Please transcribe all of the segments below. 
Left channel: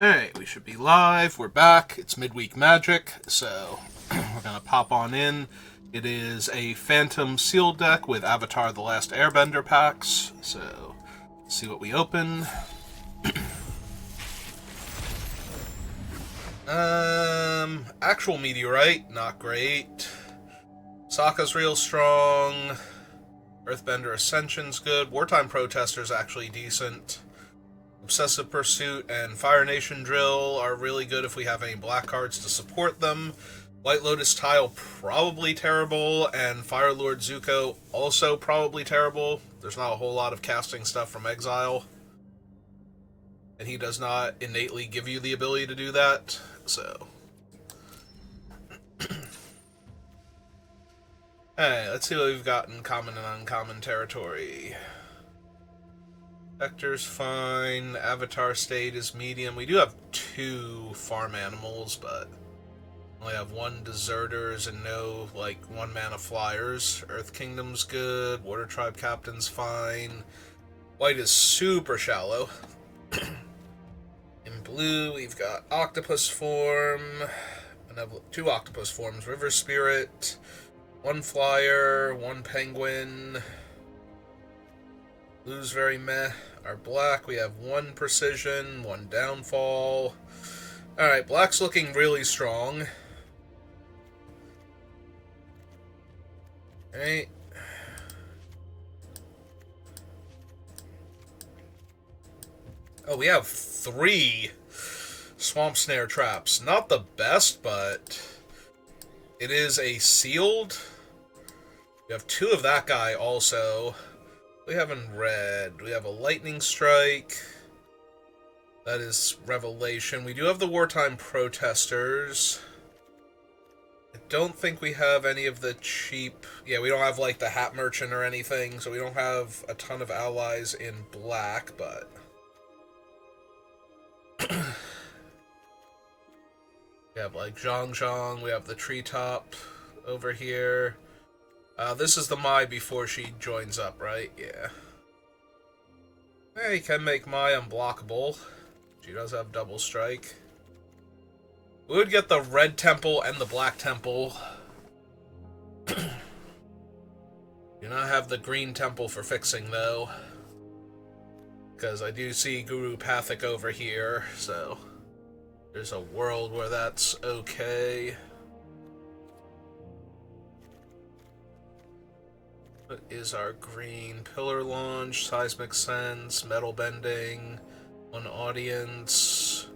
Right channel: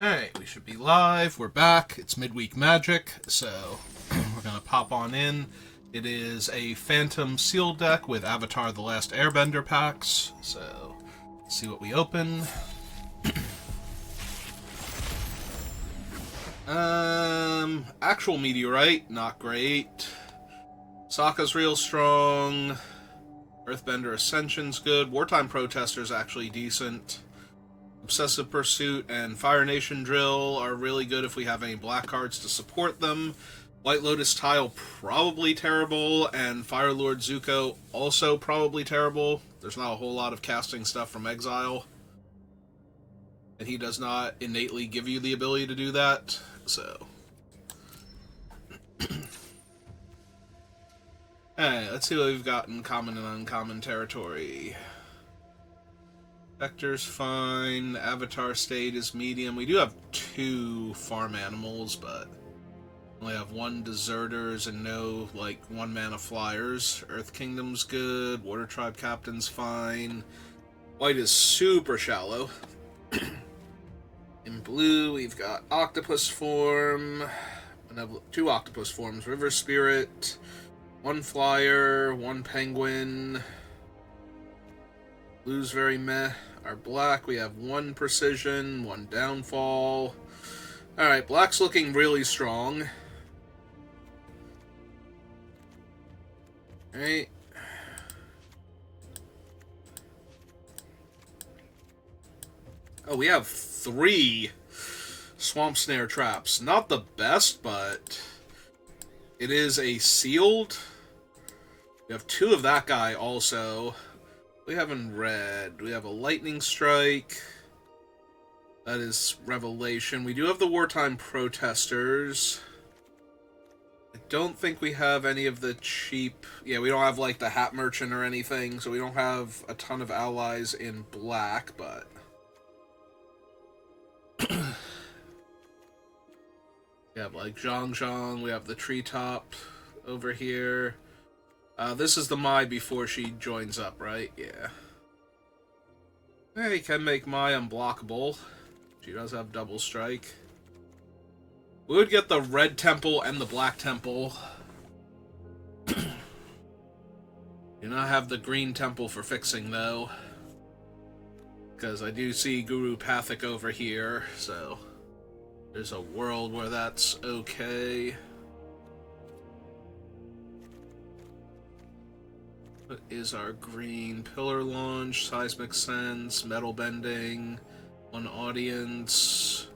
Hey, we should be live. We're back. It's Midweek Magic, so we're gonna pop on in. It is a Phantom Seal deck with Avatar: The Last Airbender packs. So, let's see what we open. Actual Meteorite, not great. Sokka's real strong. Earthbender Ascension's good. Wartime Protester's actually decent. Obsessive Pursuit and Fire Nation Drill are really good if we have any black cards to support them. White Lotus Tile, probably terrible, and Fire Lord Zuko, also probably terrible. There's not a whole lot of casting stuff from Exile, and he does not innately give you the ability to do that, so. Hey, let's see what we've got in common and uncommon territory. Vector's fine. Avatar State is medium. We do have two farm animals, but only have one Deserters and no, like, 1-mana flyers. Earth Kingdom's good. Water Tribe Captain's fine. White is super shallow. In blue, we've got Octopus Form. Two Octopus Forms. River Spirit. One Flyer. One Penguin. Blue's very meh. Our black, we have one Precision, one Downfall. Alright, black's looking really strong. Alright. Oh, we have 3 Swamp Snare Traps. Not the best, but it is a sealed. We have 2 of that guy also. We have in red. We have a Lightning Strike. That is Revelation. We do have the Wartime Protesters. I don't think we have any of the cheap... Yeah, we don't have, like, the Hat Merchant or anything, so we don't have a ton of allies in black, but... we have, like, Zhang Zhang. We have the Treetop over here. This is the Mai before she joins up, right? Yeah. Hey, can make Mai unblockable. She does have double strike. We would get the red temple and the black temple. Do not have the green temple for fixing, though. Because I do see Guru Pathic over here, so... there's a world where that's okay. What is our green? Pillar Launch, Seismic Sense, Metal Bending, 1 Audience,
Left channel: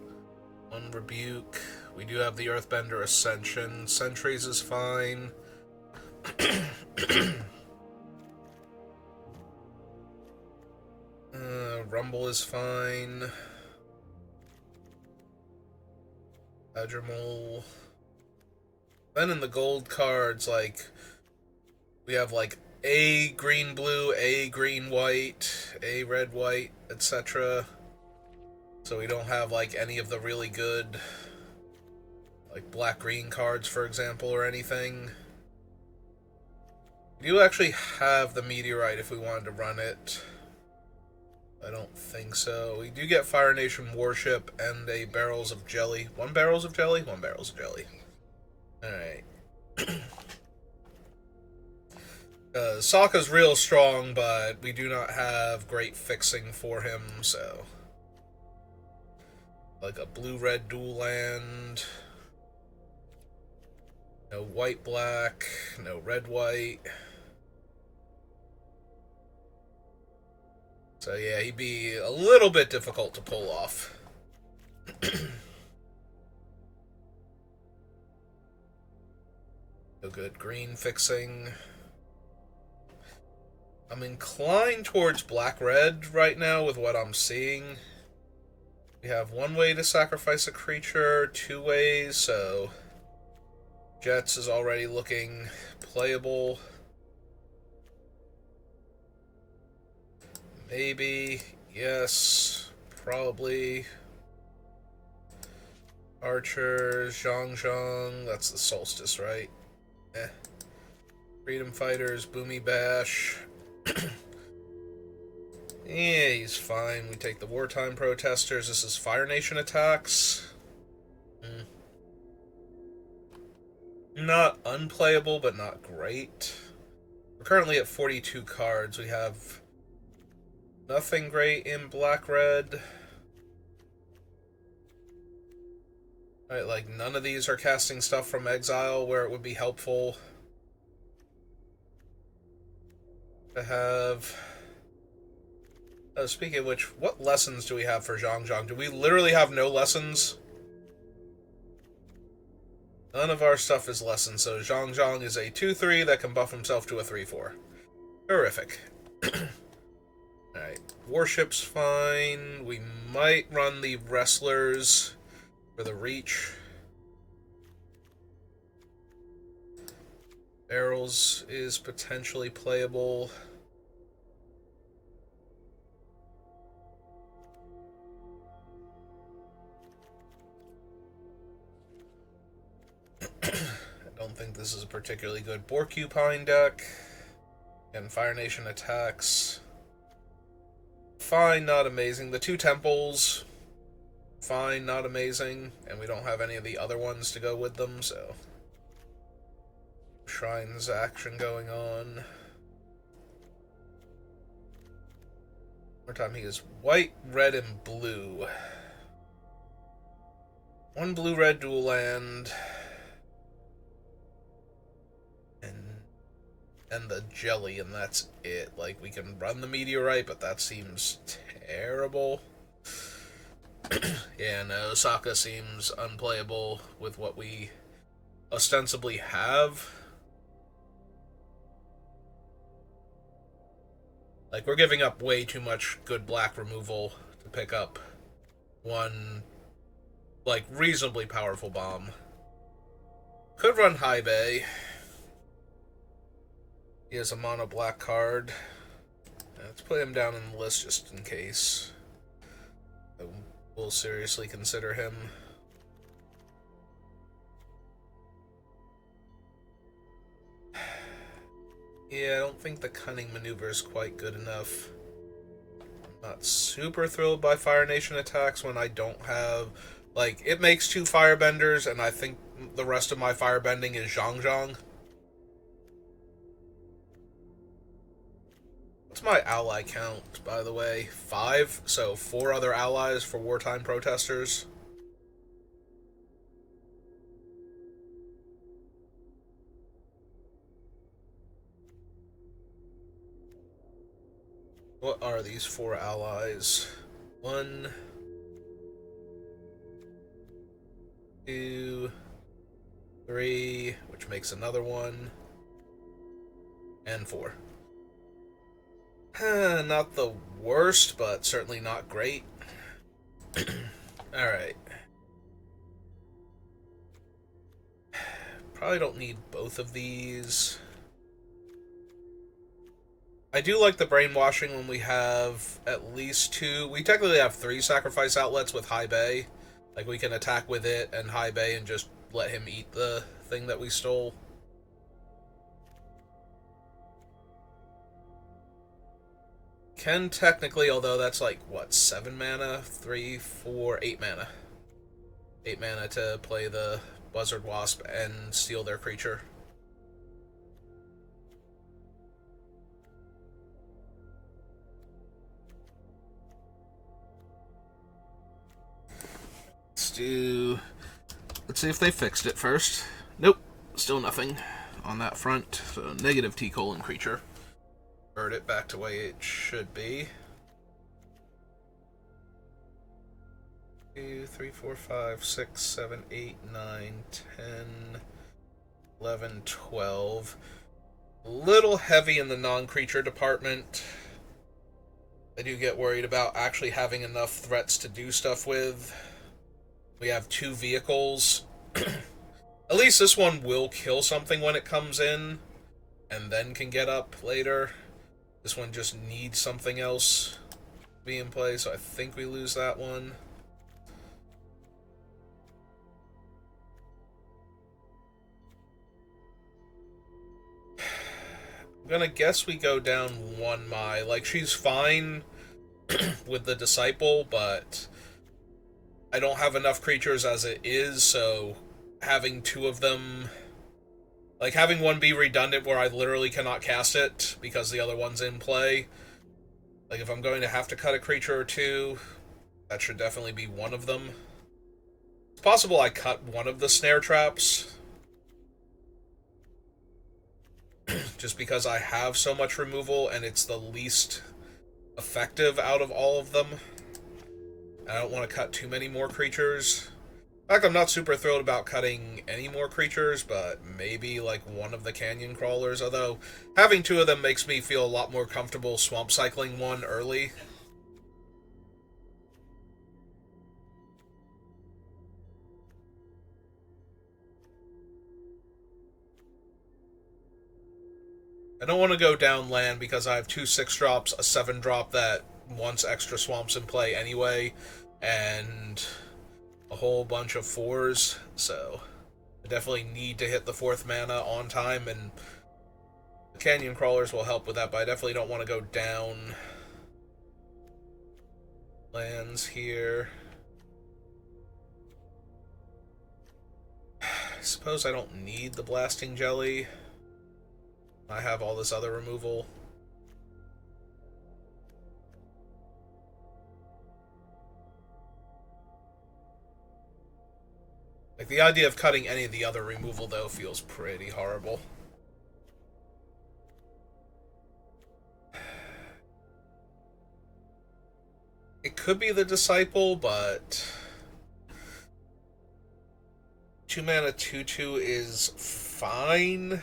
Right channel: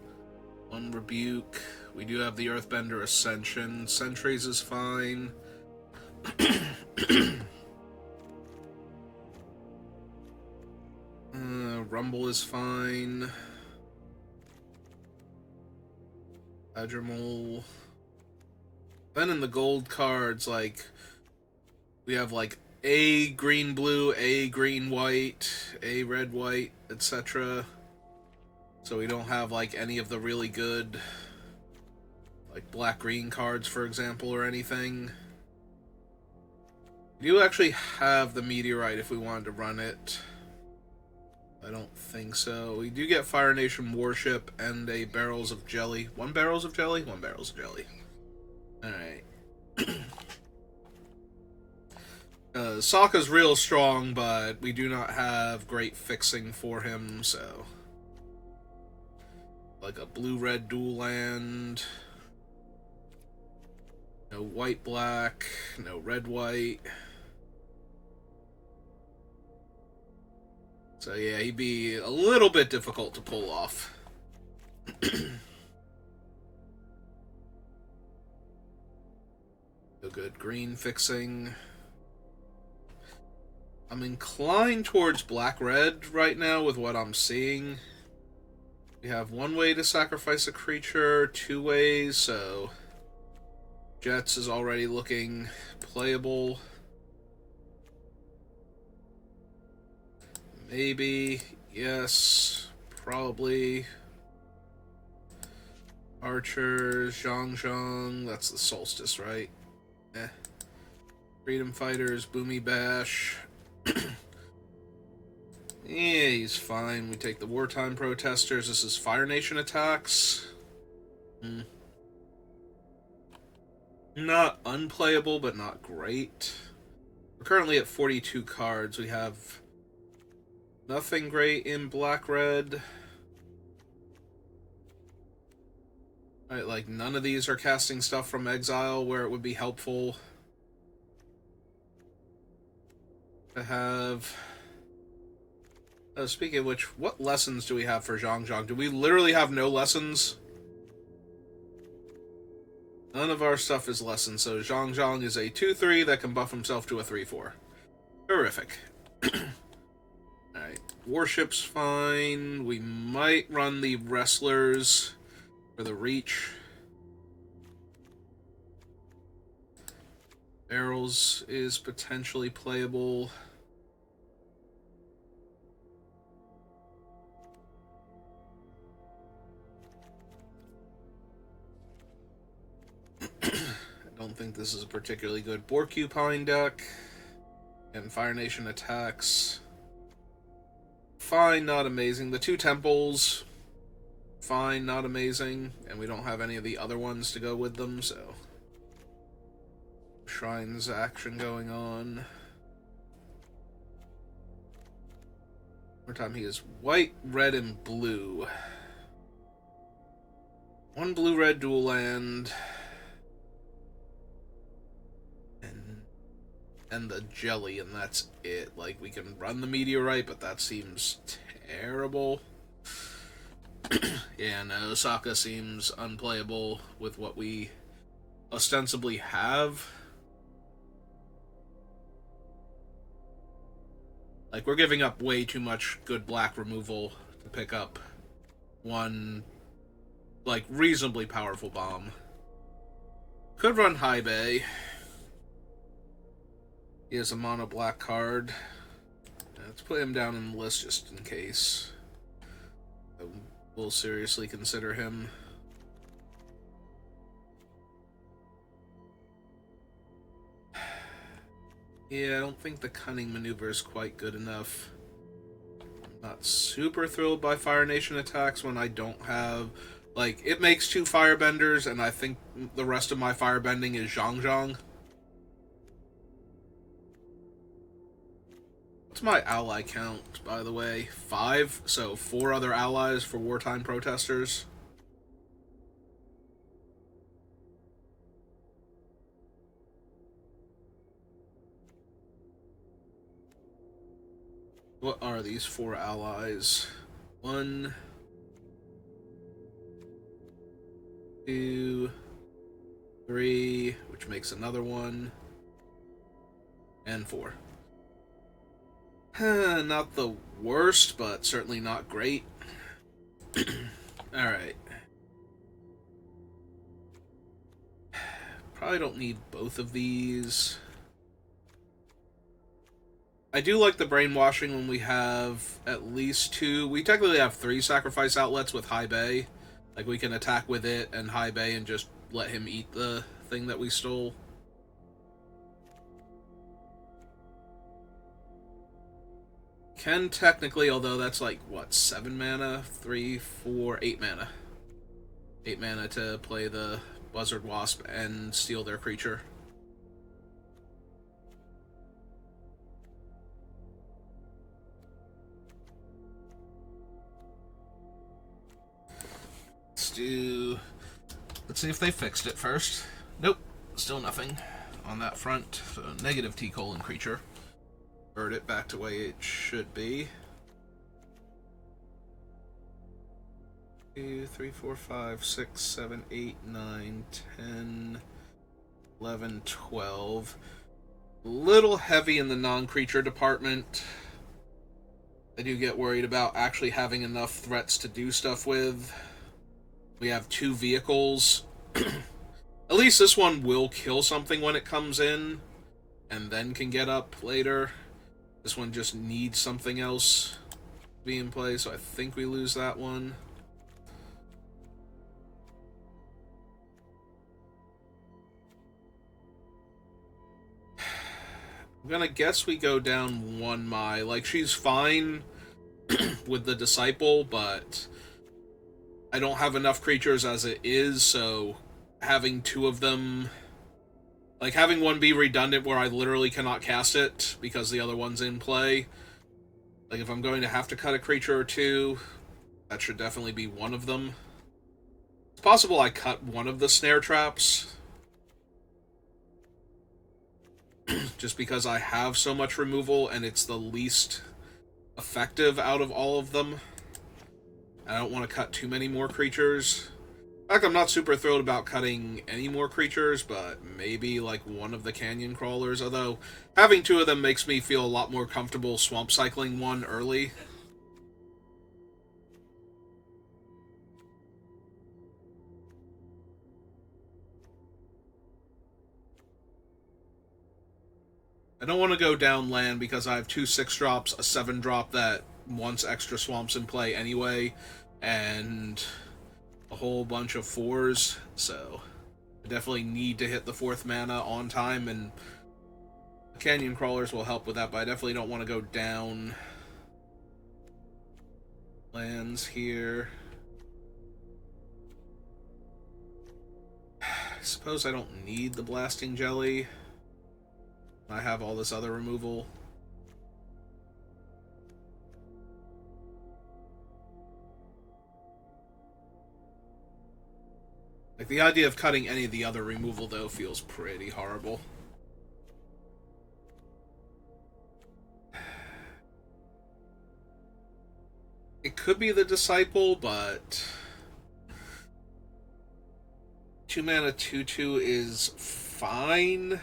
1 Rebuke. We do have the Earthbender Ascension. Sentries is fine. Rumble is fine. Badgermole. Then in the gold cards, like, we have, like, A green blue, A green white, A red white, etc. So we don't have, like, any of the really good, like, black green cards, for example, or anything. We do actually have the Meteorite if we wanted to run it. I don't think so. We do get Fire Nation Warship and a Barrels of Jelly. 1 Barrels of Jelly? 1 Barrels of Jelly. Alright. Sokka's real strong, but we do not have great fixing for him, so... like a blue-red dual land. No white-black. No red-white. So yeah, he'd be a little bit difficult to pull off. No good green fixing. I'm inclined towards black-red right now with what I'm seeing. We have 1 way to sacrifice a creature, 2 ways, so... Jets is already looking playable. Maybe, yes, probably. Archers, Zhang Zhang, that's the Solstice, right? Eh. Freedom Fighters, Boomy Bash. Yeah, he's fine. We take the wartime protesters. This is Fire Nation attacks. Not unplayable, but not great. We're currently at 42 cards. We have nothing great in black-red. Right, like, none of these are casting stuff from exile where it would be helpful to have... speaking of which, what lessons do we have for Zhang Zhang? Do we literally have no lessons? None of our stuff is lessons, so Zhang Zhang is a 2-3 that can buff himself to a 3-4. Terrific. Alright, Warship's fine. We might run the Wrestlers for the reach. Barrels is potentially playable. I don't think this is a particularly good Porcupine deck. And Fire Nation attacks. Fine, not amazing. The two temples, fine, not amazing. And we don't have any of the other ones to go with them, so... Shrines action going on. More time, he is white, red, and blue. One blue-red dual land. And the jelly, and that's it. Like, we can run the meteorite, but that seems terrible. Yeah, no, Osaka seems unplayable with what we ostensibly have. Like, we're giving up way too much good black removal to pick up one, like, reasonably powerful bomb. Could run High Bay. He has a mono black card. Let's put him down in the list just in case. We'll seriously consider him. Yeah, I don't think the cunning maneuver is quite good enough. I'm not super thrilled by Fire Nation attacks when I don't have... Like, it makes 2 firebenders, and I think the rest of my firebending is Zhang Zhang. What's my ally count, by the way? 5? So 4 other allies for wartime protesters. What are these 4 allies? 1, 2, 3, which makes another 1, and 4. Not the worst, but certainly not great. Alright. Probably don't need both of these. I do like the brainwashing when we have at least 2. We technically have 3 sacrifice outlets with High Bay. Like, we can attack with it and High Bay and just let him eat the thing that we stole. Can technically, although that's like, what, 7 mana? 3, 4, 8 mana. 8 mana to play the Buzzard Wasp and steal their creature. Let's see if they fixed it first. Nope, still nothing on that front. So negative T-colon creature. Bird it back to the way it should be. 2, 3, 4, 5, 6, 7, 8, 9, 10, 11, 12. Little heavy in the non-creature department. I do get worried about actually having enough threats to do stuff with. We have 2 vehicles. At least this one will kill something when it comes in, and then can get up later. This one just needs something else to be in play, so I think we lose that one. I'm gonna guess we go down 1 Mai. Like, she's fine, with the Disciple, but I don't have enough creatures as it is, so having two of them... Like, having one be redundant where I literally cannot cast it because the other one's in play. Like, if I'm going to have to cut a creature or two, that should definitely be one of them. It's possible I cut one of the snare traps. Just because I have so much removal and it's the least effective out of all of them. I don't want to cut too many more creatures. In fact, I'm not super thrilled about cutting any more creatures, but maybe like one of the canyon crawlers, although having two of them makes me feel a lot more comfortable swamp cycling one early. I don't want to go down land because I have two 6-drops, a 7-drop that wants extra swamps in play anyway, and a whole bunch of 4s, so I definitely need to hit the 4th mana on time, and the canyon crawlers will help with that, but I definitely don't want to go down lands here. I suppose I don't need the blasting jelly. I have all this other removal. Like, the idea of cutting any of the other removal, though, feels pretty horrible. It could be the Disciple, but 2 mana 2/2 is fine.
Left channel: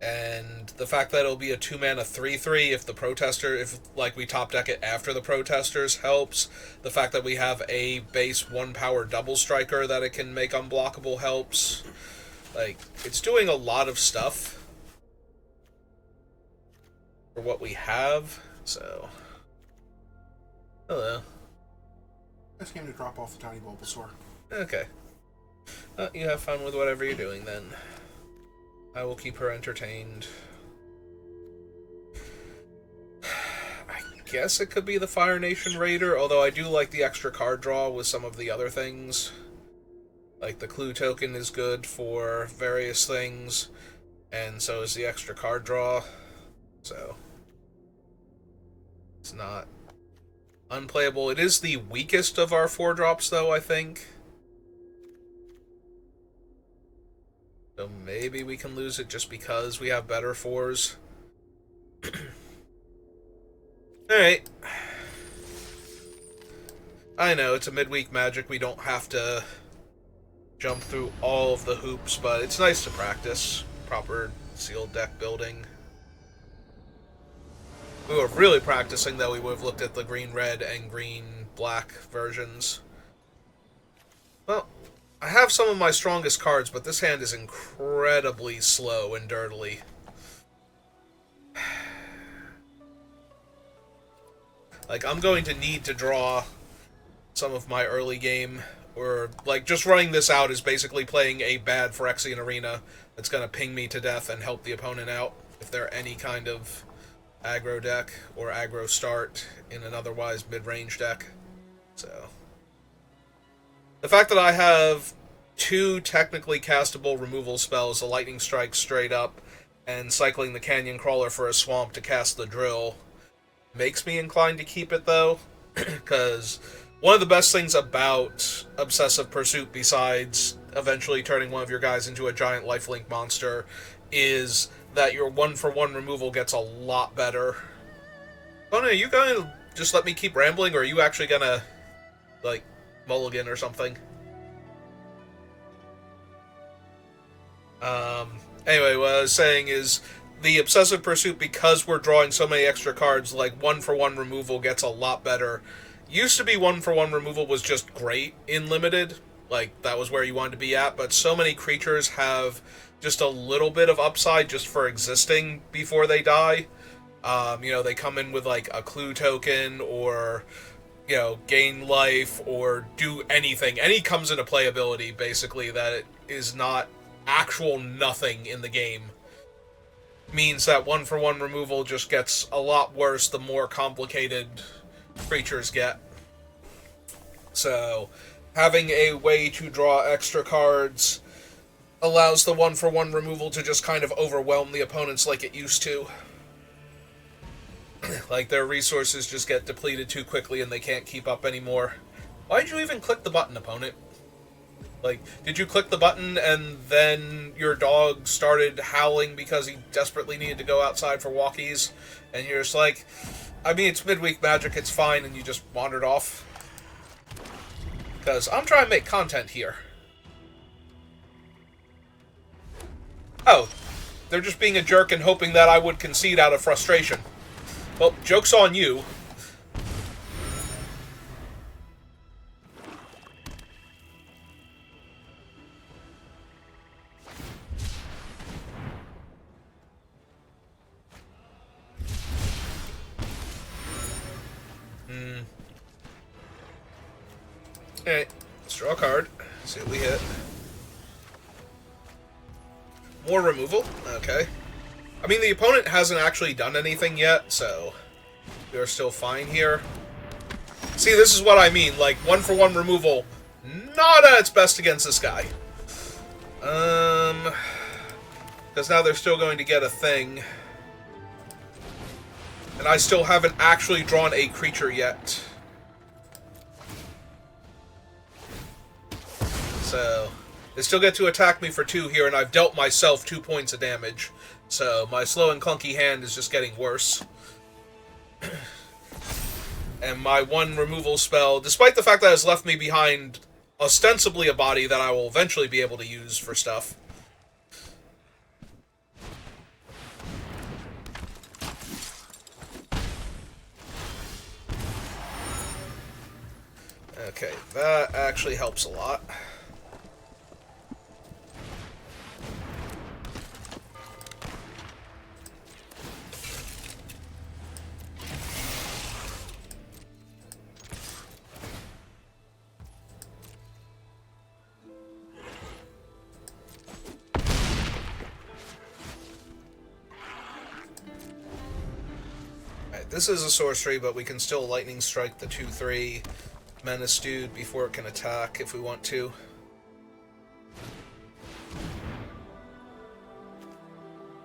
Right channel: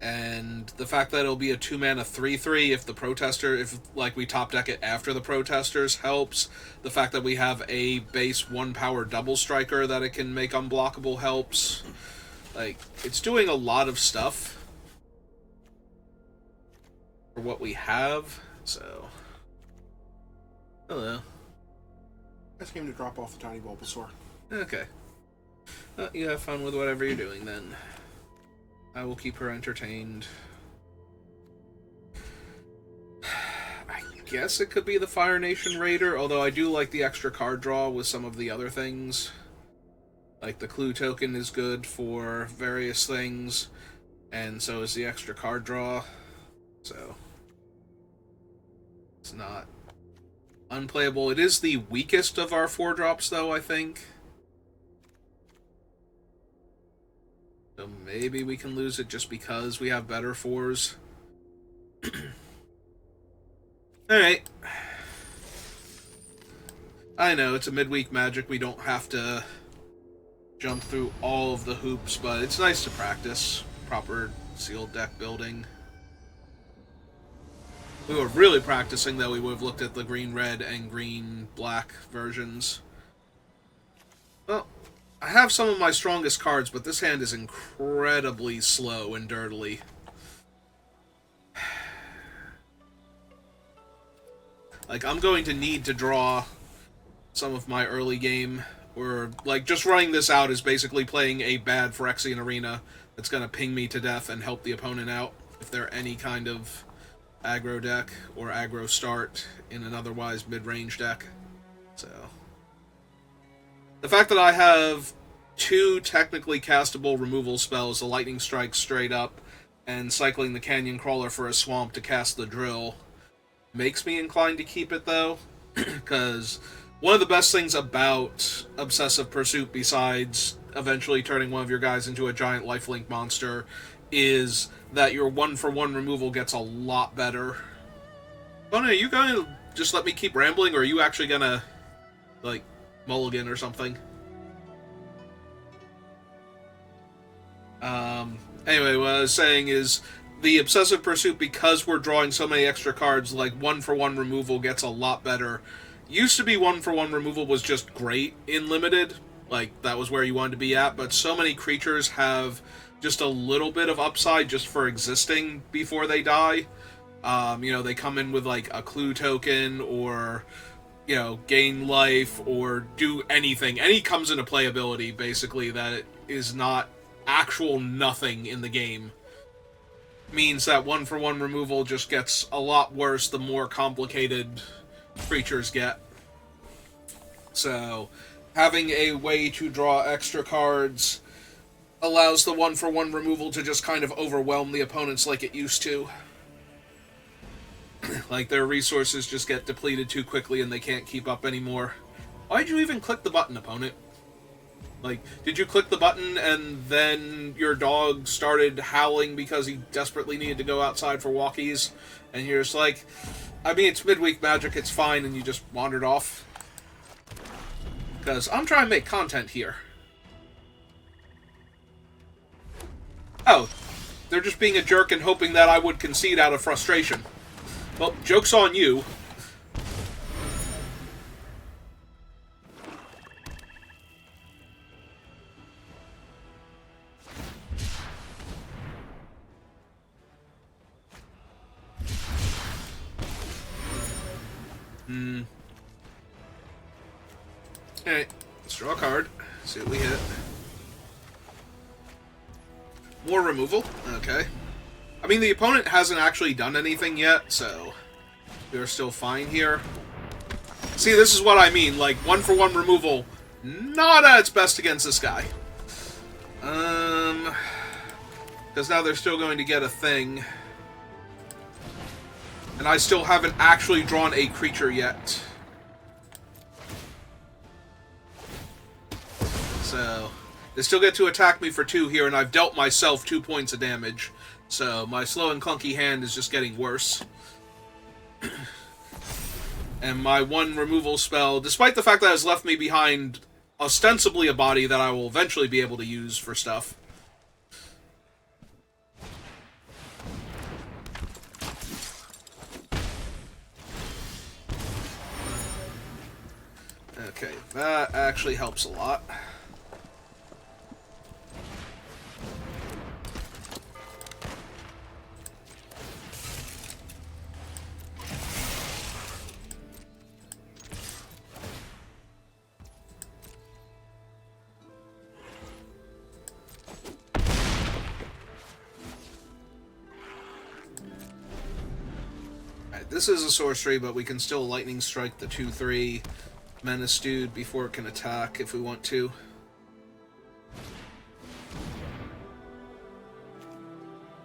And the fact that it'll be a 2 mana 3/3 if the Protester, if like we top deck it after the Protesters helps. The fact that we have a base 1 power double striker that it can make unblockable helps. Like, it's doing a lot of stuff for what we have, so. Hello. I just came to drop off the tiny Bulbasaur. Okay. You have fun with whatever you're doing then. I will keep her entertained. I guess it could be the Fire Nation Raider, although I do like the extra card draw with some of the other things. Like, the clue token is good for various things, and so is the extra card draw. So, it's not unplayable. It is the weakest of our 4-drops, though, I think. So maybe we can lose it just because we have better 4s. Alright. I know, it's a midweek Magic. We don't have to jump through all of the hoops, but it's nice to practice proper sealed deck building. If we were really practicing, though, we would have looked at the green-red and green-black versions. Well, I have some of my strongest cards, but this hand is incredibly slow and dirtily. Like, I'm going to need to draw some of my early game, or, like, just running this out is basically playing a bad Phyrexian Arena that's going to ping me to death and help the opponent out if they're any kind of aggro deck or aggro start in an otherwise mid-range deck. So, the fact that I have 2 technically castable removal spells, the Lightning Strike straight up, and cycling the Canyon Crawler for a swamp to cast the Drill, makes me inclined to keep it, though, because one of the best things about Obsessive Pursuit, besides eventually turning one of your guys into a giant lifelink monster, is that your 1-for-1 removal gets a lot better. Oh, no, are you going to just let me keep rambling, or are you actually going to, like, mulligan or something? Anyway, what I was saying is, the Obsessive Pursuit, because we're drawing so many extra cards, like, 1-for-1 removal gets a lot better. Used to be 1-for-1 removal was just great in Limited, like, that was where you wanted to be at, but so many creatures have just a little bit of upside just for existing before they die. You know, they come in with, like, a clue token, or, you know, gain life, or do anything. Any comes into playability, basically, that is not actual nothing in the game. Means that 1-for-1 removal just gets a lot worse the more complicated creatures get. So, having a way to draw extra cards allows the 1-for-1 removal to just kind of overwhelm the opponents like it used to. Like, their resources just get depleted too quickly and they can't keep up anymore. Why'd you even click the button, opponent? Like, did you click the button and then your dog started howling because he desperately needed to go outside for walkies? And you're just like, I mean, it's midweek magic, it's fine, and you just wandered off? Because I'm trying to make content here. Oh, they're just being a jerk and hoping that I would concede out of frustration. Well, joke's on you. Alright, let's draw a card. See what we hit. More removal. Okay. I mean, the opponent hasn't actually done anything yet, so we are still fine here. See, this is what I mean. Like, 1-for-1 removal, not at its best against this guy. Because now they're still going to get a thing. And I still haven't actually drawn a creature yet. So, they still get to attack me for 2 here, and I've dealt myself 2 points of damage. So, my slow and clunky hand is just getting worse. And my 1 removal spell, despite the fact that it has left me behind ostensibly a body that I will eventually be able to use for stuff. Okay, that actually helps a lot. This is a sorcery, but we can still lightning strike the 2/3 menace dude before it can attack if we want to.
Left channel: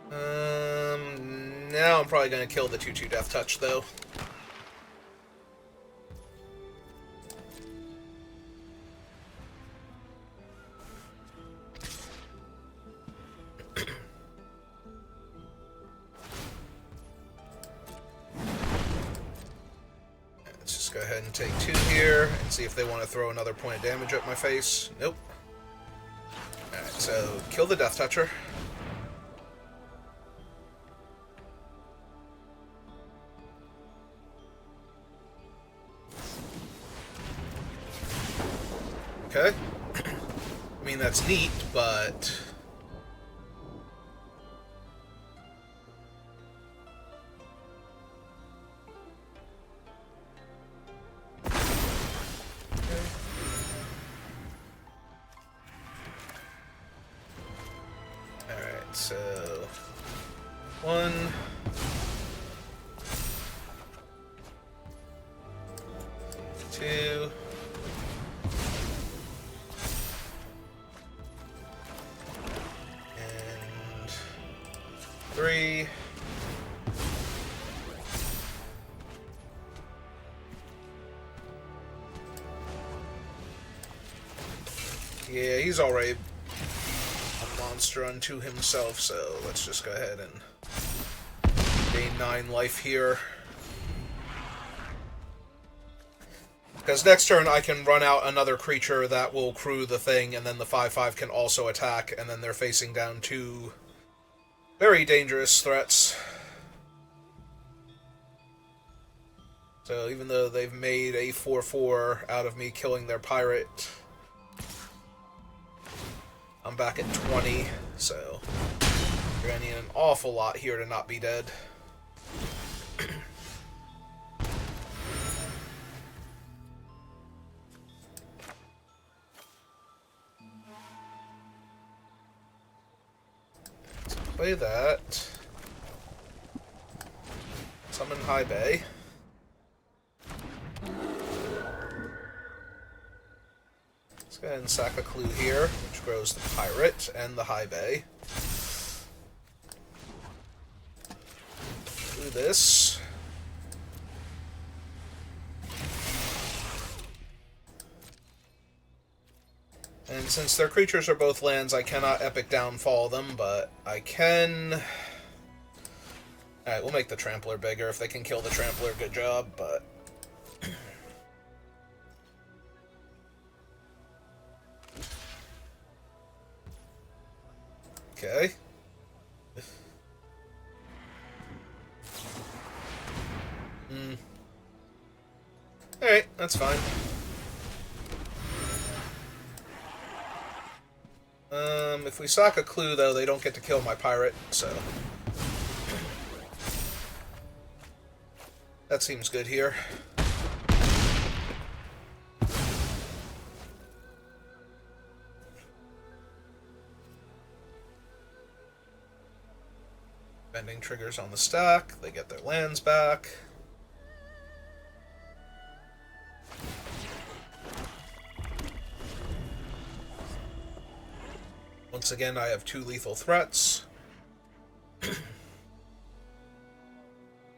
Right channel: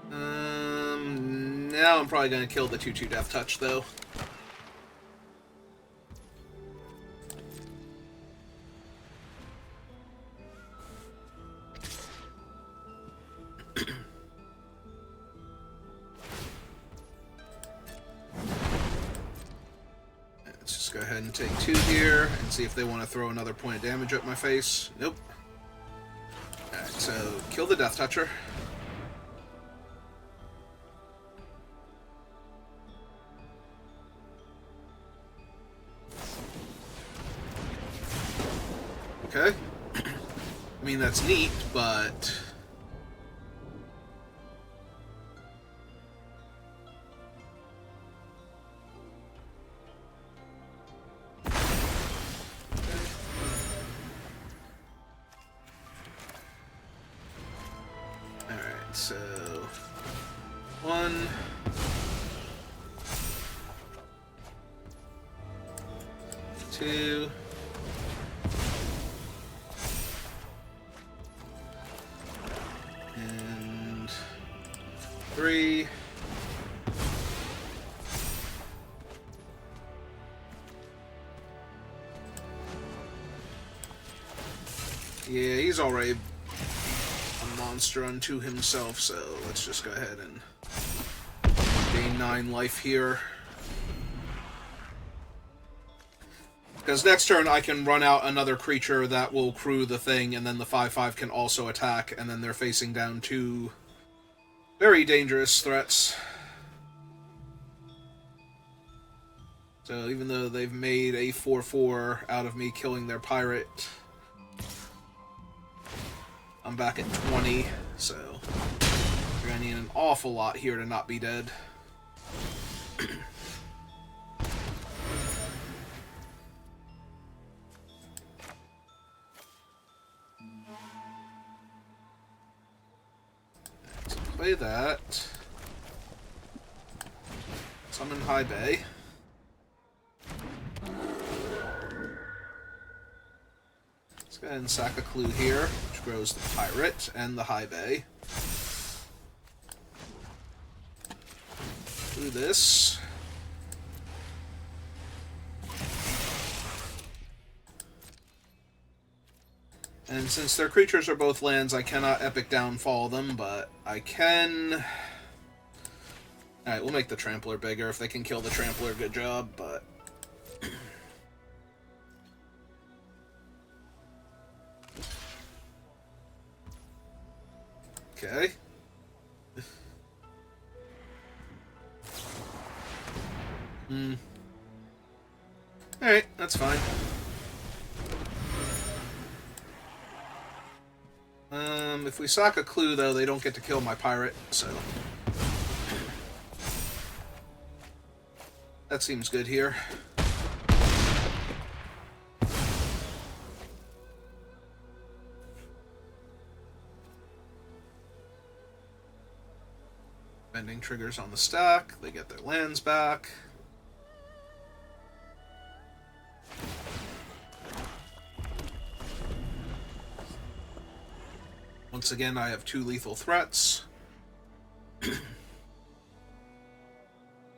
Now I'm probably going to kill the 2/2 death touch though. Go ahead and take 2 here and see if they want to throw another point of damage at my face. Nope. Alright, so kill the Death Toucher. Okay. I mean, that's neat, but... So, 1, 2, and 3. Yeah, he's already monster unto himself, so let's just go ahead and gain 9 life here. Because next turn I can run out another creature that will crew the thing, and then the 5/5 can also attack, and then they're facing down 2 very dangerous threats. So even though they've made a 4/4 out of me killing their pirate, I'm back at 20, so we're going to need an awful lot here to not be dead. So play that. Summon High Bay. go ahead and sack a clue here, which grows the pirate and the high bay. Do this. And since their creatures are both lands, I cannot Epic Downfall them, but I can... Alright, we'll make the Trampler bigger. If they can kill the Trampler, good job, but... Okay. Alright, that's fine. If we sack a clue, though, they don't get to kill my pirate, so... That seems good here. Bending triggers on the stack, they get their lands back. Once again, I have 2 lethal threats.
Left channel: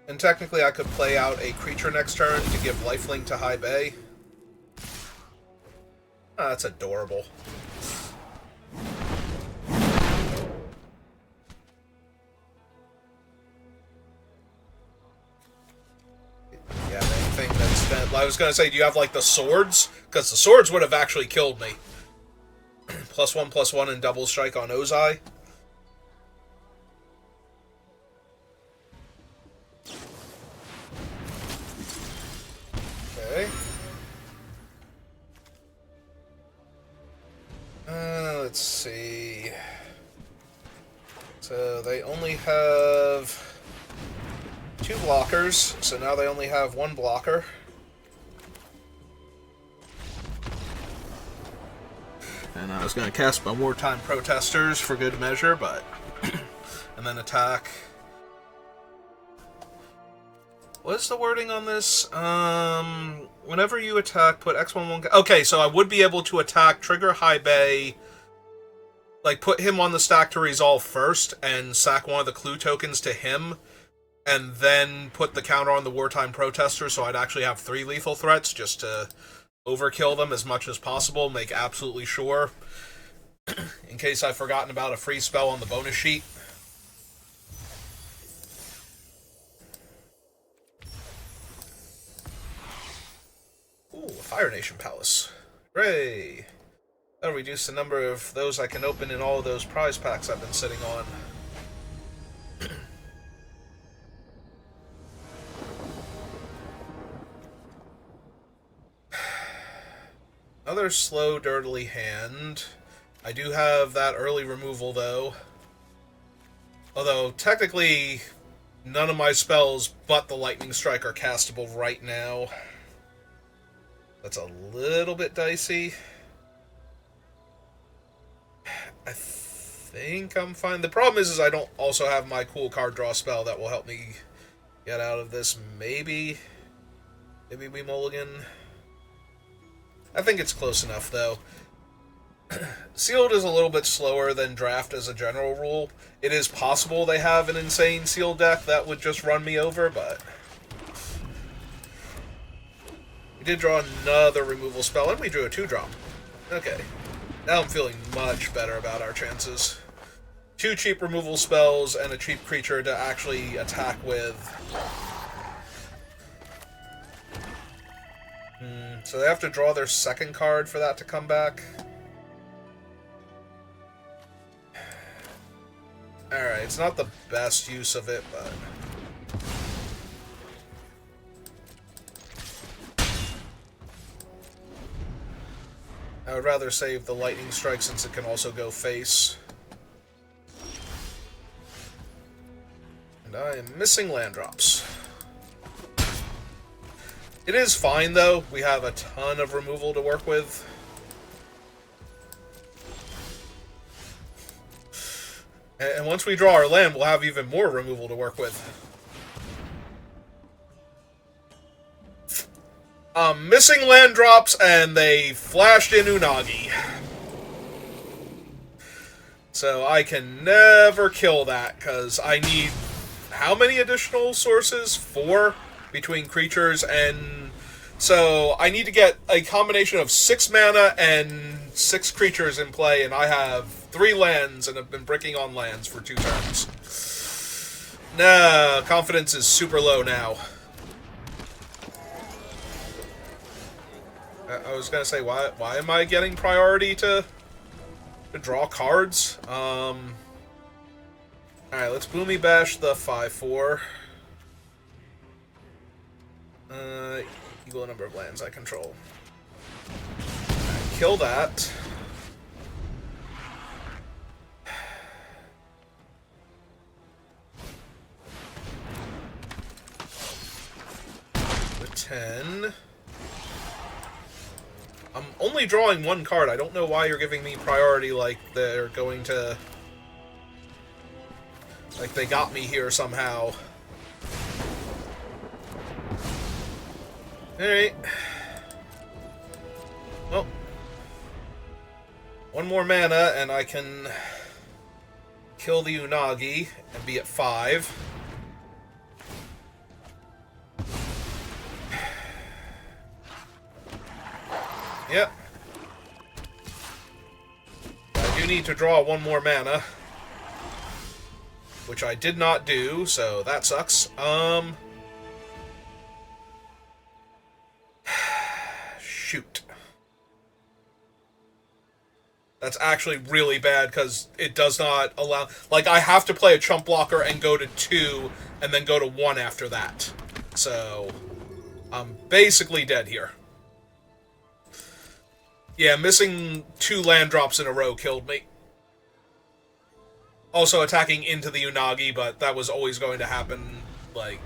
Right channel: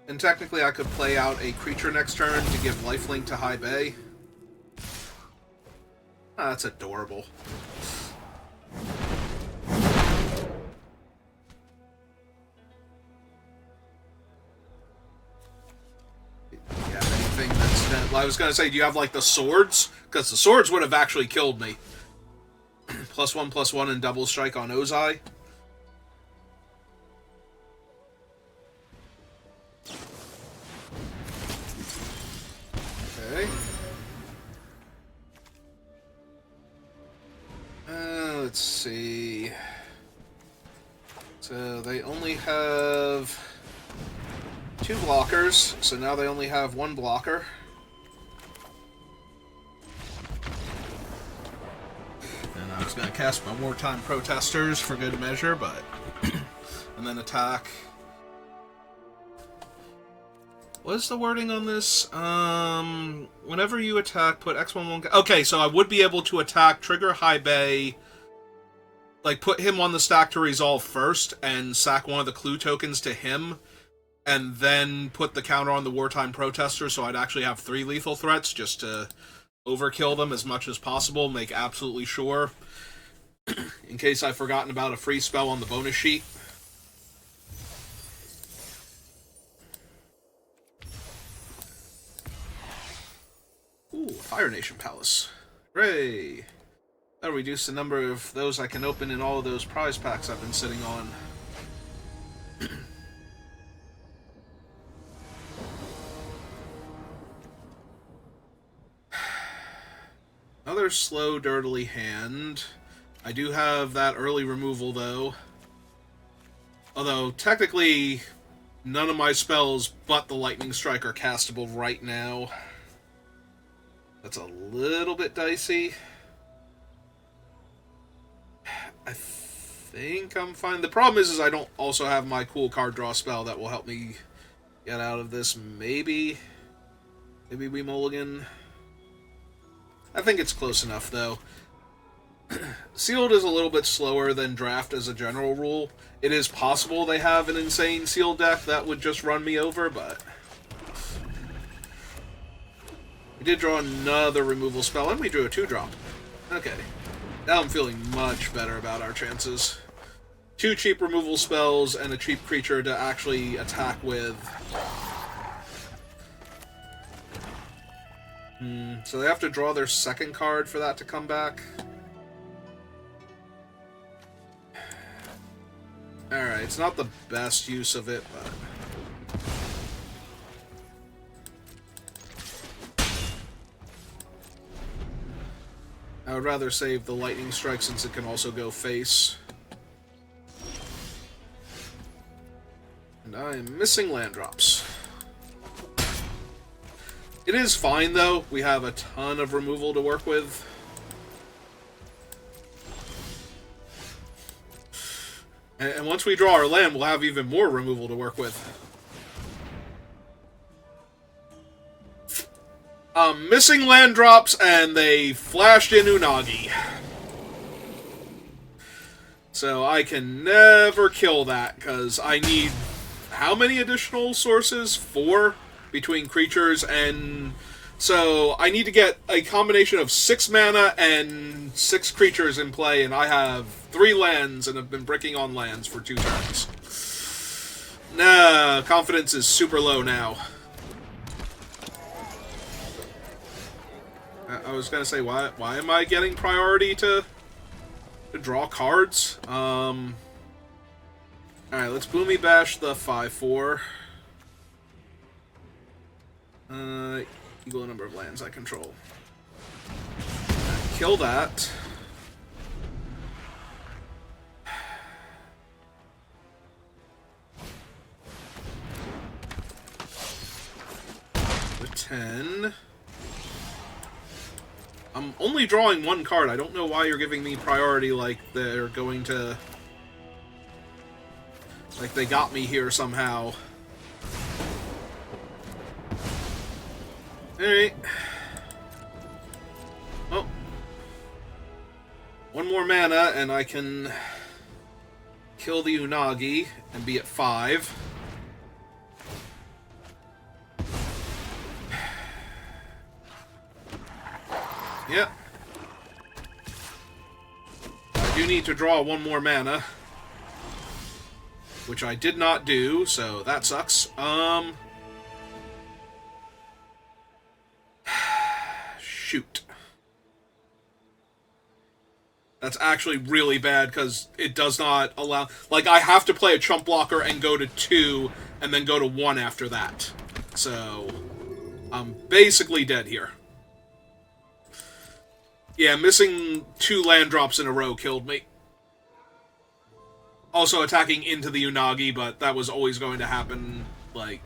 And technically I could play out a creature next turn to give lifelink to High Bay. Ah, that's adorable. Yeah, anything that's... I was going to say, do you have, like, the swords? Because the swords would have actually killed me. +1/+1 and double strike on Ozai. Okay. Let's see. So they only have 2 blockers, so now they only have 1 blocker. And I was going to cast my Wartime Protesters for good measure, but... and then attack. What is the wording on this? Whenever you attack, put X11... Okay, so I would be able to attack, trigger High Bay, like, put him on the stack to resolve first, and sack one of the clue tokens to him, and then put the counter on the Wartime Protester, so I'd actually have 3 lethal threats, just to overkill them as much as possible, make absolutely sure, in case I've forgotten about a free spell on the bonus sheet. Ooh, Fire Nation Palace. Hooray! That'll reduce the number of those I can open in all of those prize packs I've been sitting on. Another slow, dirtily hand. I do have that early removal, though. Although, technically, none of my spells but the Lightning Strike are castable right now. That's a little bit dicey. I think I'm fine. The problem is I don't also have my cool card draw spell that will help me get out of this. Maybe we mulligan. I think it's close enough, though. Sealed is a little bit slower than Draft as a general rule. It is possible they have an insane Sealed deck that would just run me over, but... we did draw another removal spell, and we drew a 2-drop. Okay. Now I'm feeling much better about our chances. 2 cheap removal spells and a cheap creature to actually attack with. So they have to draw their second card for that to come back. Alright, it's not the best use of it, but... I would rather save the Lightning Strike since it can also go face. And I am missing land drops. It is fine, though. We have a ton of removal to work with. And once we draw our land, we'll have even more removal to work with. Missing land drops, and they flashed in Unagi. So I can never kill that, because I need... How many additional sources? 4 between creatures, and... So I need to get a combination of 6 mana and 6 creatures in play, and I have 3 lands, and have been bricking on lands for 2 turns. Nah, confidence is super low now. I was gonna say, why am I getting priority to draw cards? Alright, let's Boomy Bash the 5/4. Equal number of lands I control. Kill that. The 10. I'm only drawing 1 card. I don't know why you're giving me priority like they're going to... Like they got me here somehow. Alright. Well. 1 more mana and I can kill the Unagi and be at 5. Yep. I do need to draw 1 more mana. Which I did not do, so that sucks. Shoot. That's actually really bad, because it does not allow... Like, I have to play a chump blocker and go to 2, and then go to 1 after that. So, I'm basically dead here. Yeah, missing 2 land drops in a row killed me. Also attacking into the Unagi, but that was always going to happen. Like,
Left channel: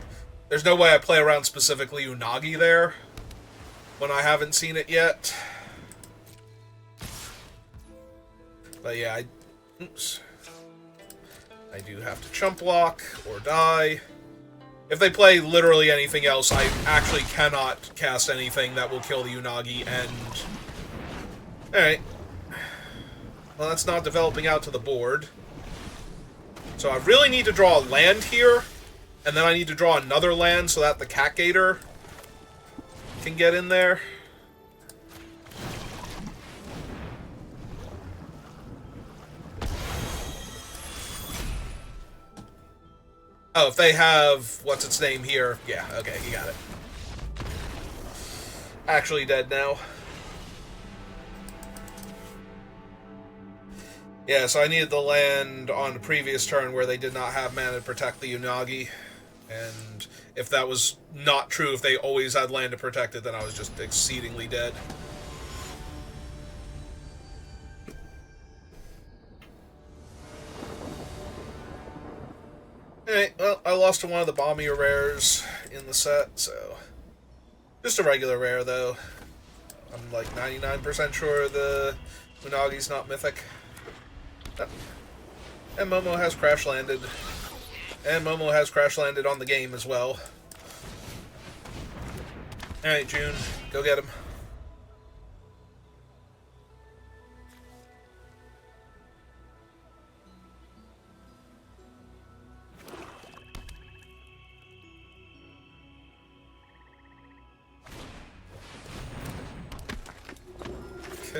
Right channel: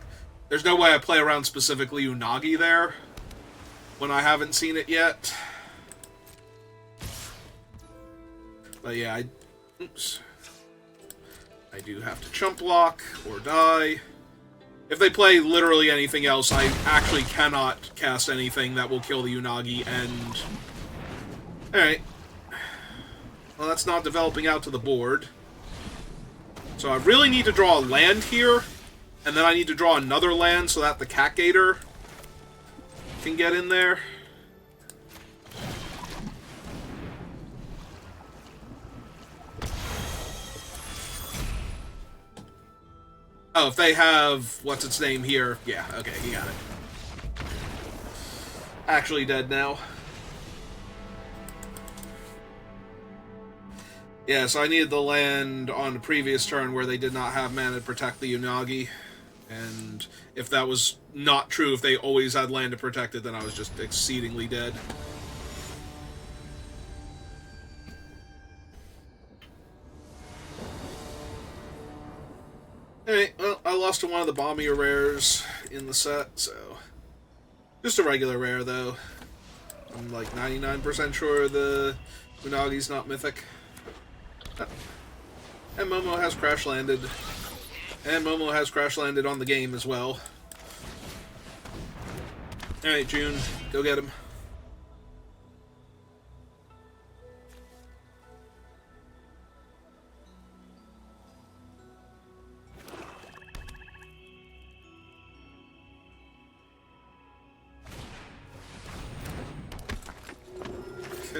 there's no way I play around specifically Unagi there when I haven't seen it yet. But yeah, oops. I do have to chump block or die. If they play literally anything else, I actually cannot cast anything that will kill the Unagi, and... Alright. Well, that's not developing out to the board. So I really need to draw a land here, and then I need to draw another land so that the Cat Gator can get in there. Oh, if they have... What's its name here? Yeah, okay, you got it. Actually dead now. Yeah, so I needed the land on the previous turn where they did not have mana to protect the Unagi. And if that was not true, if they always had land to protect it, then I was just exceedingly dead. Alright, well, I lost to one of the bombier rares in the set, so... Just a regular rare, though. I'm like 99% sure the Unagi's not mythic. And Momo has crash landed. And Momo has crash landed on the game as well. Alright, June, go get him.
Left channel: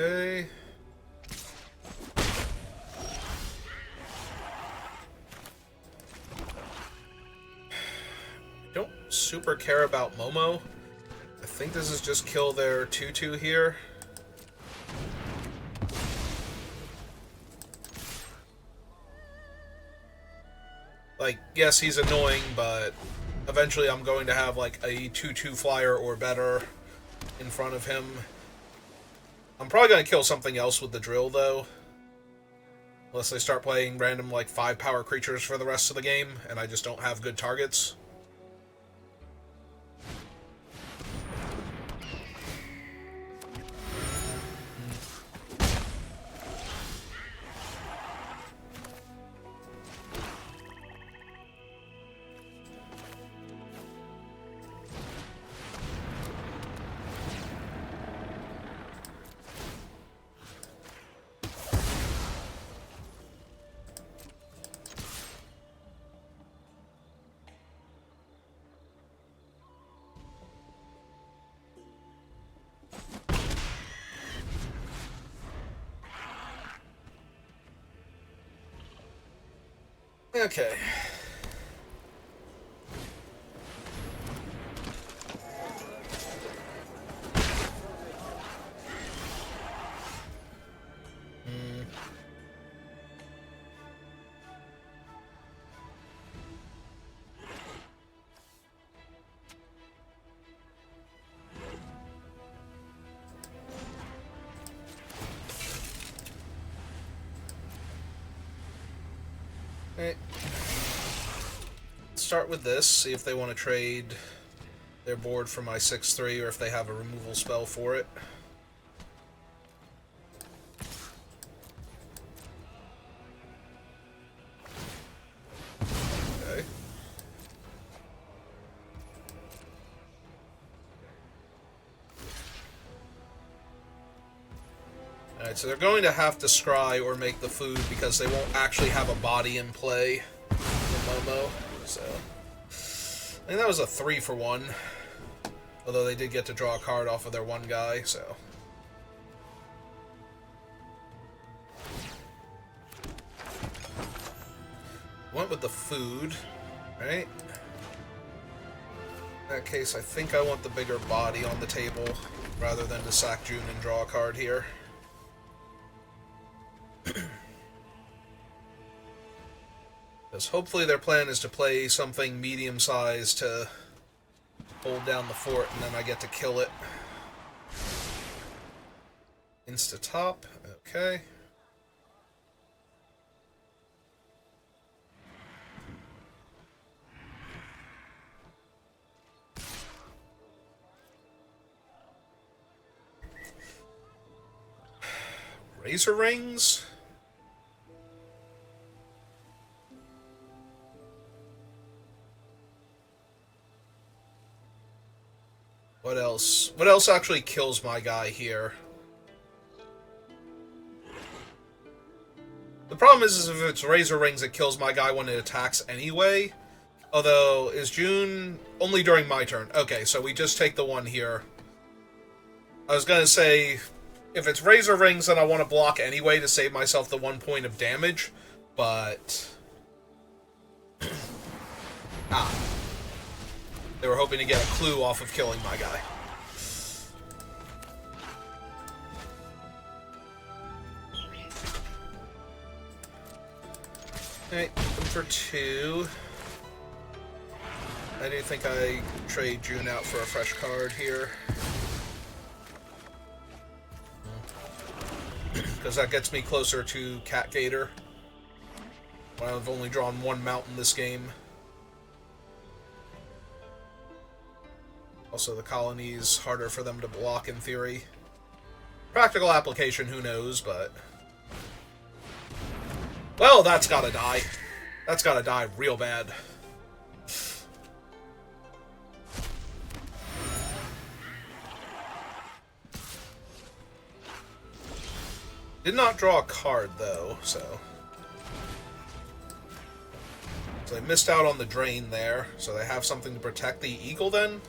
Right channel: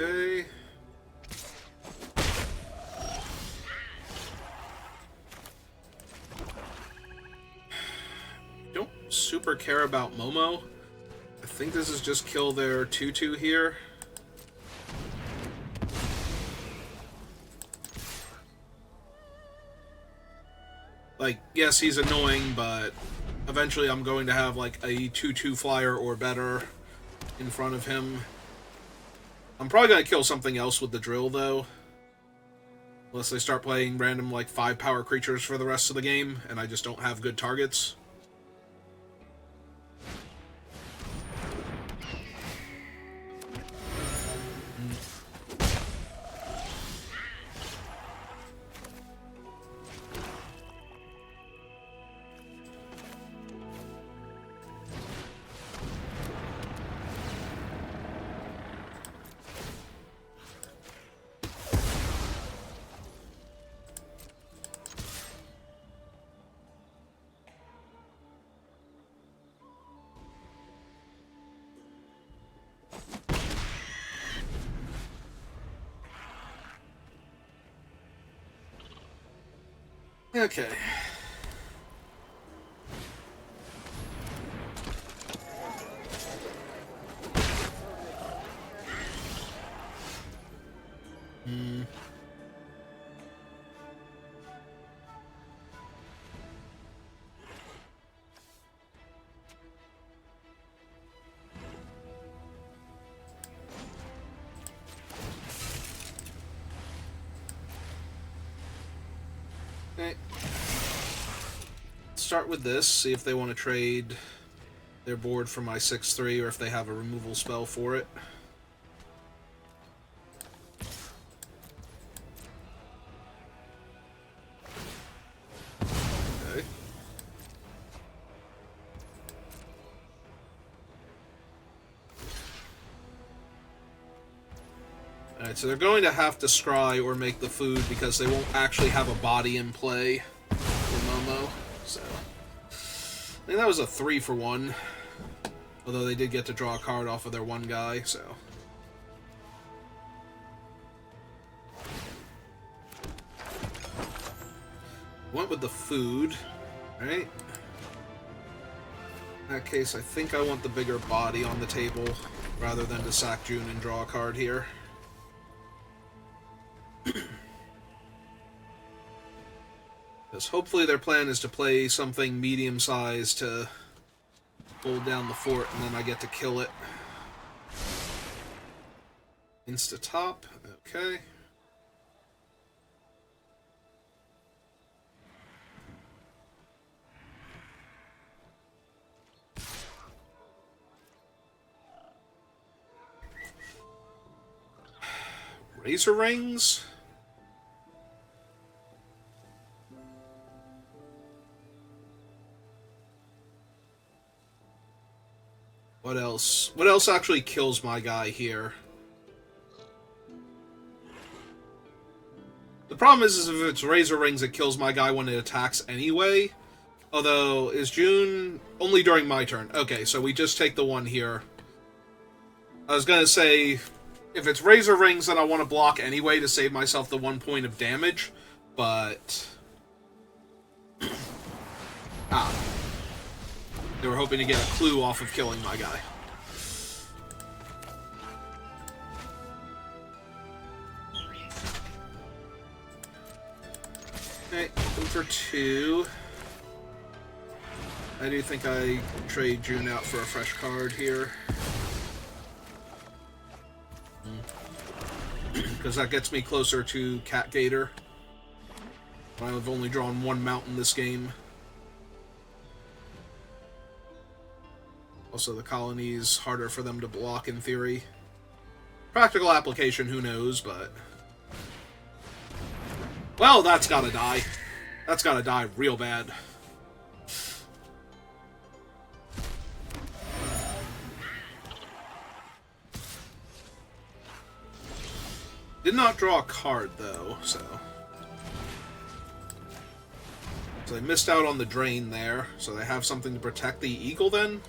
Okay. Don't super care about Momo. I think this is just kill their 2/2 here. Like, yes, he's annoying, but eventually I'm going to have like a 2/2 flyer or better in front of him. I'm probably going to kill something else with the drill, though. Unless they start playing random, like, 5-power creatures for the rest of the game, and I just don't have good targets. Okay. Okay. Start with this, see if they want to trade their board for my 6/3 or if they have a removal spell for it. Okay. Alright, so they're going to have to scry or make the food because they won't actually have a body in play in Momo. So I think that was a 3-for-1. Although they did get to draw a card off of their one guy, so. Went with the food, right? In that case, I think I want the bigger body on the table rather than to sack June and draw a card here. Because hopefully their plan is to play something medium-sized to hold down the fort, and then I get to kill it. Insta-top, okay. Razor rings? What else? What else actually kills my guy here? The problem is if it's Razor Rings, it kills my guy when it attacks anyway. Although, is June only during my turn? Okay, so we just take the one here. I was gonna say, if it's Razor Rings, then I want to block anyway to save myself the 1 point of damage, but... They were hoping to get a clue off of killing my guy. Okay, over 2. I do think I trade June out for a fresh card here. Because that gets me closer to Cat Gator. I've only drawn one mountain this game. Also, the colony's harder for them to block in theory. Practical application, who knows, but... Well, that's gotta die. That's gotta die real bad. Did not draw a card, though, so... So they missed out on the drain there, so they have something to protect the eagle, then?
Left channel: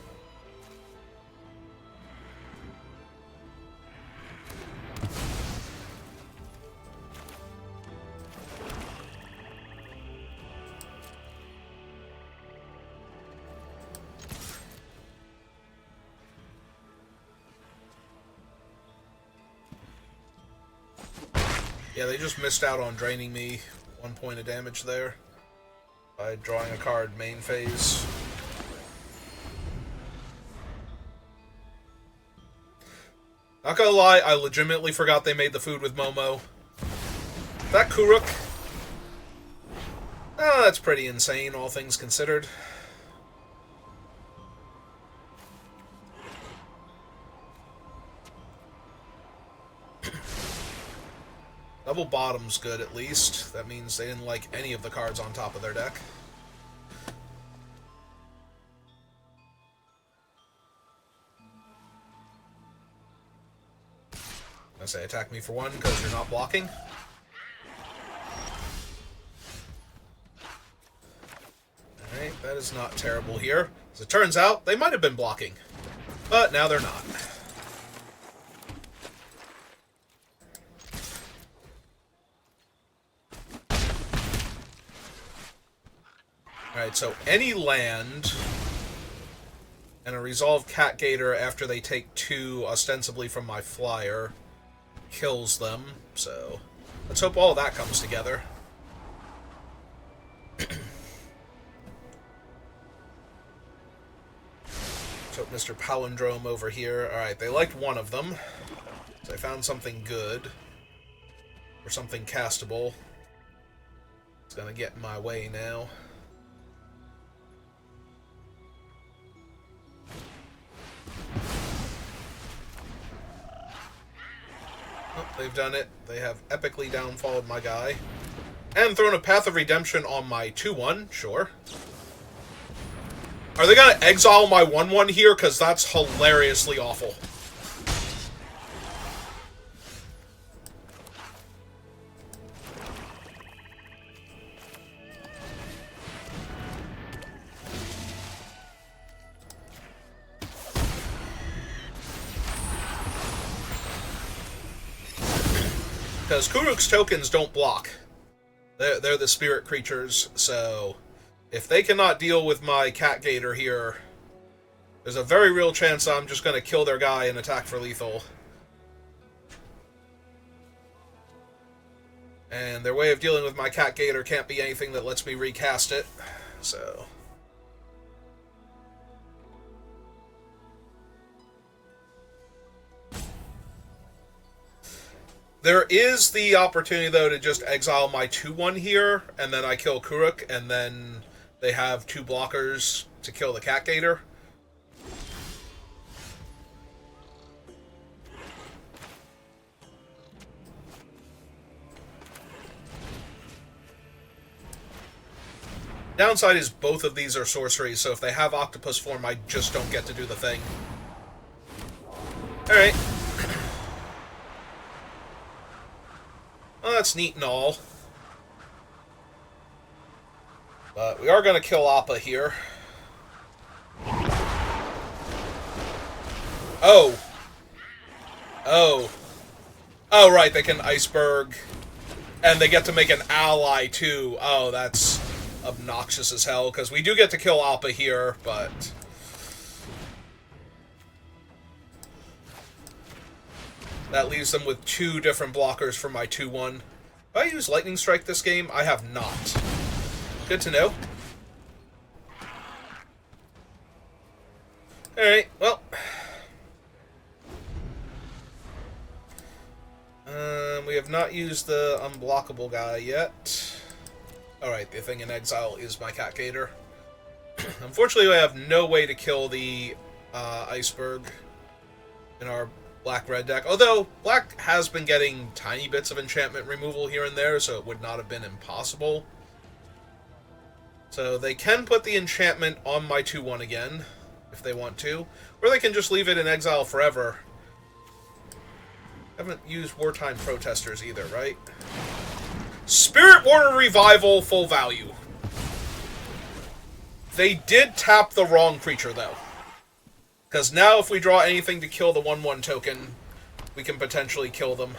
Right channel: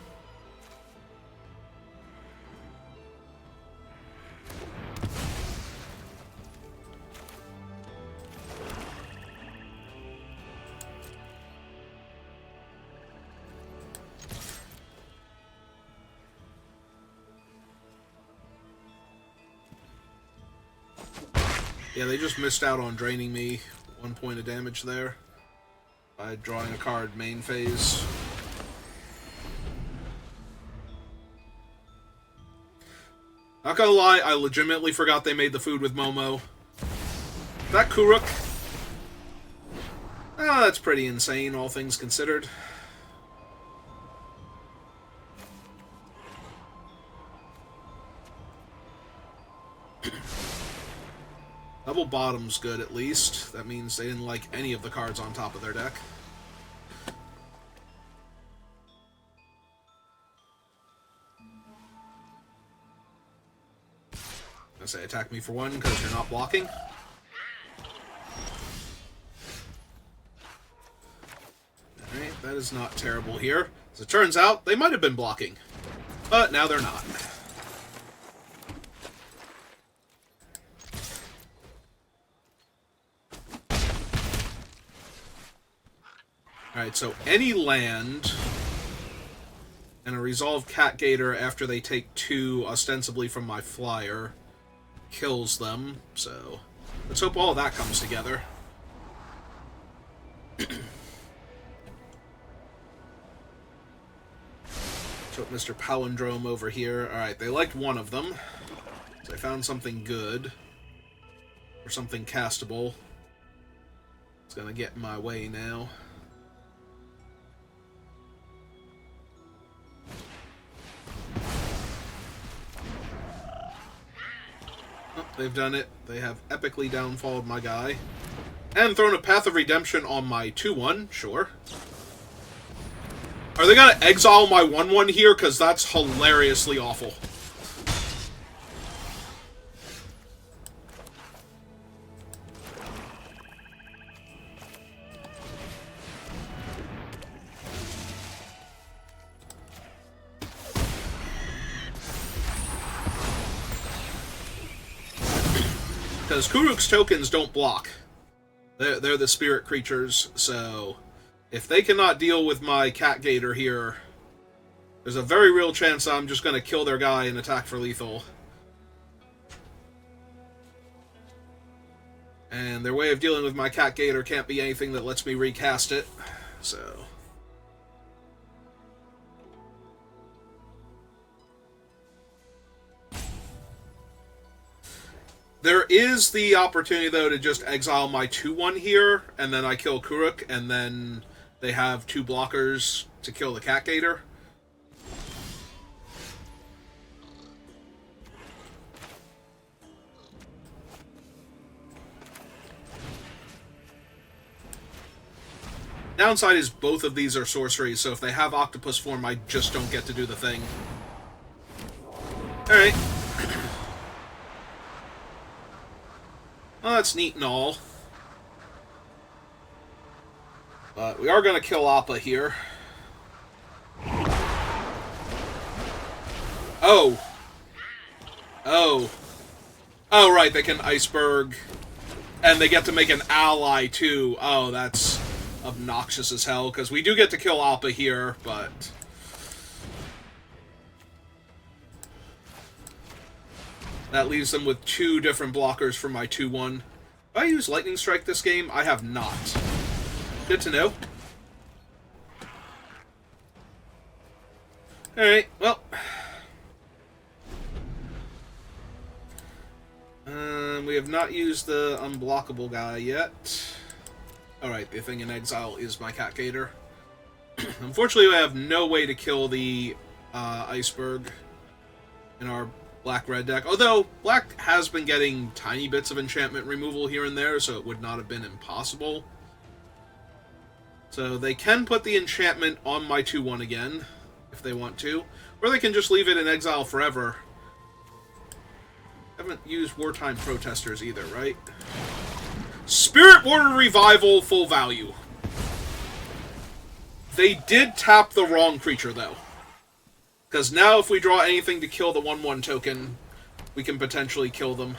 Yeah, they just missed out on draining me 1 point of damage there by drawing a card main phase. Not gonna lie, I legitimately forgot they made the food with Momo. That Kuruk? Ah, that's pretty insane, all things considered. Double bottom's good, at least. That means they didn't like any of the cards on top of their deck. I say attack me for 1 because you're not blocking. Alright, that is not terrible here. As it turns out, they might have been blocking. But now they're not. Alright, so any land and a resolved Cat Gator after they take 2, ostensibly from my flyer, kills them. So let's hope all of that comes together. So Mr. Palindrome over here. Alright, they liked one of them. So I found something good. Or something castable. It's gonna get in my way now. Oh, they've done it. They have epically downfalled my guy. And thrown a Path of Redemption on my 2-1, sure. Are they gonna exile my 1-1 here? Because that's hilariously awful. Because Kuruk's tokens don't block. They're the spirit creatures, so if they cannot deal with my Cat Gator here, there's a very real chance I'm just going to kill their guy and attack for lethal. And their way of dealing with my Cat Gator can't be anything that lets me recast it, so... There is the opportunity, though, to just exile my 2-1 here, and then I kill Kuruk, and then they have 2 blockers to kill the Cat Gator. Downside is both of these are sorceries, so if they have octopus form, I just don't get to do the thing. Alright. Well, that's neat and all. But we are going to kill Appa here. Oh. Oh. Oh, right, they can Iceberg. And they get to make an ally, too. Oh, that's obnoxious as hell, because we do get to kill Appa here, but... That leaves them with 2 different blockers for my 2-1. Have I used Lightning Strike this game? I have not. Good to know. Alright, well. We have not used the unblockable guy yet. Alright, the thing in exile is my Cat Gator. Unfortunately, I have no way to kill the Iceberg in our Black-Red deck. Although, Black has been getting tiny bits of enchantment removal here and there, so it would not have been impossible. So they can put the enchantment on my 2-1 again, if they want to. Or they can just leave it in exile forever. I haven't used Wartime Protesters either, right? Spirit Warrior Revival, full value. They did tap the wrong creature, though. Because now if we draw anything to kill the 1-1 token, we can potentially kill them.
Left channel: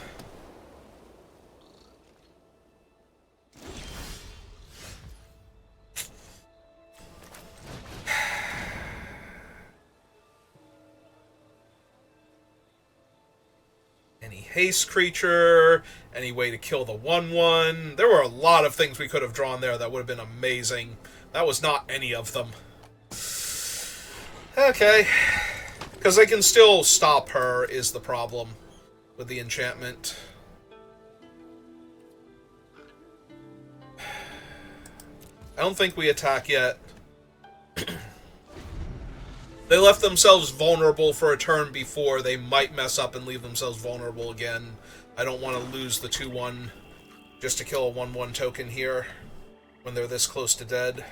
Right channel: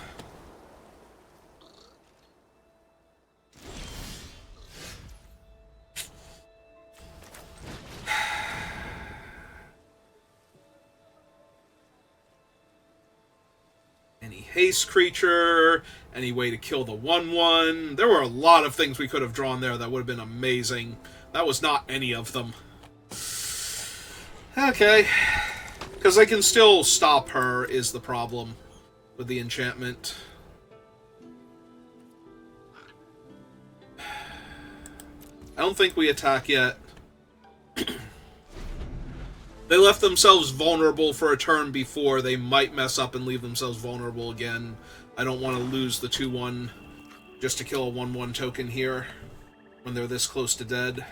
Any haste creature, any way to kill the 1-1. There were a lot of things we could have drawn there that would have been amazing. That was not any of them. Okay. Because I can still stop her is the problem with the enchantment. I don't think we attack yet. They left themselves vulnerable for a turn before. They might mess up and leave themselves vulnerable again. I don't want to lose the 2-1 just to kill a 1-1 token here when they're this close to dead.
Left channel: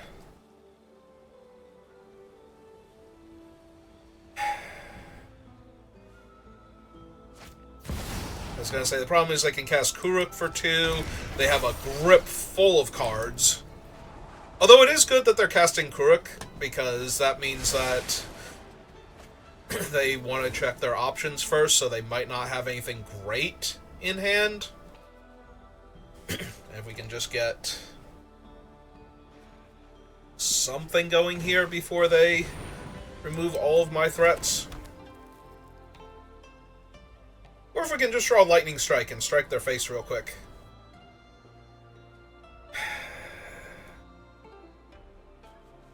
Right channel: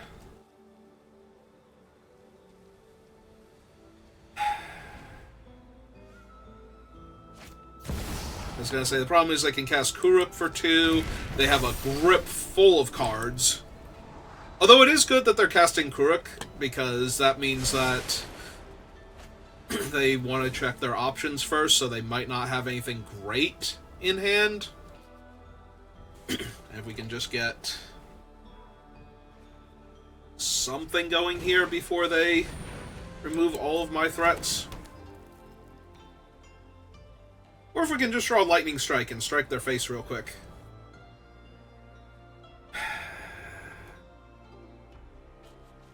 I was going to say, the problem is they can cast Kuruk for 2. They have a grip full of cards. Although it is good that they're casting Kuruk, because that means that they want to check their options first, so they might not have anything great in hand. If we can just get something going here before they remove all of my threats. Or if we can just draw a Lightning Strike and strike their face real quick.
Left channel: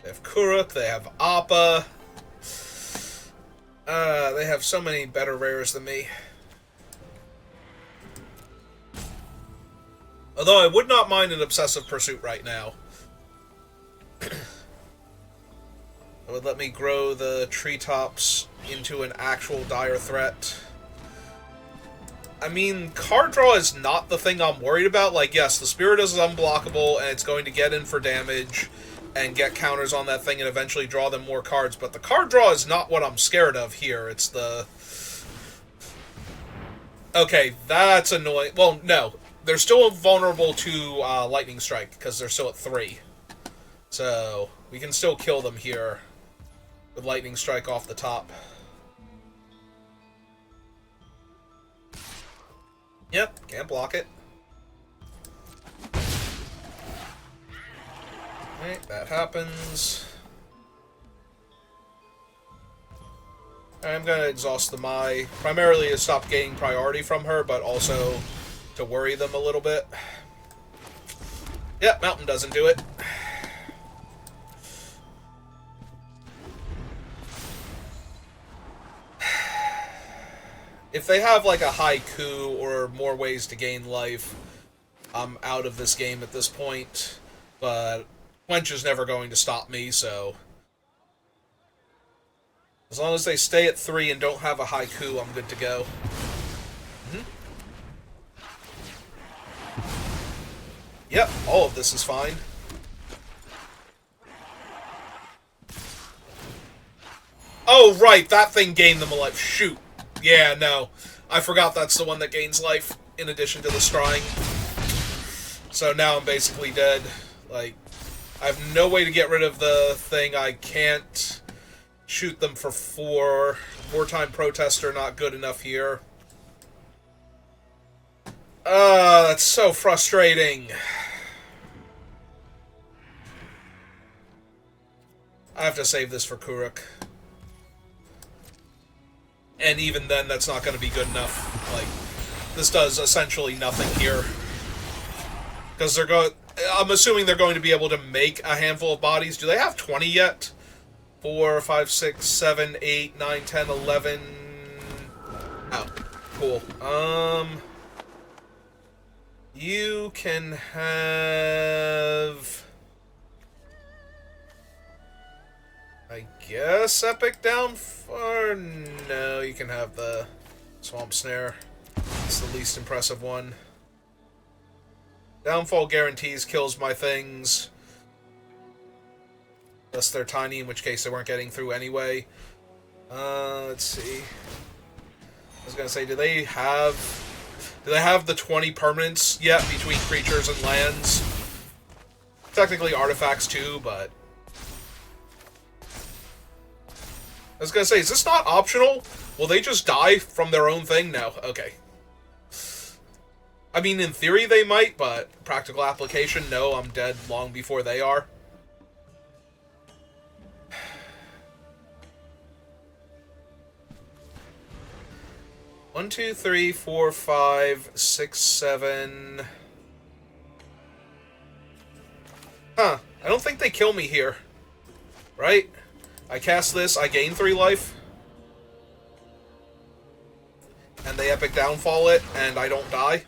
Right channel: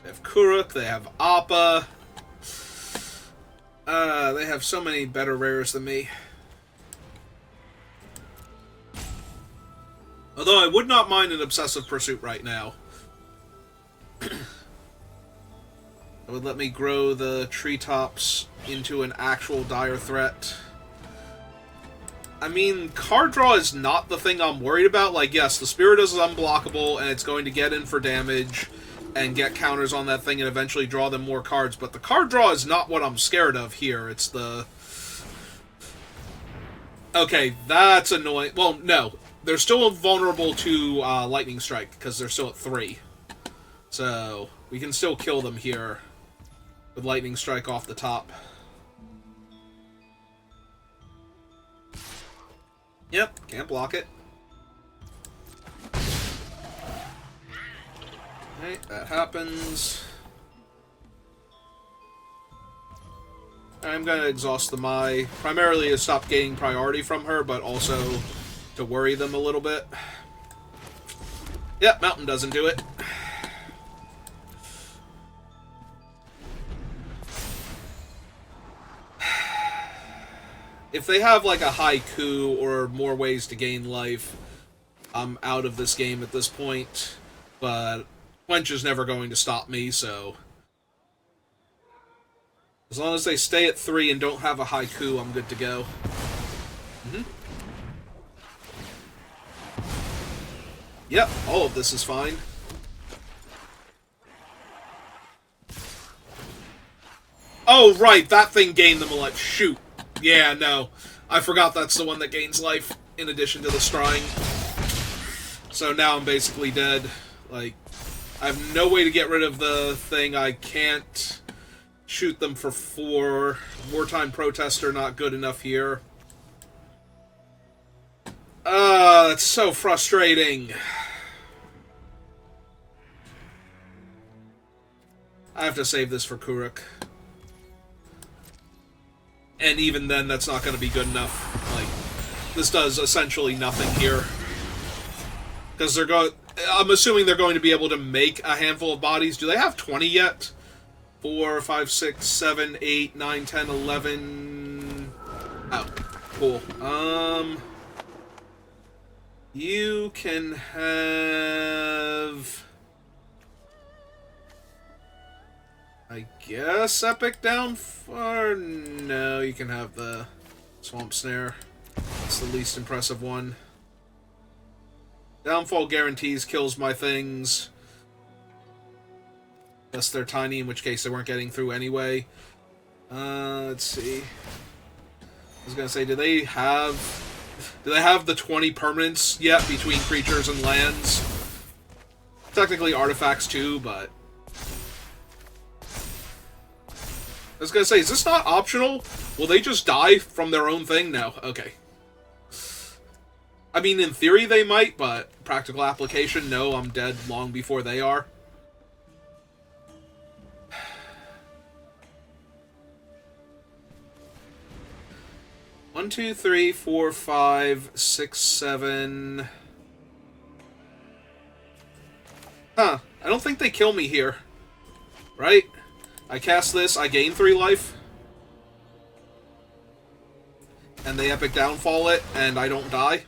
They have Kuruk, they have Appa. They have so many better rares than me. Although I would not mind an Obsessive Pursuit right now. It would let me grow the treetops into an actual dire threat. I mean, card draw is not the thing I'm worried about. Like, yes, the Spirit is unblockable, and it's going to get in for damage and get counters on that thing and eventually draw them more cards, but the card draw is not what I'm scared of here. It's the... Okay, that's annoying. Well, no. They're still vulnerable to Lightning Strike, because they're still at 3. So, we can still kill them here with Lightning Strike off the top. Yep, can't block it. Alright, that happens. I'm gonna exhaust the Mai, primarily to stop gaining priority from her, but also to worry them a little bit. Yep, Mountain doesn't do it. If they have like a haiku or more ways to gain life, I'm out of this game at this point. But Quench is never going to stop me, so... As long as they stay at 3 and don't have a haiku, I'm good to go. Yep, all of this is fine. Oh, right, that thing gained them a life. Shoot. Yeah, no. I forgot that's the one that gains life in addition to the scrying. So now I'm basically dead. Like, I have no way to get rid of the thing. I can't shoot them for 4. Wartime Protester not good enough here. That's so frustrating. I have to save this for Kuruk. And even then, that's not going to be good enough. Like, this does essentially nothing here. Because they're going... I'm assuming they're going to be able to make a handful of bodies. Do they have 20 yet? 4, 5, 6, 7, 8, 9, 10, 11... Oh, cool. You can have... I guess Epic Downfall? No, you can have the Swamp Snare. It's the least impressive one. Downfall guarantees kills my things. Unless they're tiny, in which case they weren't getting through anyway. Let's see. I was gonna say, do they have the 20 permanents yet between creatures and lands? Technically artifacts too, but... I was gonna say, is this not optional? Will they just die from their own thing? No. Okay. I mean, in theory they might, but practical application, no, I'm dead long before they are. One, 2, 3, 4, 5, 6, 7... Huh. I don't think they kill me here. Right? I cast this, I gain 3 life. And they Epic Downfall it, and I don't die.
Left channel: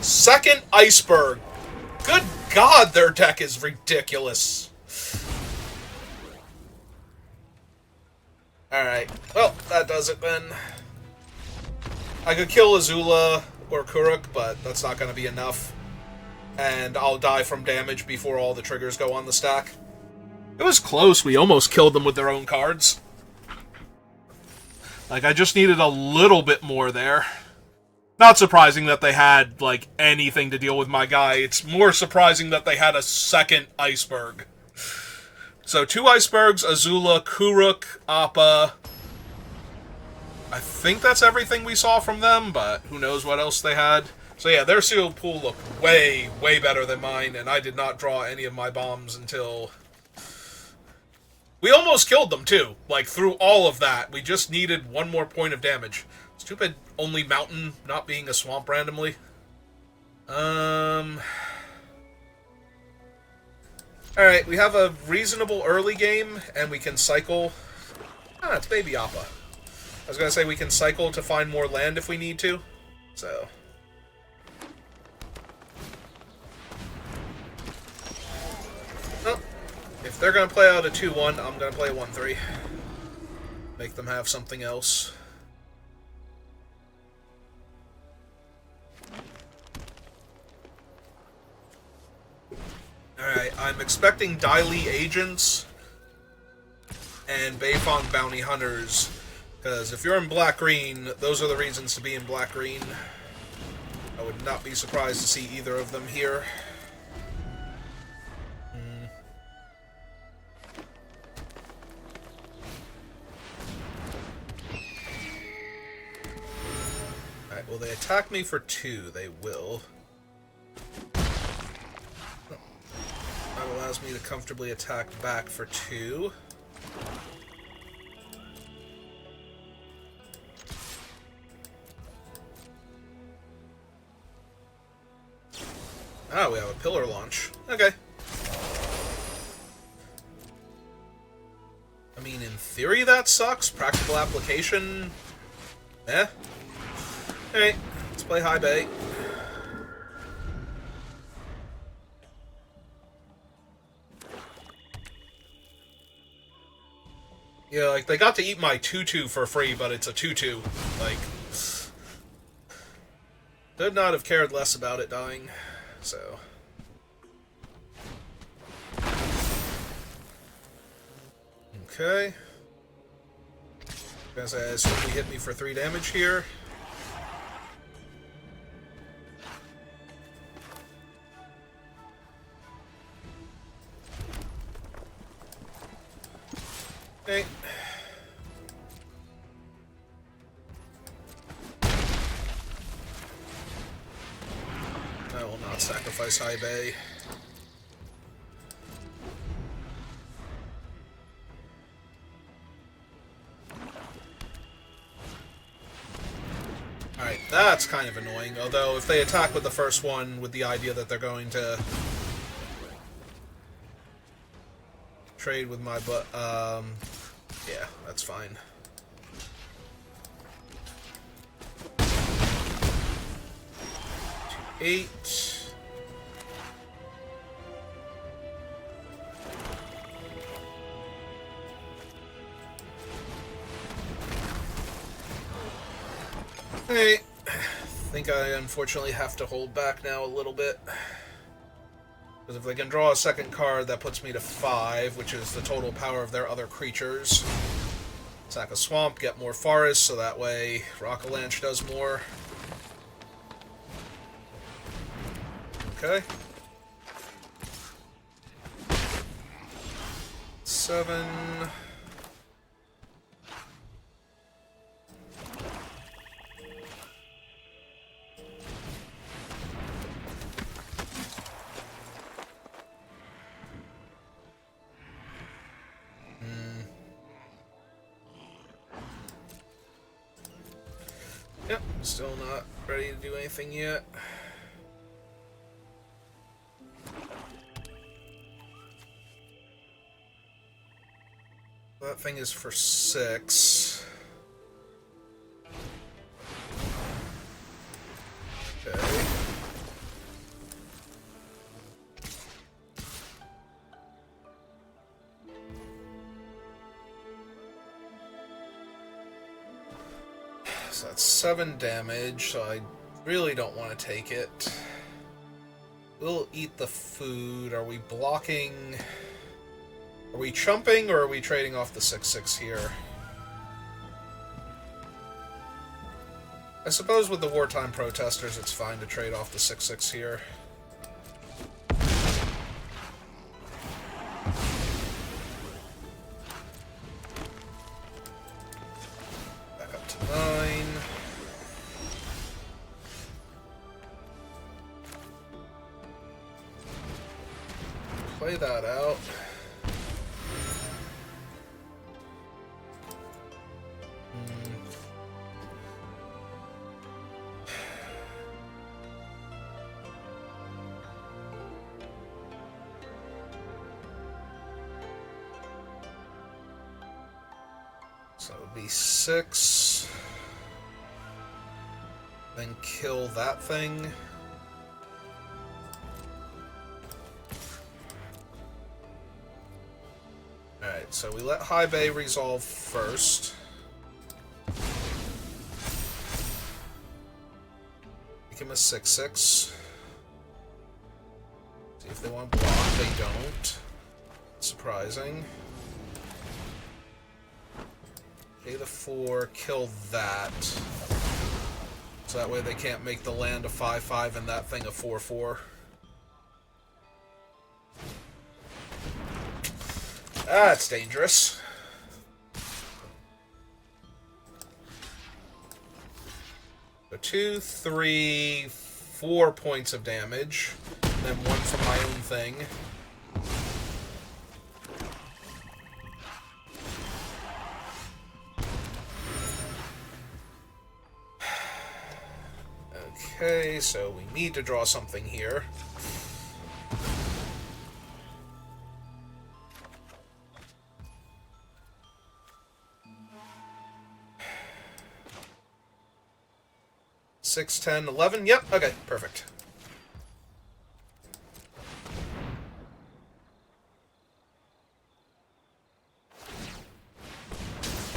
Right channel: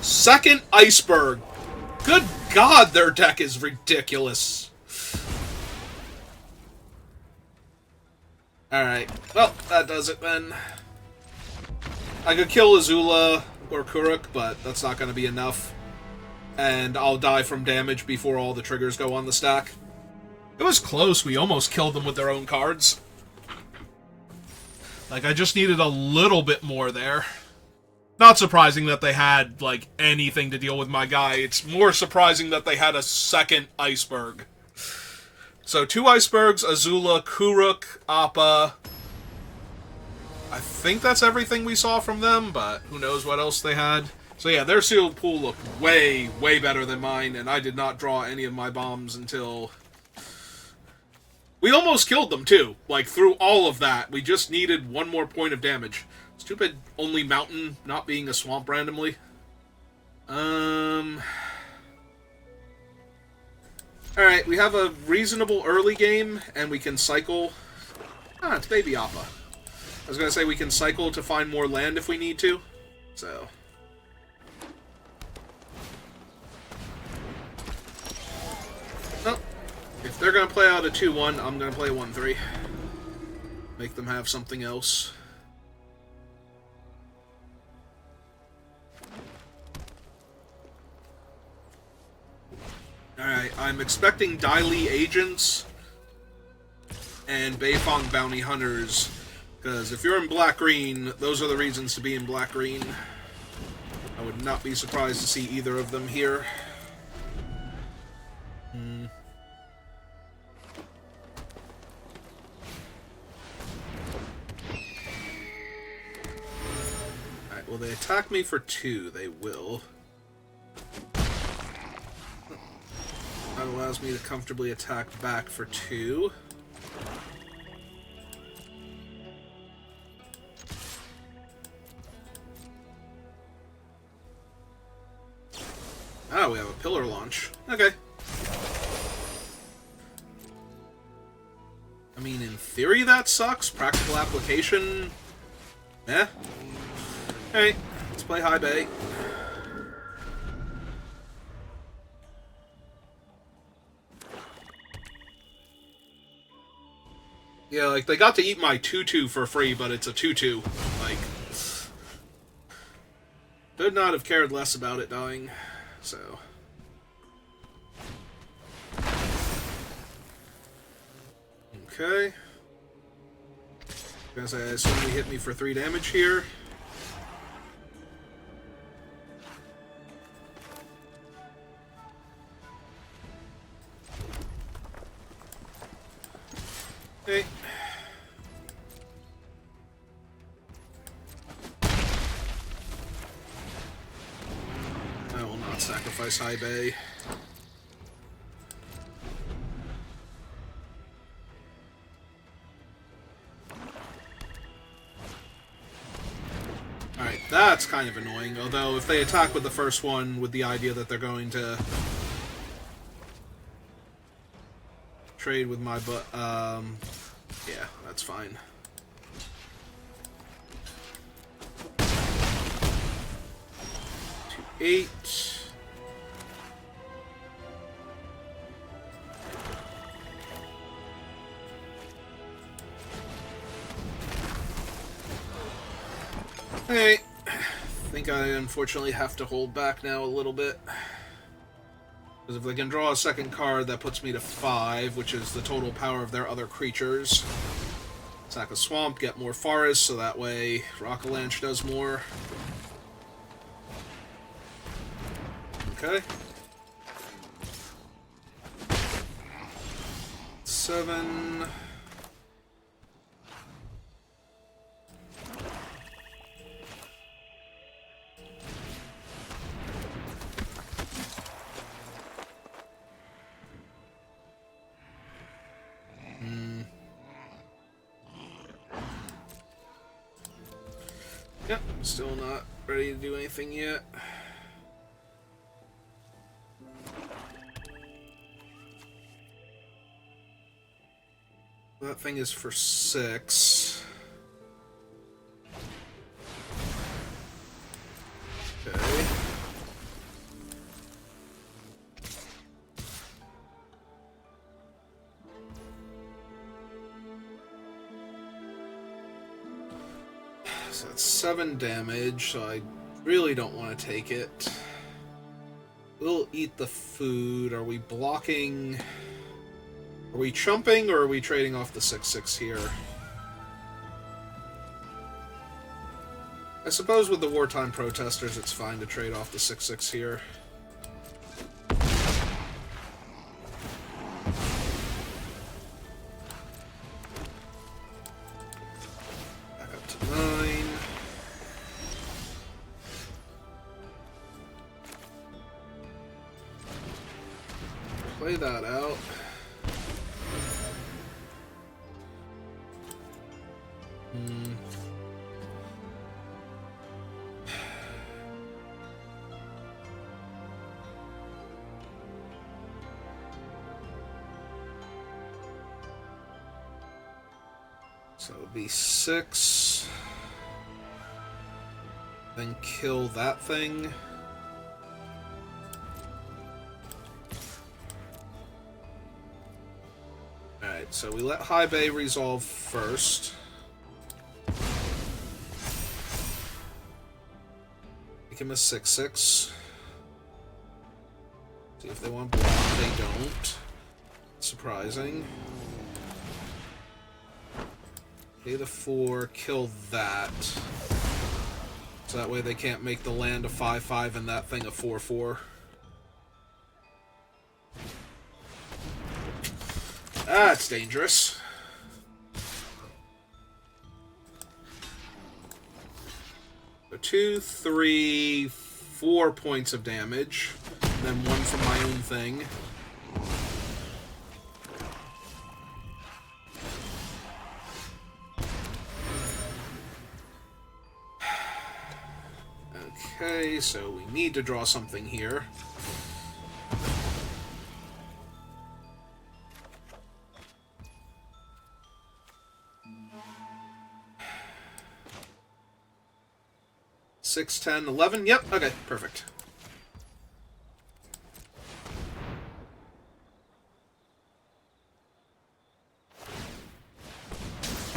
Second Iceberg! Good God, their deck is ridiculous. Alright, well, that does it then. I could kill Azula or Kuruk, but that's not going to be enough. And I'll die from damage before all the triggers go on the stack. It was close. We almost killed them with their own cards. Like, I just needed a little bit more there. Not surprising that they had, like, anything to deal with my guy. It's more surprising that they had a second Iceberg. So, 2 Icebergs, Azula, Kuruk, Appa. I think that's everything we saw from them, but who knows what else they had. So yeah, their sealed pool looked way, way better than mine, and I did not draw any of my bombs until... We almost killed them, too. Like, through all of that, we just needed one more point of damage. Stupid only mountain not being a swamp randomly. Alright, we have a reasonable early game, and we can cycle... Ah, it's Baby Appa. I was gonna say we can cycle to find more land if we need to. So... Oh. If they're gonna play out a 2-1, I'm gonna play a 1-3. Make them have something else. Alright, I'm expecting Dai agents and Beifong bounty hunters, because if you're in black-green, those are the reasons to be in black-green. I would not be surprised to see either of them here. Alright, will they attack me for 2? They will. That allows me to comfortably attack back for 2. Ah, we have a pillar launch. Okay. I mean, in theory that sucks. Practical application... Eh. Alright, let's play high bay. Yeah, like, they got to eat my 2-2 for free, but it's a 2-2. Like... Could not have cared less about it dying. So... Okay. Gonna say, I assume he hit me for 3 damage here. Okay. I will not sacrifice high bay. Alright, that's kind of annoying, although if they attack with the first one with the idea that they're going to trade with my yeah, that's fine. To 8. Okay, I think I unfortunately have to hold back now a little bit. Because if they can draw a second card, that puts me to 5, which is the total power of their other creatures. Sack a swamp, get more forest, so that way Rock-a-Lanche does more. Okay. 7... Yep, still not ready to do anything yet. That thing is for 6. Okay. So that's 7 damage, so I really don't want to take it. We'll eat the food. Are we blocking... Are we chumping, or are we trading off the 6/6 here? I suppose with the wartime protesters, it's fine to trade off the 6/6 here. Back up to 9. Play that out. So it would be 6. Then kill that thing. Alright, so we let High Bay resolve first. Make him a 6/6. See if they want to block. They don't. Surprising. Pay the 4, kill that. So that way they can't make the land a 5/5 and that thing a 4/4. That's dangerous. So 2, 3, 4 points of damage. And then 1 from my own thing. Okay, so we need to draw something here. Six, 10, 11. Yep, okay, perfect.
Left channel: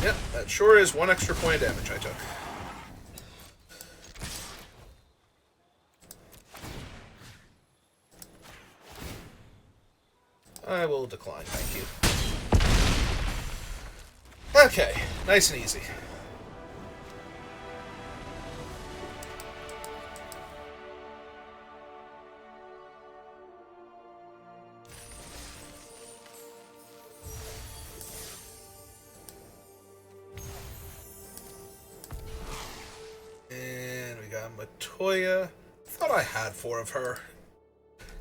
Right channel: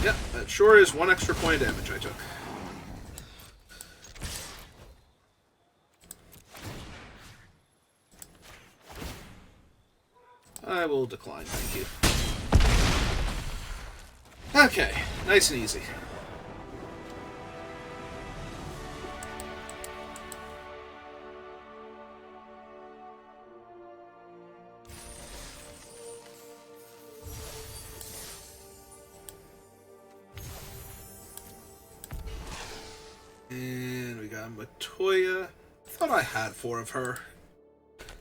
Yep, that sure is 1 extra point of damage I took. I will decline, thank you. Okay, nice and easy. And we got Matoya. I thought I had 4 of her.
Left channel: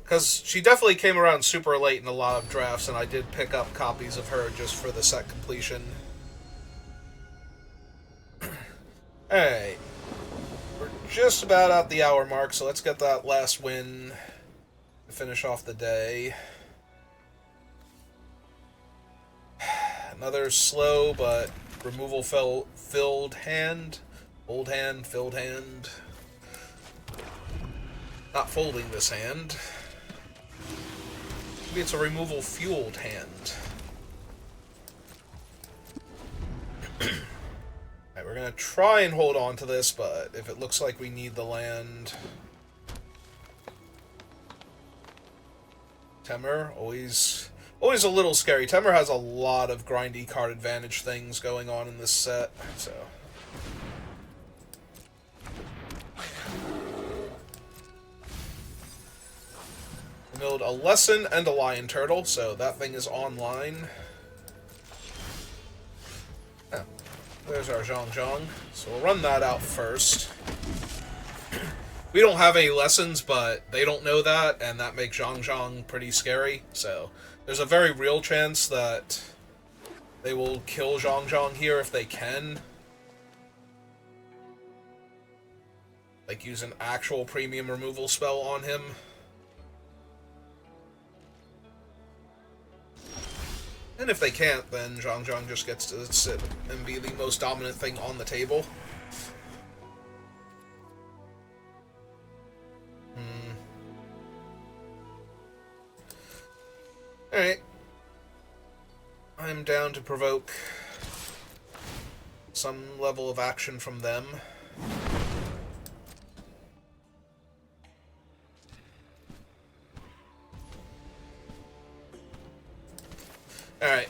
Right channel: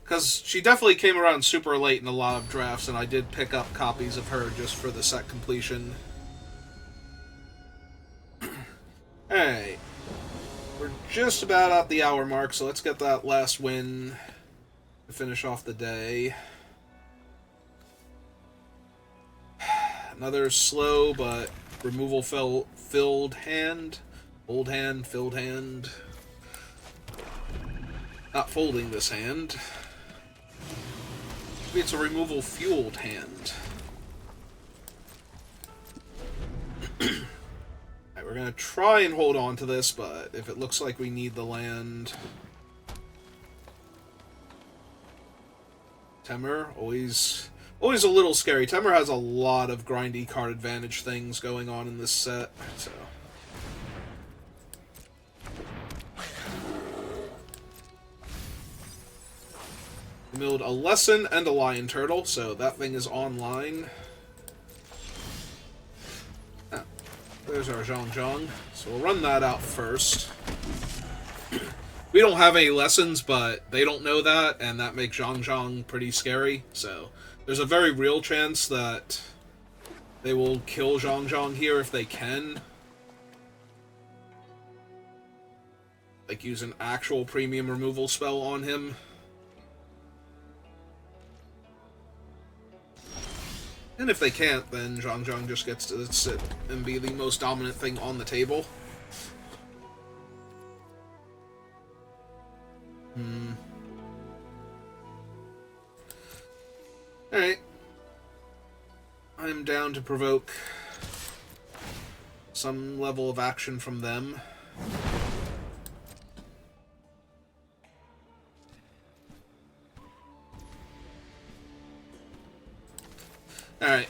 Because she definitely came around super late in a lot of drafts, and I did pick up copies of her just for the set completion. Alright. We're just about at the hour mark, so let's get that last win to finish off the day. Another slow but filled hand. Old hand, filled hand. Not folding this hand. Maybe it's a removal fueled hand. Alright, we're gonna try and hold on to this, but if it looks like we need the land... Temur, always a little scary. Temur has a lot of grindy card advantage things going on in this set, so... We milled a Lesson and a Lion Turtle, so that thing is online. Oh, there's our Zhong. So we'll run that out first. We don't have any lessons, but they don't know that, and that makes Zhong pretty scary. So there's a very real chance that they will kill Zhong here if they can. Like, use an actual premium removal spell on him. And if they can't, then Zhong just gets to sit and be the most dominant thing on the table. Alright. I'm down to provoke some level of action from them. Alright.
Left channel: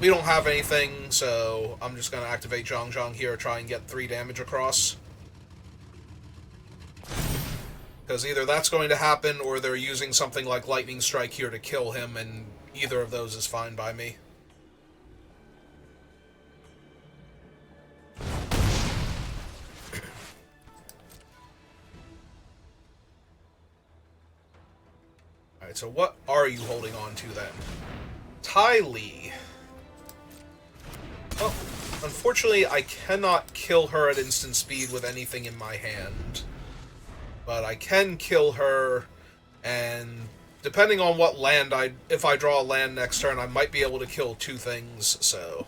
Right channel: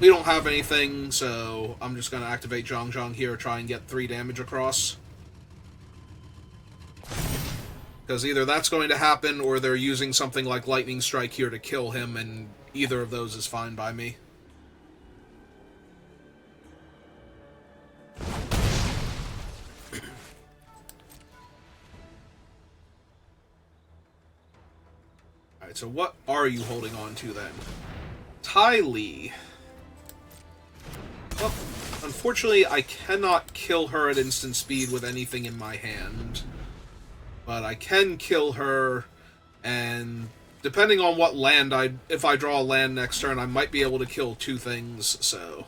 We don't have anything, so I'm just going to activate Zhong here, try and get 3 damage across. Because either that's going to happen, or they're using something like Lightning Strike here to kill him, and either of those is fine by me. Alright, Alright, so what are you holding on to then? Ty Lee. Well, unfortunately, I cannot kill her at instant speed with anything in my hand. But I can kill her, and depending on what land if I draw a land next turn, I might be able to kill 2 things, so...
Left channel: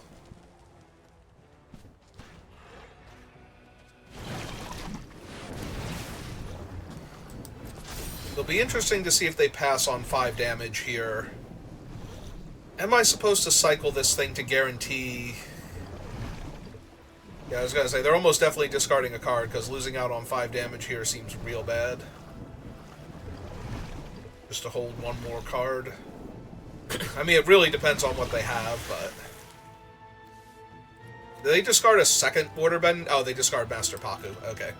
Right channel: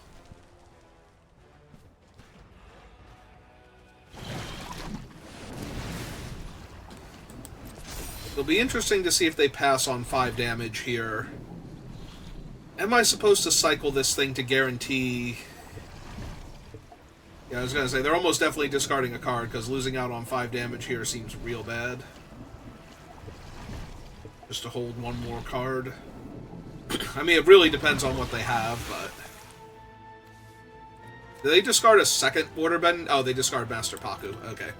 It'll be interesting to see if they pass on 5 damage here. Am I supposed to cycle this thing to guarantee... Yeah, I was gonna say, they're almost definitely discarding a card, because losing out on 5 damage here seems real bad. Just to hold 1 more card. I mean, it really depends on what they have, but... Do they discard a second Waterbend? Oh, they discard Master Paku. Okay.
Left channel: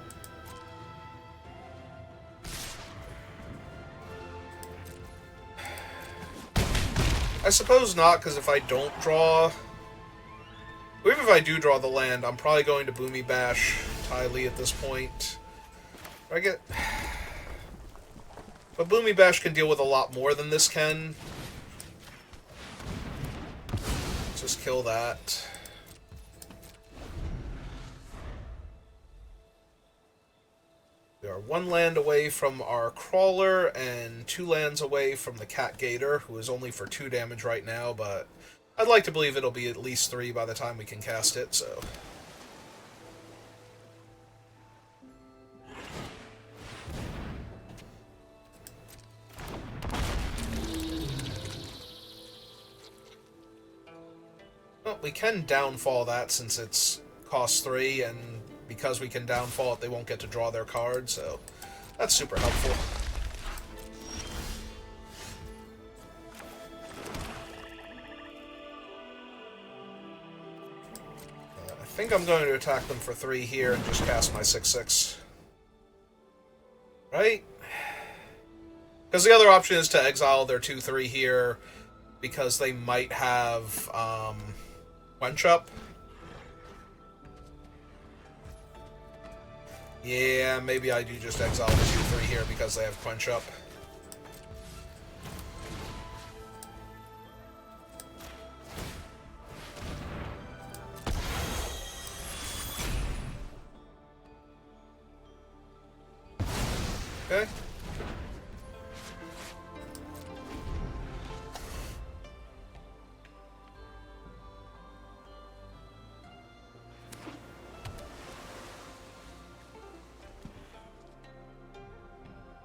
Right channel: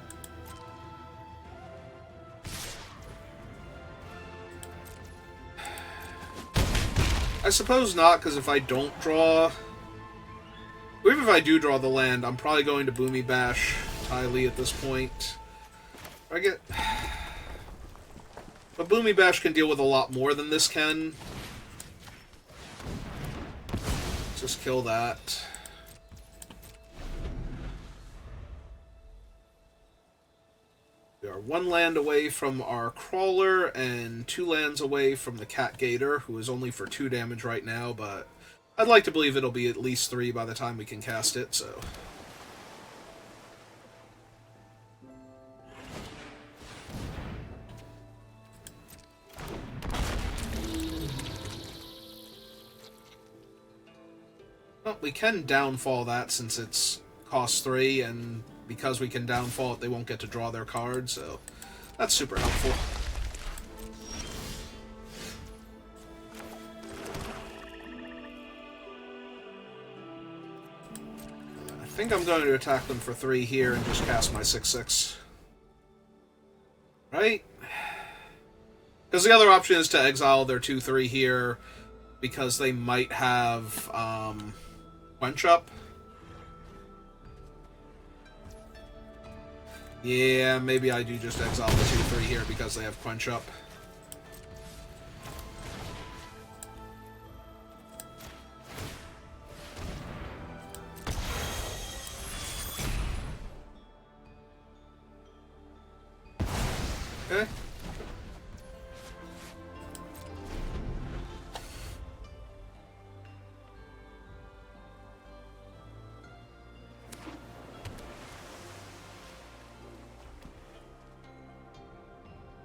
I suppose not, because if I don't draw... Even if I do draw the land, I'm probably going to Boomy Bash Ty Lee at this point. I get... But Boomy Bash can deal with a lot more than this can. Let's just kill that. We are 1 land away from our Crawler and 2 lands away from the Cat Gator, who is only for 2 damage right now, but I'd like to believe it'll be at least 3 by the time we can cast it, so... Well, we can downfall that since it's cost 3, and because we can downfall it, they won't get to draw their card, so that's super helpful. I think I'm going to attack them for 3 here and just cast my 6/6. Right? Because the other option is to exile their 2/3 here, because they might have Quench Up. Yeah, maybe I do just exile the 2/3 here because they have Quench Up. Okay.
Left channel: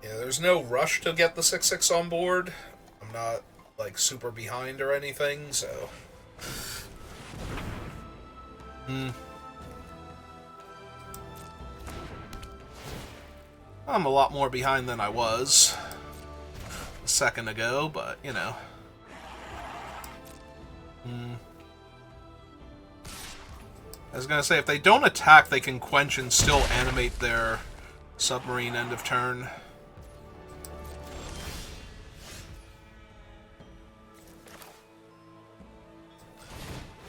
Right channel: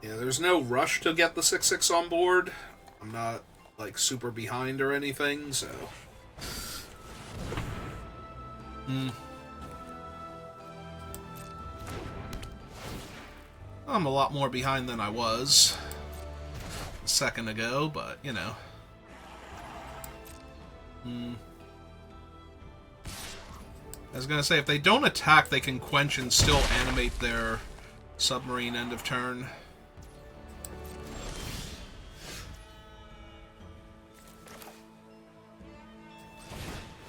Yeah, there's no rush to get the 6/6 on board. I'm not, like, super behind or anything, so... I'm a lot more behind than I was a second ago, but, you know. I was gonna say, if they don't attack, they can quench and still animate their submarine end of turn.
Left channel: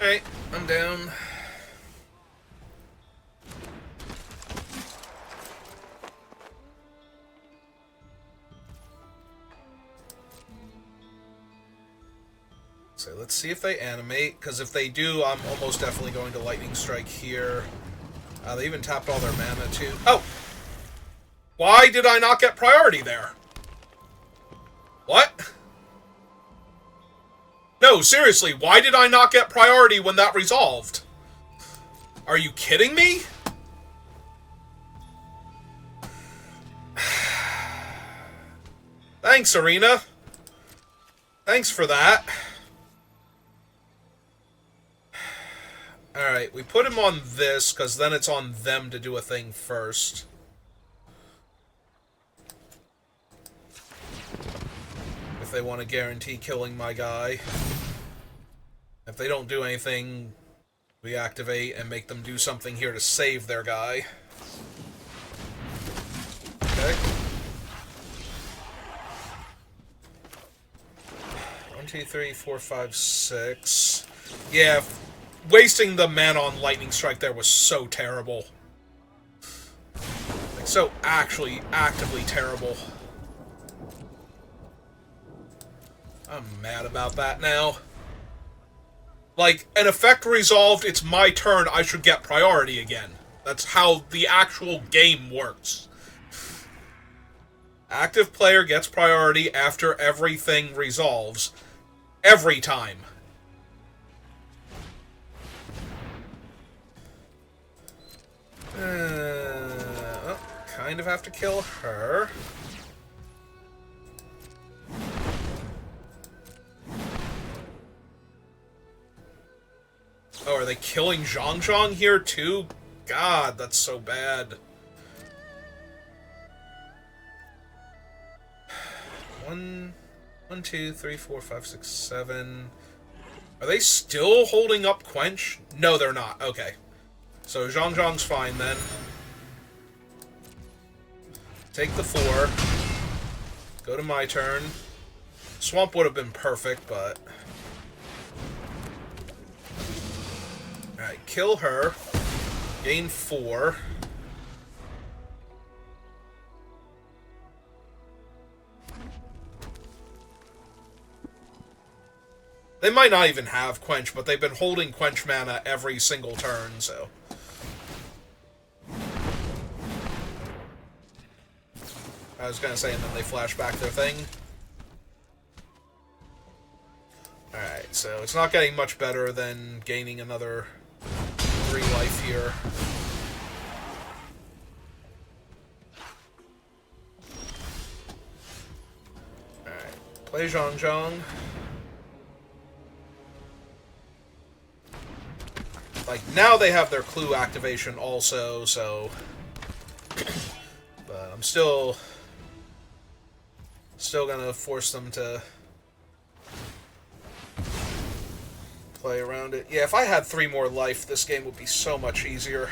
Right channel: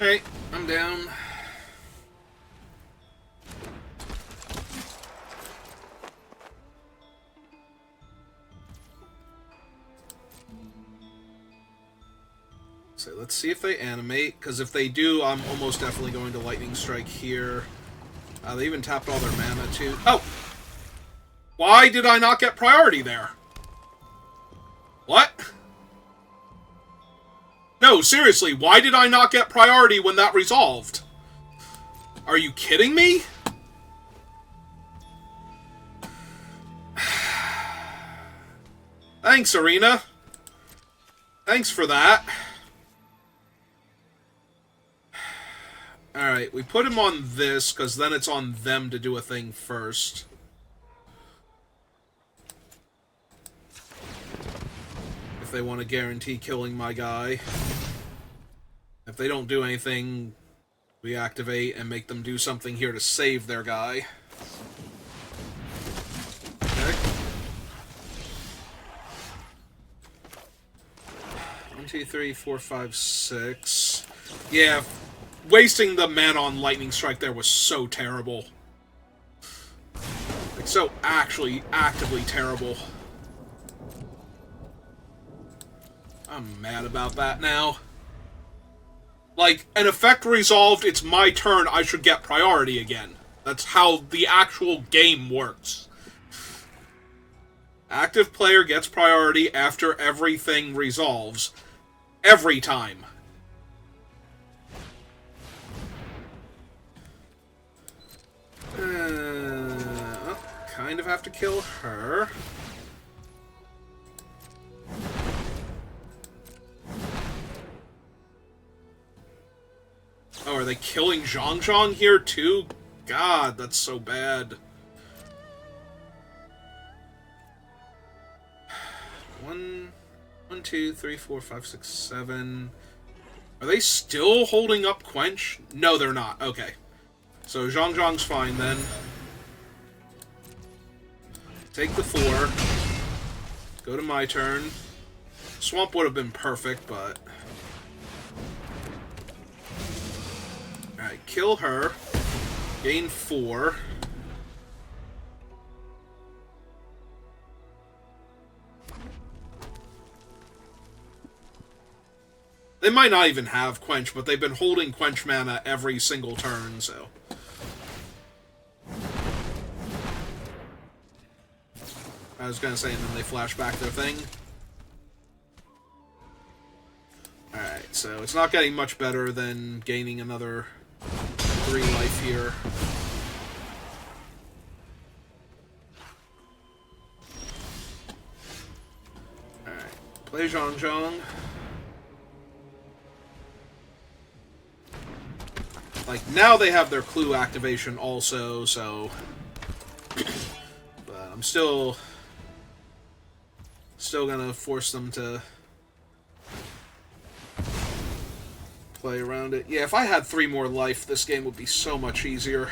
Alright, I'm down. So let's see if they animate, because if they do, I'm almost definitely going to Lightning Strike here. They even tapped all their mana, too. Oh! Why did I not get priority there? What? No, seriously, why did I not get priority when that resolved? Are you kidding me? Thanks, Arena. Thanks for that. Alright, we put him on this, because then it's on them to do a thing first. If they want to guarantee killing my guy. If they don't do anything, we activate and make them do something here to save their guy. Okay. 1, 2, 3, 4, 5, 6. Yeah, wasting the mana on Lightning Strike there was so terrible. Like, so actually, actively terrible. I'm mad about that now. Like, an effect resolved, it's my turn, I should get priority again. That's how the actual game works. Active player gets priority after everything resolves. Every time. Kind of have to kill her. Oh, are they killing Zhang Zhang here too? God, that's so bad. One, 2, 3, 4, 5, 6, 7. Are they still holding up Quench? No, they're not. Okay. So Zhang Zhang's fine then. Take the 4. Go to my turn. Swamp would have been perfect, but... Alright, kill her. Gain 4. They might not even have Quench, but they've been holding Quench mana every single turn, so... I was gonna say, and then they flash back their thing. Alright, so it's not getting much better than gaining another 3 life here. Alright, play Zhang Zhang. Like, now they have their clue activation also, so... But I'm still gonna force them to play around it. Yeah, if I had 3 more life, this game would be so much easier.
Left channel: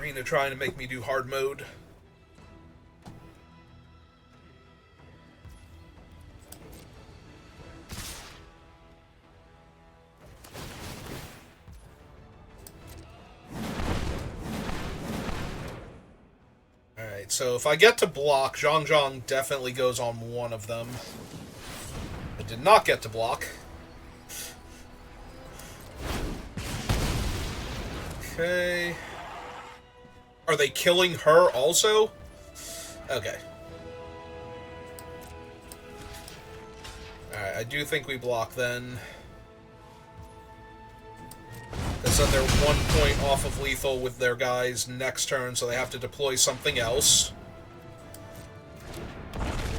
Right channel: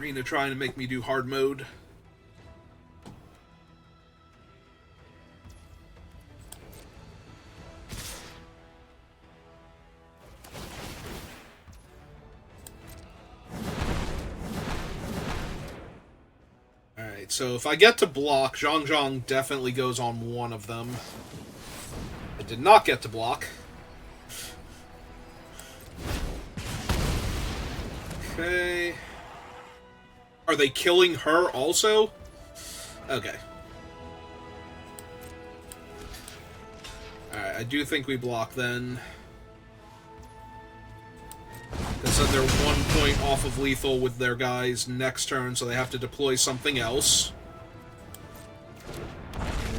Arena trying to make me do hard mode. Alright, so if I get to block, Zhang Zhang definitely goes on one of them. I did not get to block. Okay. Are they killing her also? Okay. Alright, I do think we block then. They said they're 1 point off of lethal with their guys next turn, so they have to deploy something else.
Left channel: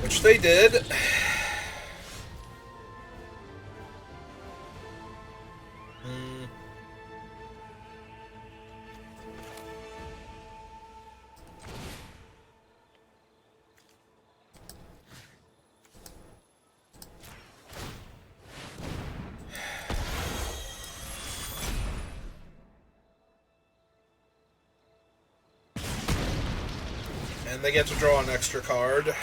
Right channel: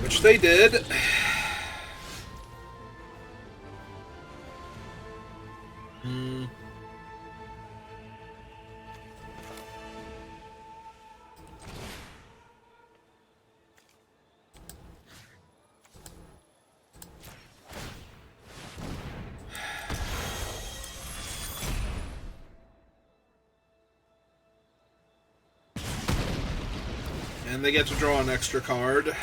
Which they did. And they get to draw an extra card.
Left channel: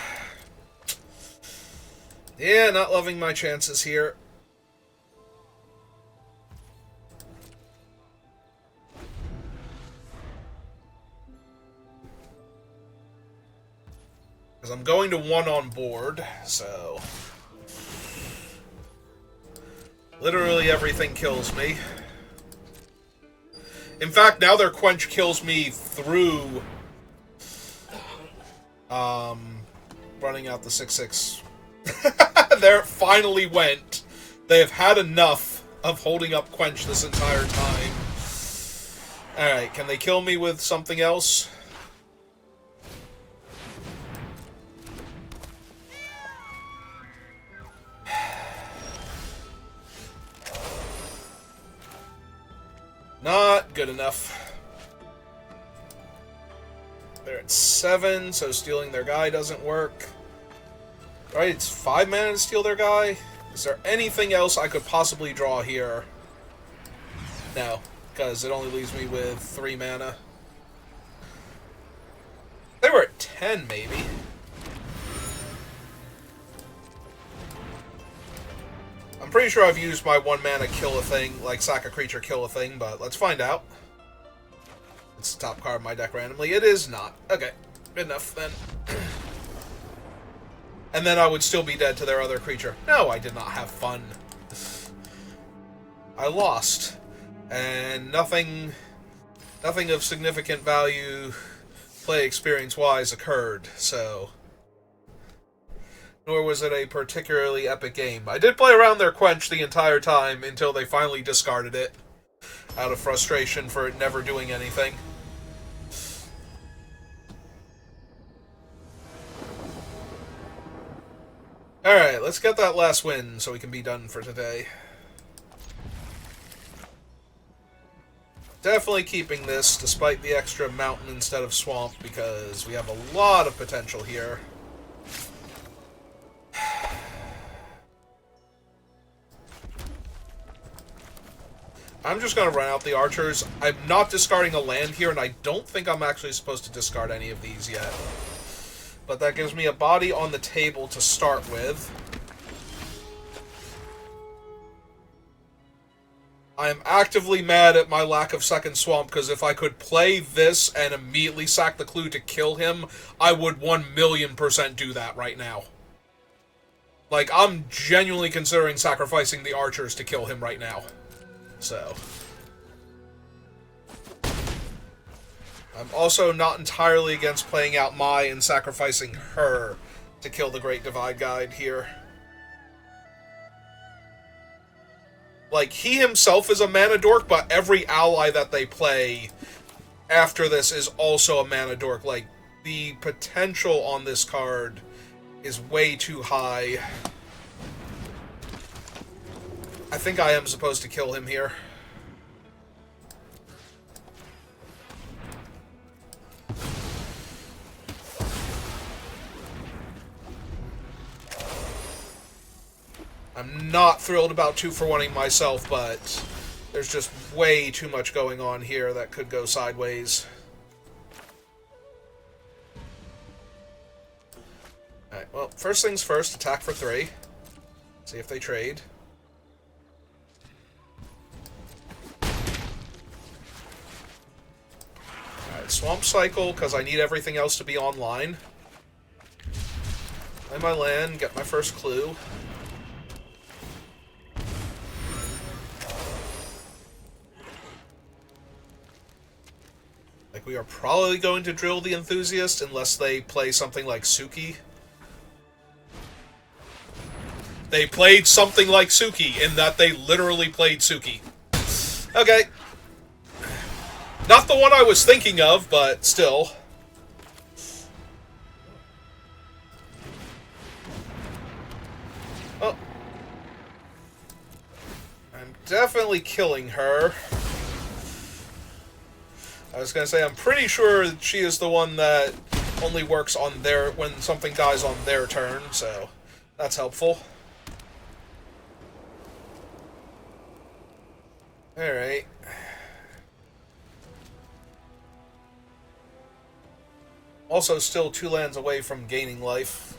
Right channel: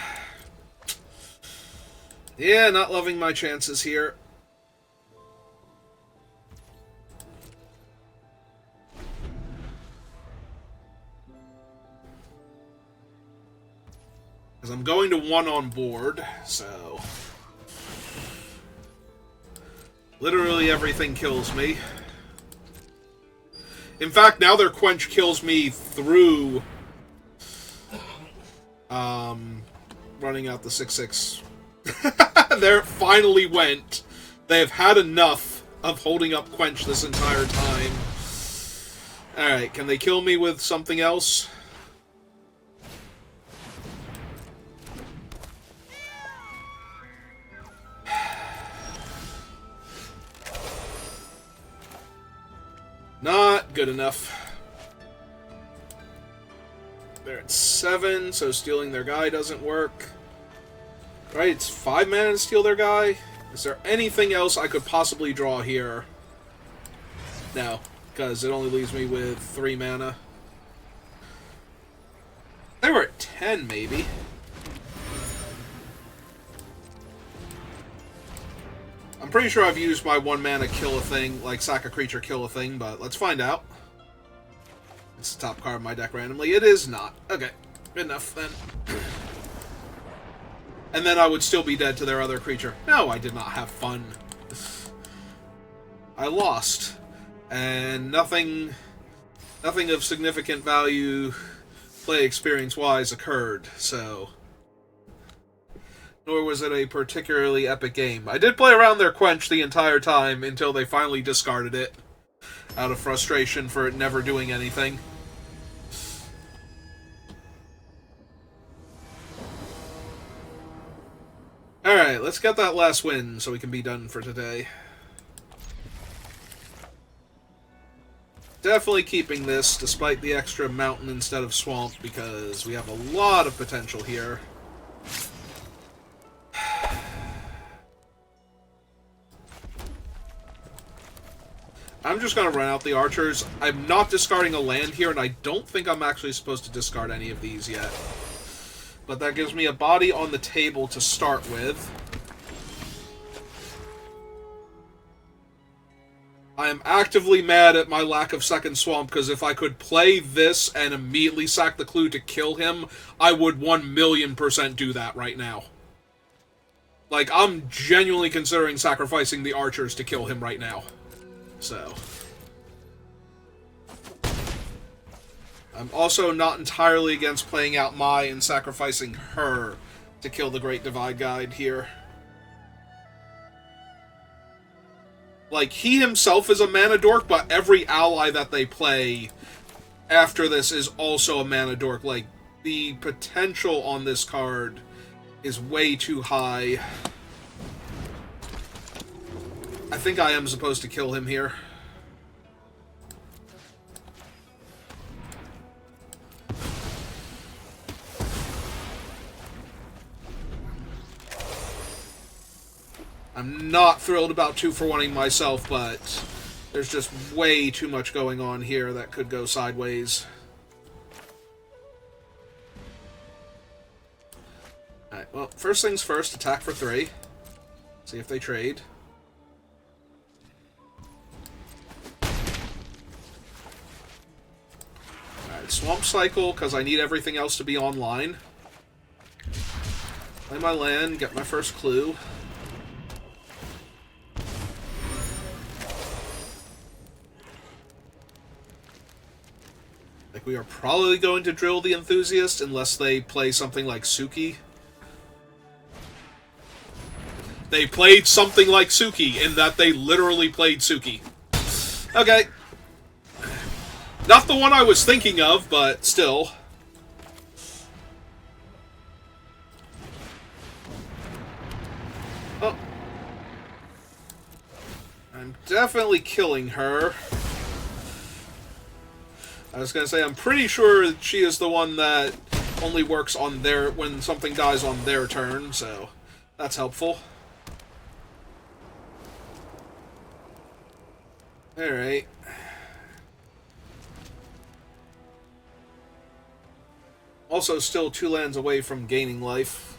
Yeah, not loving my chances here. Because I'm going to 1 on board, so... Literally everything kills me. In fact, now their Quench kills me through... running out the 6/6. There it finally went. They have had enough of holding up Quench this entire time. Alright, can they kill me with something else? Not good enough. They're at 7, so stealing their guy doesn't work. Right, it's 5 mana to steal their guy. Is there anything else I could possibly draw here? No, because it only leaves me with 3 mana. They were at 10, maybe. I'm pretty sure I've used my 1 mana kill a thing, like sack a creature, kill a thing, but let's find out. It's the top card of my deck randomly. It is not. Okay, good enough then. and then I would still be dead to their other creature. No, I did not have fun. I lost. And nothing of significant value play experience-wise occurred, so... Nor was it a particularly epic game. I did play around their Quench the entire time until they finally discarded it, out of frustration for it never doing anything. Alright, let's get that last win so we can be done for today. Definitely keeping this, despite the extra mountain instead of swamp, because we have a lot of potential here. I'm just going to run out the archers. I'm not discarding a land here, and I don't think I'm actually supposed to discard any of these yet. But that gives me a body on the table to start with. I am actively mad at my lack of second swamp, because if I could play this and immediately sack the clue to kill him, I would 1,000,000% do that right now. Like, I'm genuinely considering sacrificing the archers to kill him right now. So. I'm also not entirely against playing out Mai and sacrificing her to kill the Great Divide Guide here. Like, he himself is a mana dork, but every ally that they play after this is also a mana dork. Like, the potential on this card is way too high. I think I am supposed to kill him here. I'm not thrilled about 2-for-1ing myself, but there's just way too much going on here that could go sideways. Alright, well, first things first, attack for 3. See if they trade. Alright, Swamp Cycle, because I need everything else to be online. Play my land, get my first clue. We are probably going to drill the Enthusiast unless they play something like Suki. They played something like Suki in that they literally played Suki. Okay. Not the one I was thinking of, but still. Oh. I'm definitely killing her. I was going to say, I'm pretty sure she is the one that only works on their... when something dies on their turn, so that's helpful. Alright. Also still 2 lands away from gaining life.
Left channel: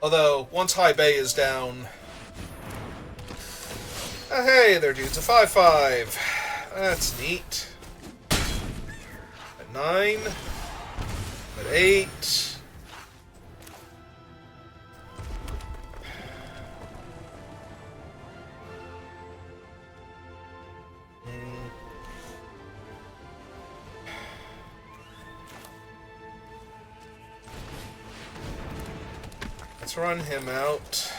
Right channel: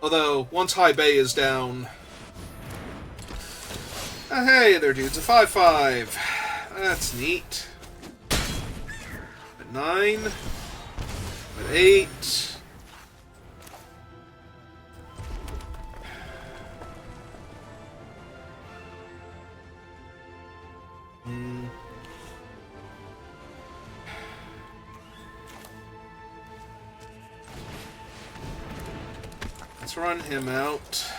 Although, once High Bay is down... hey there, dudes, a 5/5. That's neat. 9, 8. Let's run him out.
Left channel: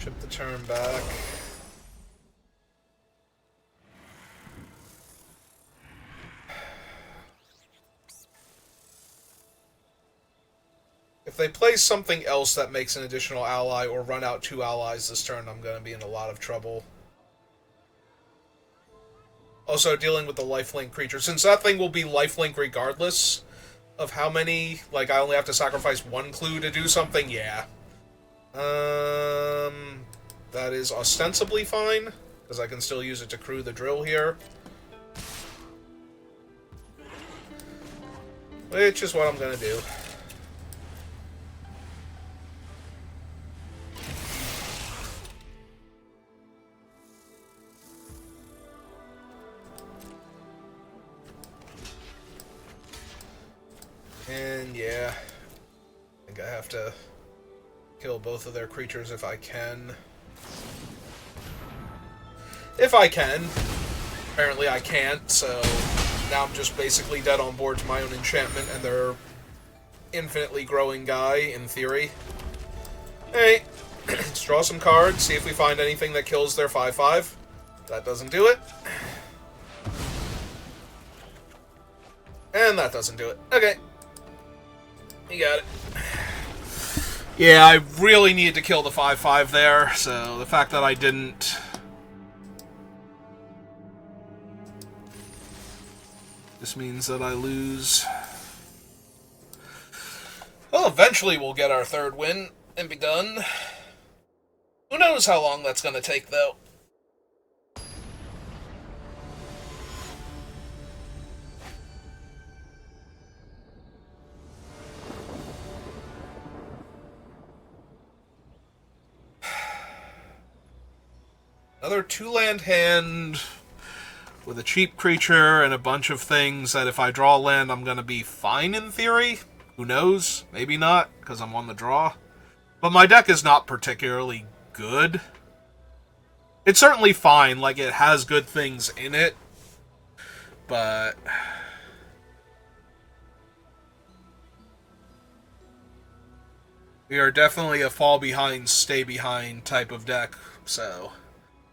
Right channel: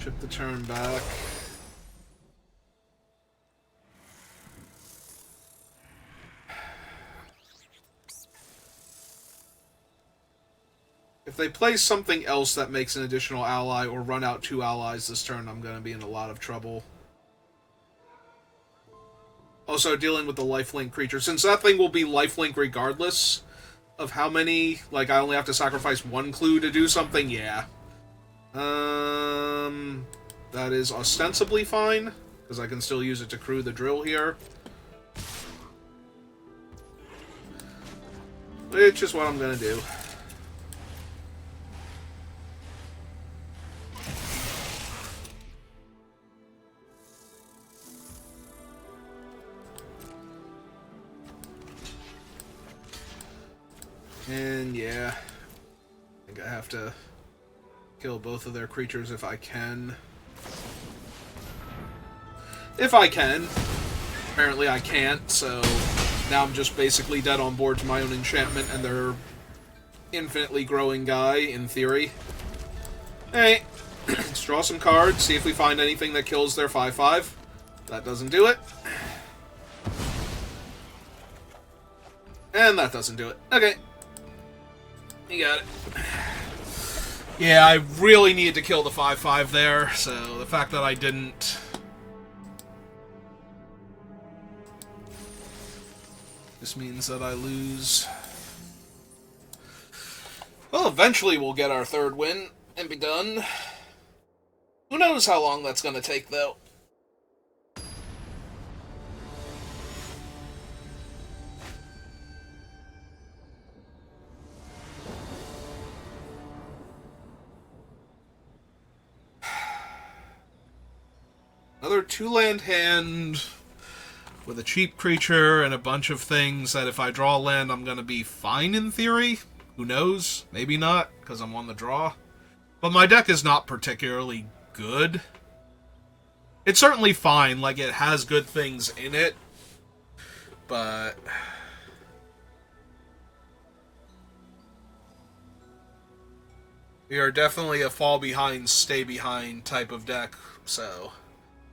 Chip the turn back. If they play something else that makes an additional ally or run out 2 allies this turn, I'm going to be in a lot of trouble. Also, dealing with the lifelink creature. Since that thing will be lifelink regardless of how many... Like, I only have to sacrifice 1 clue to do something? Yeah. That is ostensibly fine, because I can still use it to crew the drill here. Which is what I'm going to do. And yeah, I think I have to kill both of their creatures if I can. If I can. Apparently I can't, so now I'm just basically dead on board to my own enchantment and their infinitely growing guy, in theory. Alright, let's draw some cards, see if we find anything that kills their 5/5. That doesn't do it. And that doesn't do it. Okay. You got it. Yeah, I really needed to kill the 5/5 there, so the fact that I didn't... This means that I lose. Well, eventually we'll get our third win and be done. Who knows how long that's going to take, though. Another 2-land hand with a cheap creature and a bunch of things that if I draw land, I'm going to be fine in theory. Who knows? Maybe not, because I'm on the draw. But my deck is not particularly good. It's certainly fine, like it has good things in it. But... we are definitely a fall behind, stay behind type of deck, so...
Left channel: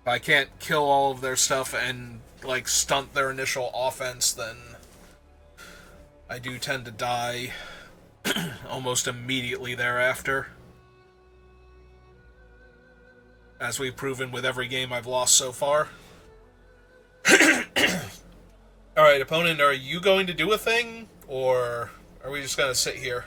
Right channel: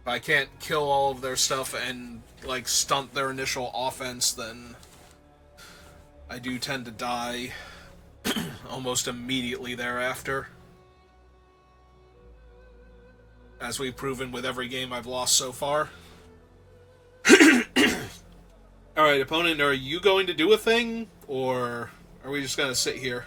if I can't kill all of their stuff and, like, stunt their initial offense, then I do tend to die almost immediately thereafter. As we've proven with every game I've lost so far. Alright, opponent, are you going to do a thing? Or are we just going to sit here?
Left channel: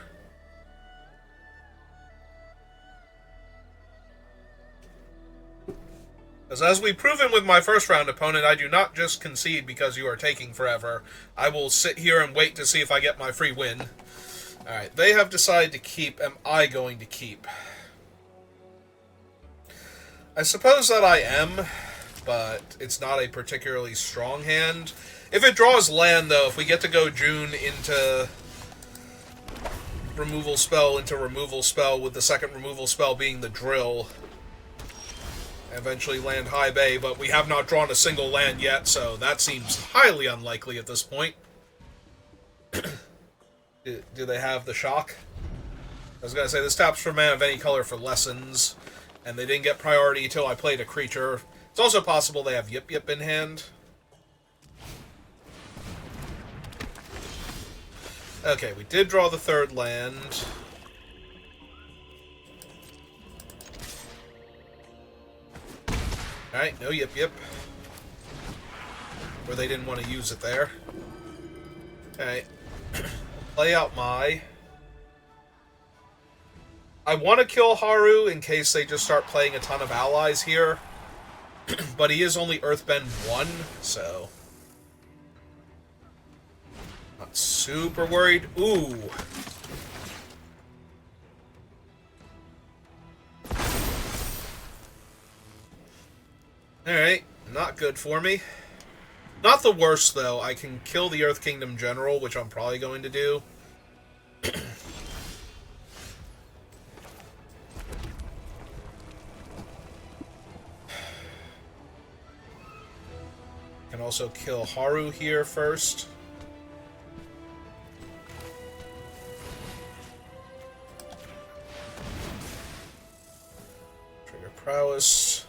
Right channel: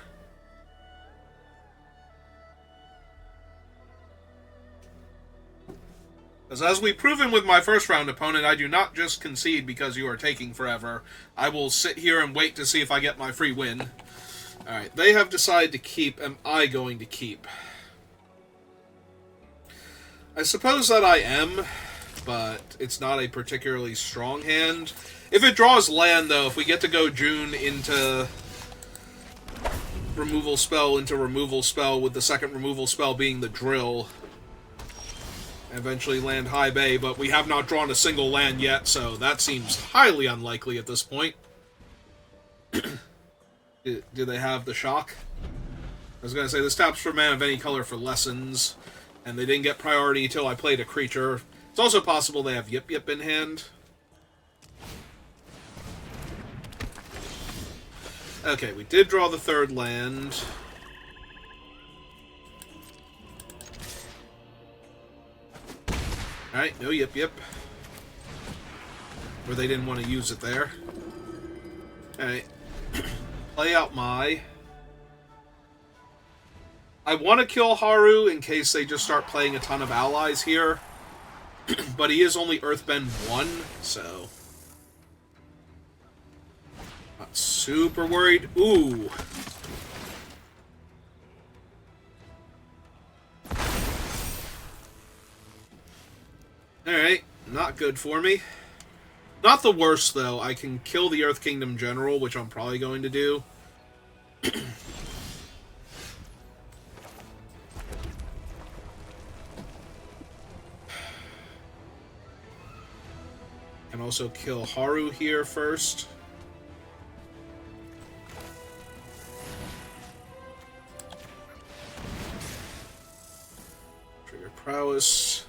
Because as we've proven with my first round, opponent, I do not just concede because you are taking forever. I will sit here and wait to see if I get my free win. Alright, they have decided to keep. Am I going to keep? I suppose that I am, but it's not a particularly strong hand. If it draws land, though, if we get to go June into removal spell with the second removal spell being the drill, eventually land High Bay, but we have not drawn a single land yet, so that seems highly unlikely at this point. Do they have the shock? I was going to say, this taps for mana of any color for lessons, and they didn't get priority until I played a creature. It's also possible they have Yip Yip in hand. Okay, we did draw the third land. Alright, no Yip Yip. Where they didn't want to use it there. Alright. Play out my... I want to kill Haru in case they just start playing a ton of allies here. But he is only Earthbend 1, so... not super worried. Ooh. Alright, not good for me. Not the worst, though. I can kill the Earth Kingdom General, which I'm probably going to do. Can also kill Haru here first. Trigger Prowess.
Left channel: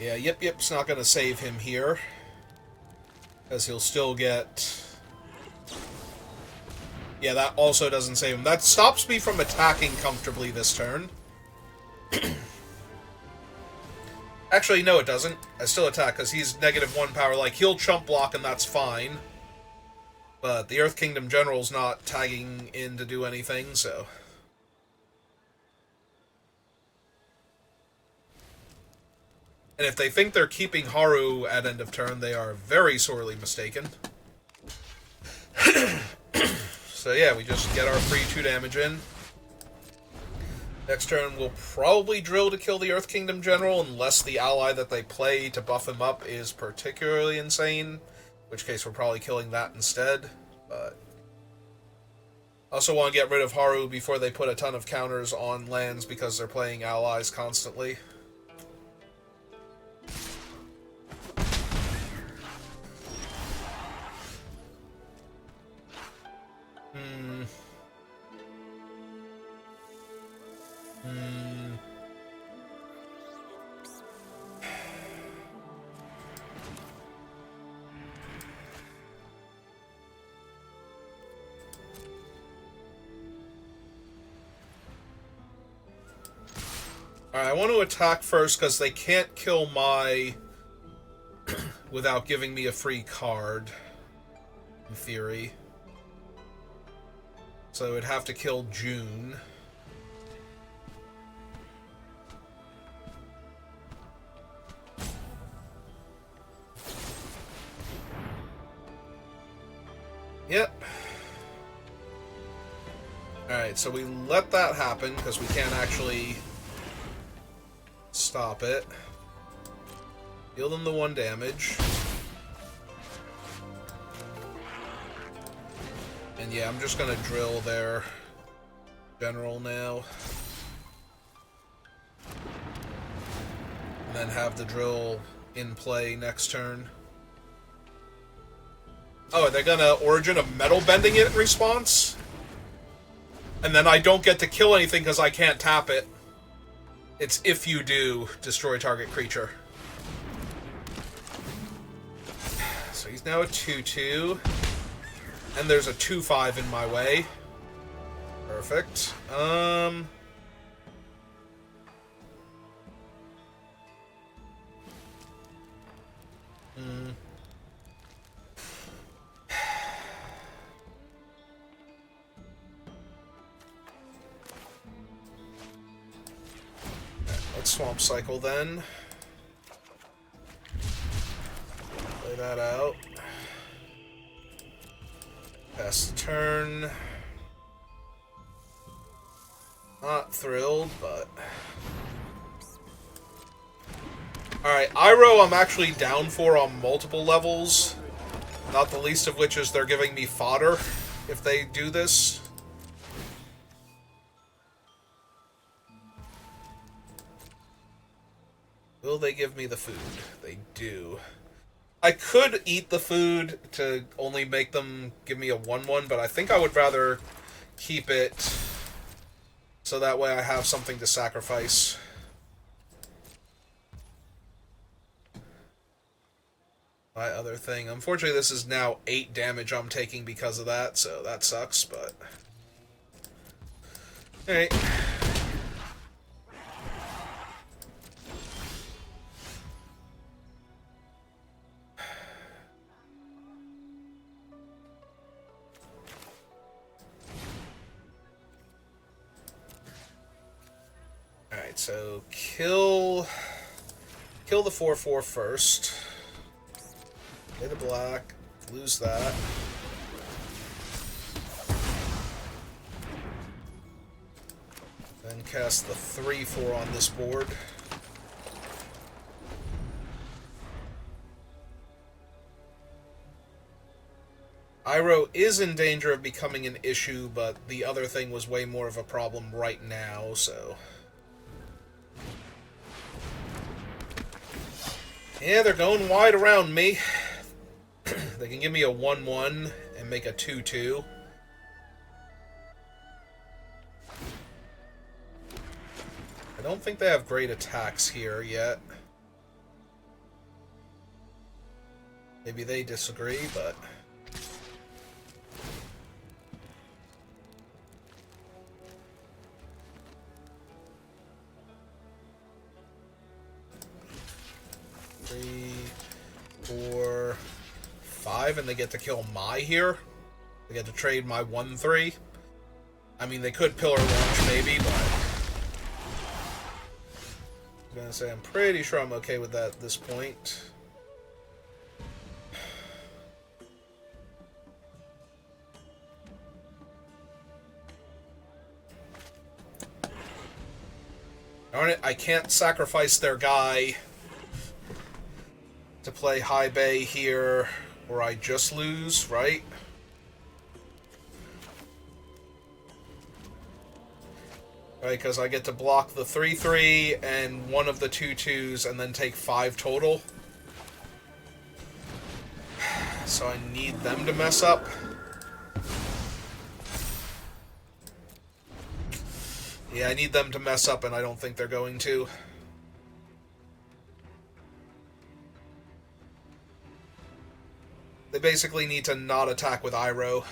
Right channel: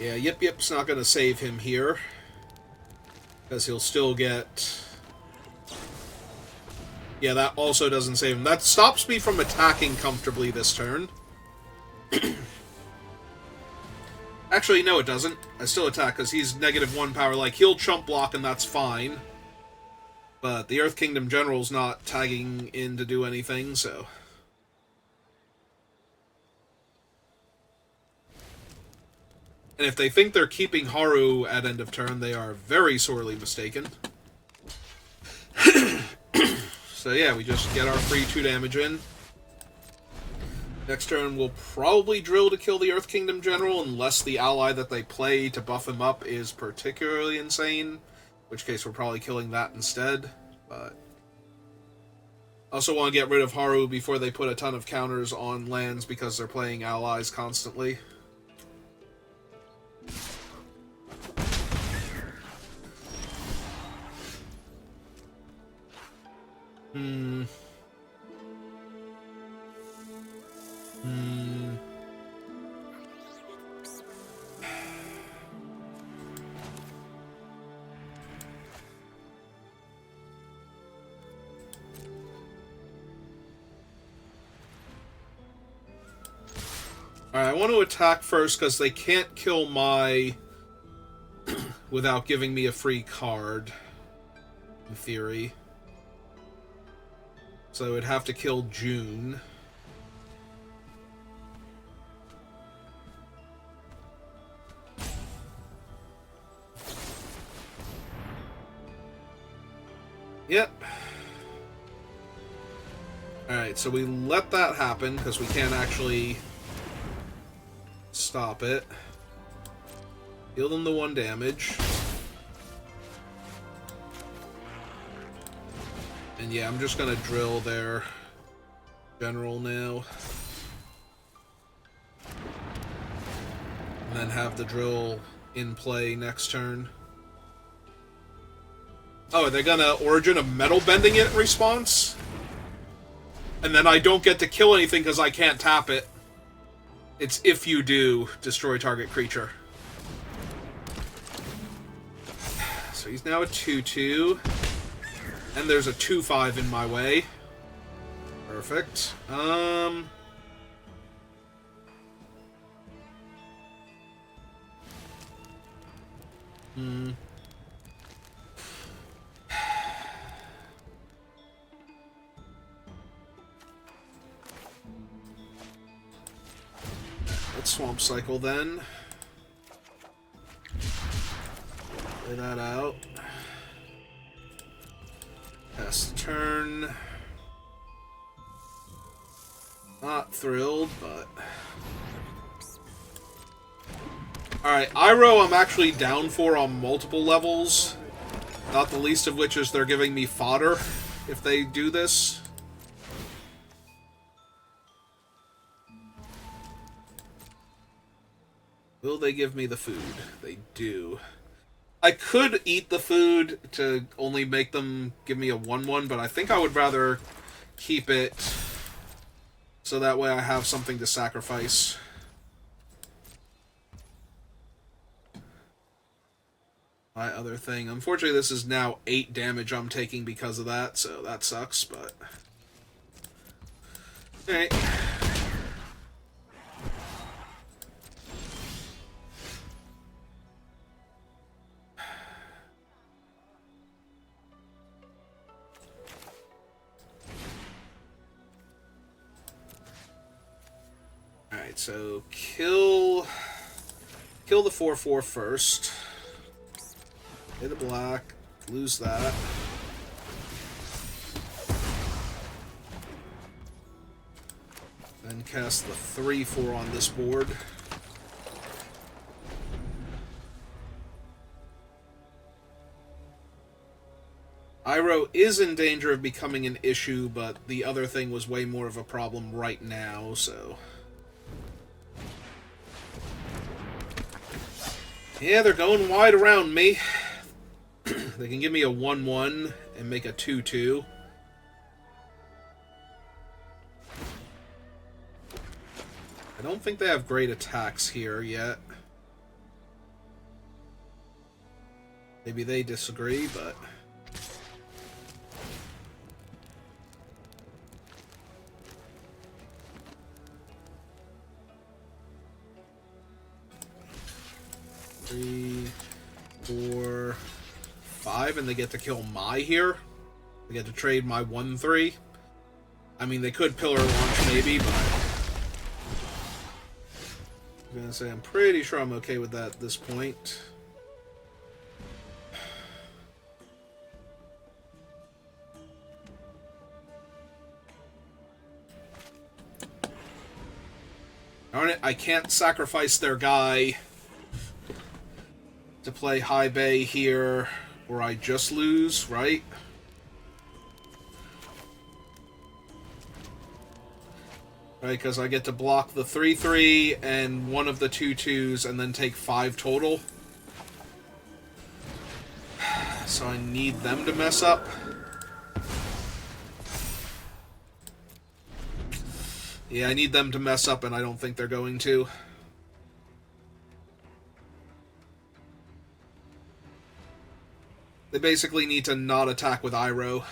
Yeah, Yip Yip's not going to save him here. Because he'll still get... yeah, that also doesn't save him. That stops me from attacking comfortably this turn. Actually, no it doesn't. I still attack because he's -1 power. Like, he'll chump block and that's fine. But the Earth Kingdom General's not tagging in to do anything, so... and if they think they're keeping Haru at end of turn, they are very sorely mistaken. So yeah, we just get our free 2 damage in. Next turn, we'll probably drill to kill the Earth Kingdom General, unless the ally that they play to buff him up is particularly insane, which case we're probably killing that instead. But I also want to get rid of Haru before they put a ton of counters on lands because they're playing allies constantly. Alright, I want to attack first because they can't kill my without giving me a free card, in theory. So I would have to kill June. Yep. Alright, so we let that happen because we can't actually stop it. Deal them the 1 damage. And yeah, I'm just gonna drill their general now. And then have the drill in play next turn. Oh, they're gonna Origin of Metal Bending it response? And then I don't get to kill anything because I can't tap it. It's if you do, destroy target creature. So he's now a 2/2. And there's a 2/5 in my way. Perfect. Let's Swamp Cycle then. Play that out. Pass the turn. Not thrilled, but... Alright, Iroh I'm actually down for on multiple levels. Not the least of which is they're giving me fodder if they do this. Will they give me the food? They do. I could eat the food to only make them give me a 1/1, but I think I would rather keep it so that way I have something to sacrifice. My other thing. Unfortunately, this is now 8 damage I'm taking because of that, so that sucks, but... Alright. Alright, so kill the 4/4 first. Hit a black, lose that. Then cast the 3/4 on this board. Iroh is in danger of becoming an issue, but the other thing was way more of a problem right now, so... Yeah, they're going wide around me. They can give me a 1/1 and make a 2/2. I don't think they have great attacks here yet. Maybe they disagree, but... Three, 4, 5, and they get to kill my here. They get to trade my 1/3. I mean, they could Pillar Launch maybe, but... I'm gonna say I'm pretty sure I'm okay with that at this point. Darn it, I can't sacrifice their guy to play High Bay here Or I just lose, right? Right, because I get to block the 3/3 and one of the 2/2s and then take 5 total. So I need them to mess up. Yeah, I need them to mess up, and I don't think they're going to. They basically need to not attack with Iroh,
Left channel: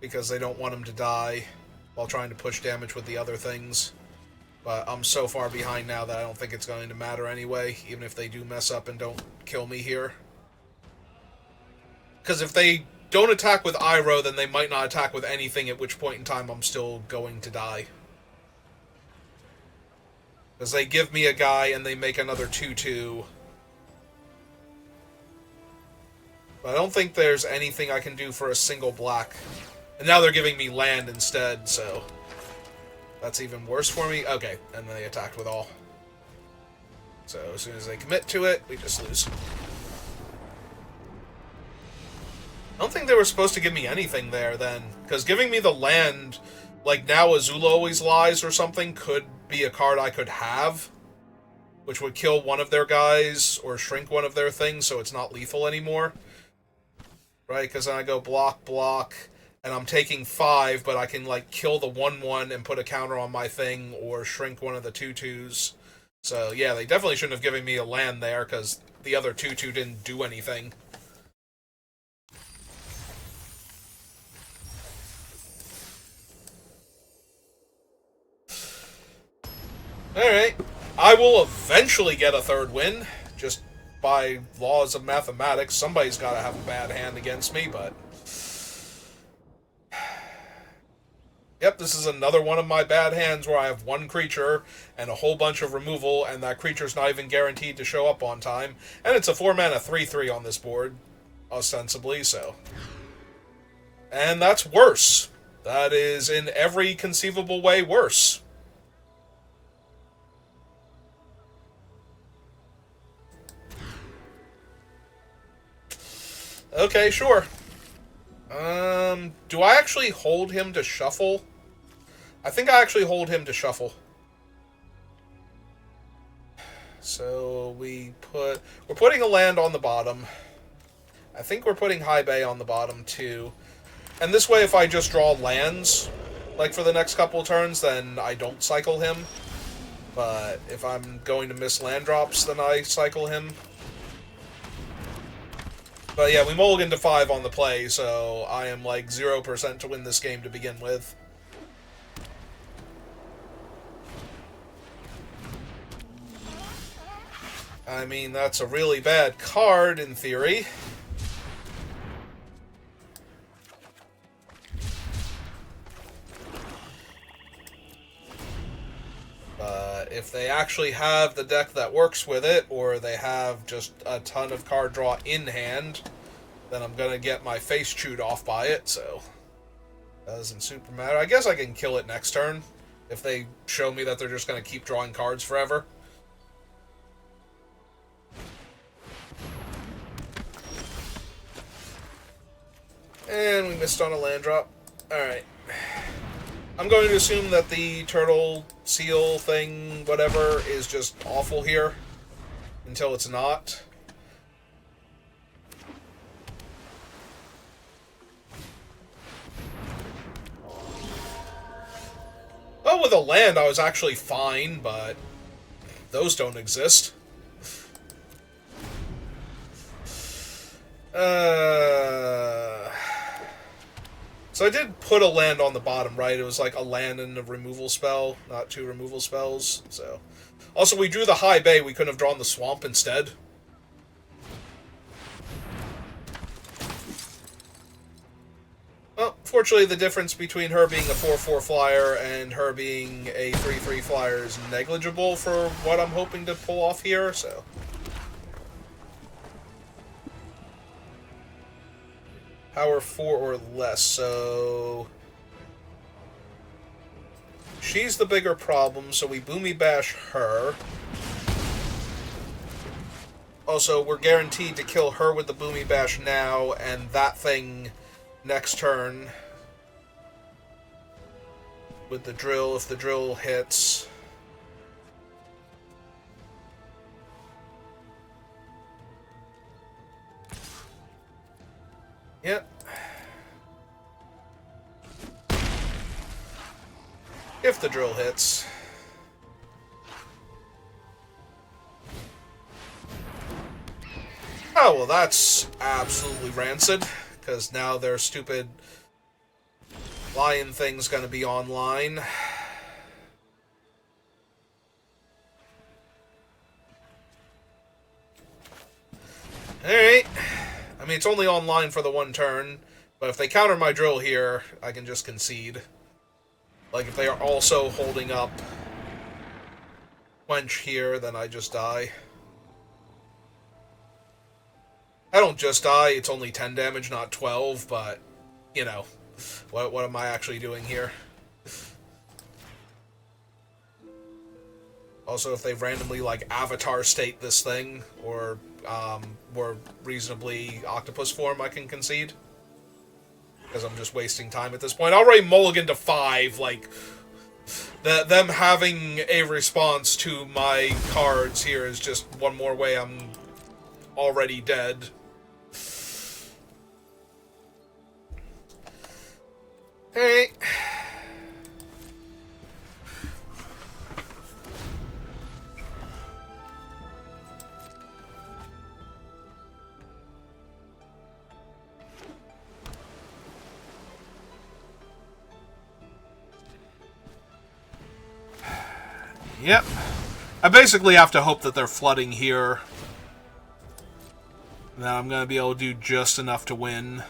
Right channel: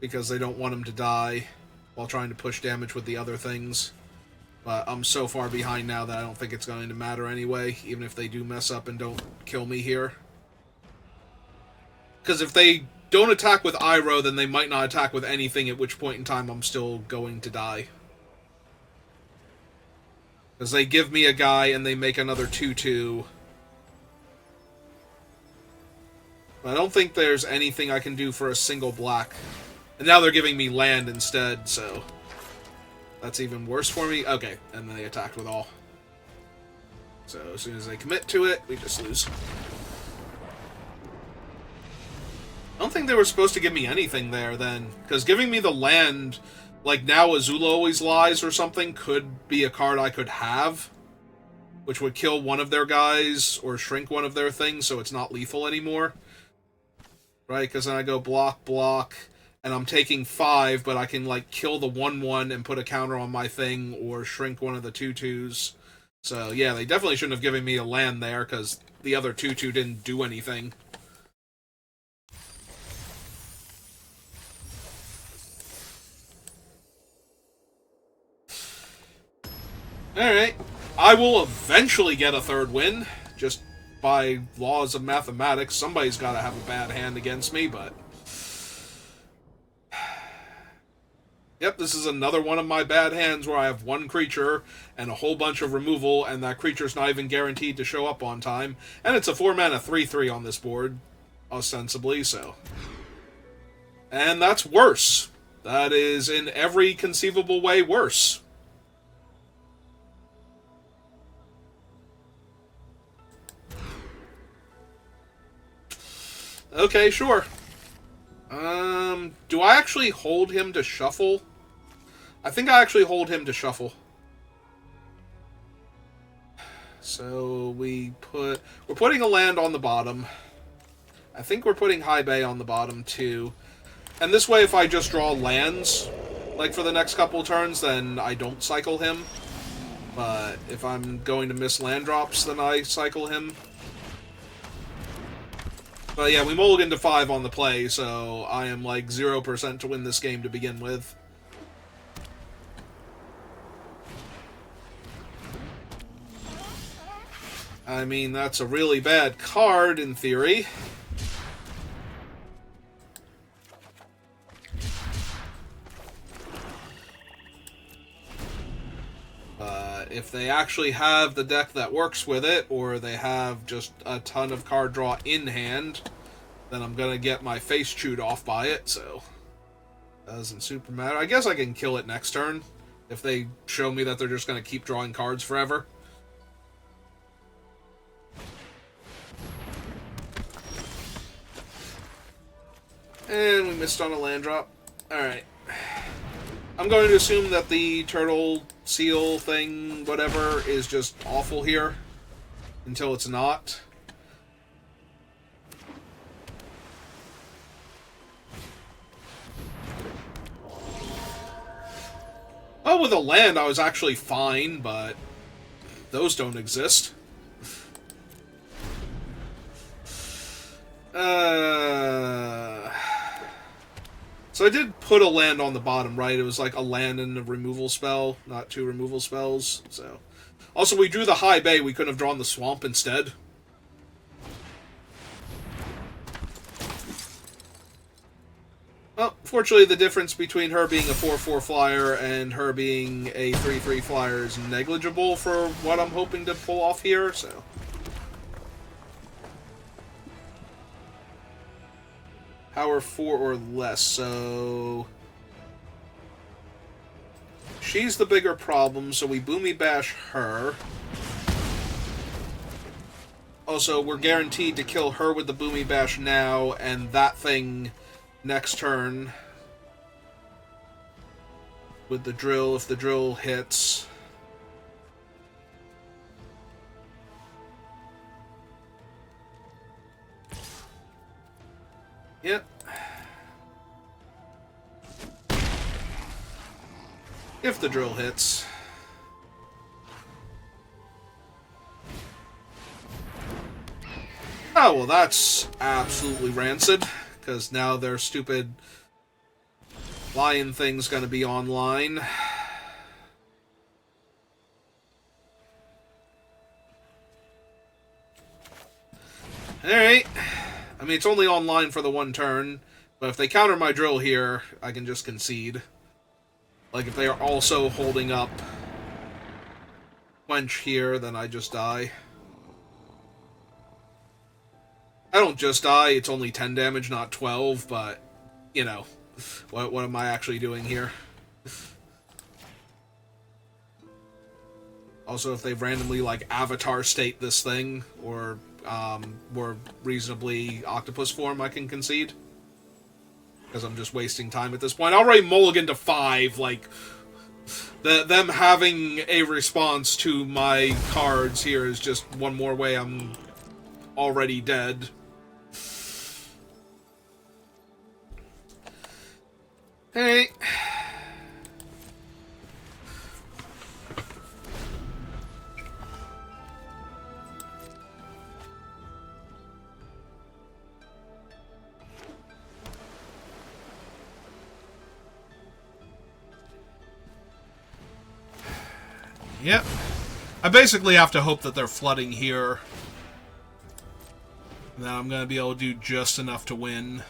because they don't want him to die while trying to push damage with the other things. But I'm so far behind now that I don't think it's going to matter anyway, even if they do mess up and don't kill me here. Because if they don't attack with Iroh, then they might not attack with anything, at which point in time I'm still going to die. Because they give me a guy and they make another 2/2. But I don't think there's anything I can do for a single black. And now they're giving me land instead, so that's even worse for me. Okay, and then they attacked with all. So as soon as they commit to it, we just lose. I don't think they were supposed to give me anything there then, because giving me the land, like now Azula Always Lies or something, could be a card I could have, which would kill one of their guys or shrink one of their things so it's not lethal anymore. Right, because then I go block, block, and I'm taking 5, but I can like kill the 1/1 and put a counter on my thing or shrink one of the 2/2s. So yeah, they definitely shouldn't have given me a land there because the other 2/2 didn't do anything. Alright. I will eventually get a third win. Just by laws of mathematics, somebody's got to have a bad hand against me, but... Yep, this is another one of my bad hands where I have one creature and a whole bunch of removal, and that creature's not even guaranteed to show up on time. And it's a 4-mana 3/3 on this board, ostensibly, so... And that's worse. That is, in every conceivable way, worse. Okay, sure. Do I actually hold him to shuffle? I think I actually hold him to shuffle. So we're putting a land on the bottom. I think we're putting High Bay on the bottom too. And this way, if I just draw lands, like for the next couple of turns, then I don't cycle him. But if I'm going to miss land drops, then I cycle him. But yeah, we mulligan to 5 on the play, so I am like 0% to win this game to begin with. I mean, that's a really bad card in theory. If they actually have the deck that works with it, or they have just a ton of card draw in hand, then I'm gonna get my face chewed off by it, so... Doesn't super matter. I guess I can kill it next turn, if they show me that they're just gonna keep drawing cards forever. And we missed on a land drop. Alright. I'm going to assume that the turtle seal thing, whatever, is just awful here. Until it's not. Well, with a land I was actually fine, but those don't exist. So I did put a land on the bottom, right? It was like a land and a removal spell, not 2 removal spells. So, also we drew the High Bay. We could have drawn the Swamp instead. Well, fortunately, the difference between her being a 4/4 flyer and her being a 3/3 flyer is negligible for what I'm hoping to pull off here. So. Power 4 or less, so... She's the bigger problem, so we Boomy Bash her. Also, we're guaranteed to kill her with the Boomy Bash now, and that thing next turn with the drill, if the drill hits. Yep. If the drill hits. Oh, well, that's absolutely rancid, because now their stupid lion thing's gonna be online. Alright. I mean, it's only online for the one turn, but if they counter my drill here, I can just concede. Like, if they are also holding up Quench here, then I just die. I don't just die, it's only 10 damage, not 12, but, you know, what am I actually doing here? Also, if they randomly, like, avatar state this thing, or more reasonably octopus form, I can concede. Because I'm just wasting time at this point. Already mulligan to 5, like, them having a response to my cards here is just one more way I'm already dead. Hey. Yep. I basically have to hope that they're flooding here. Now I'm going to be able to do just enough to win.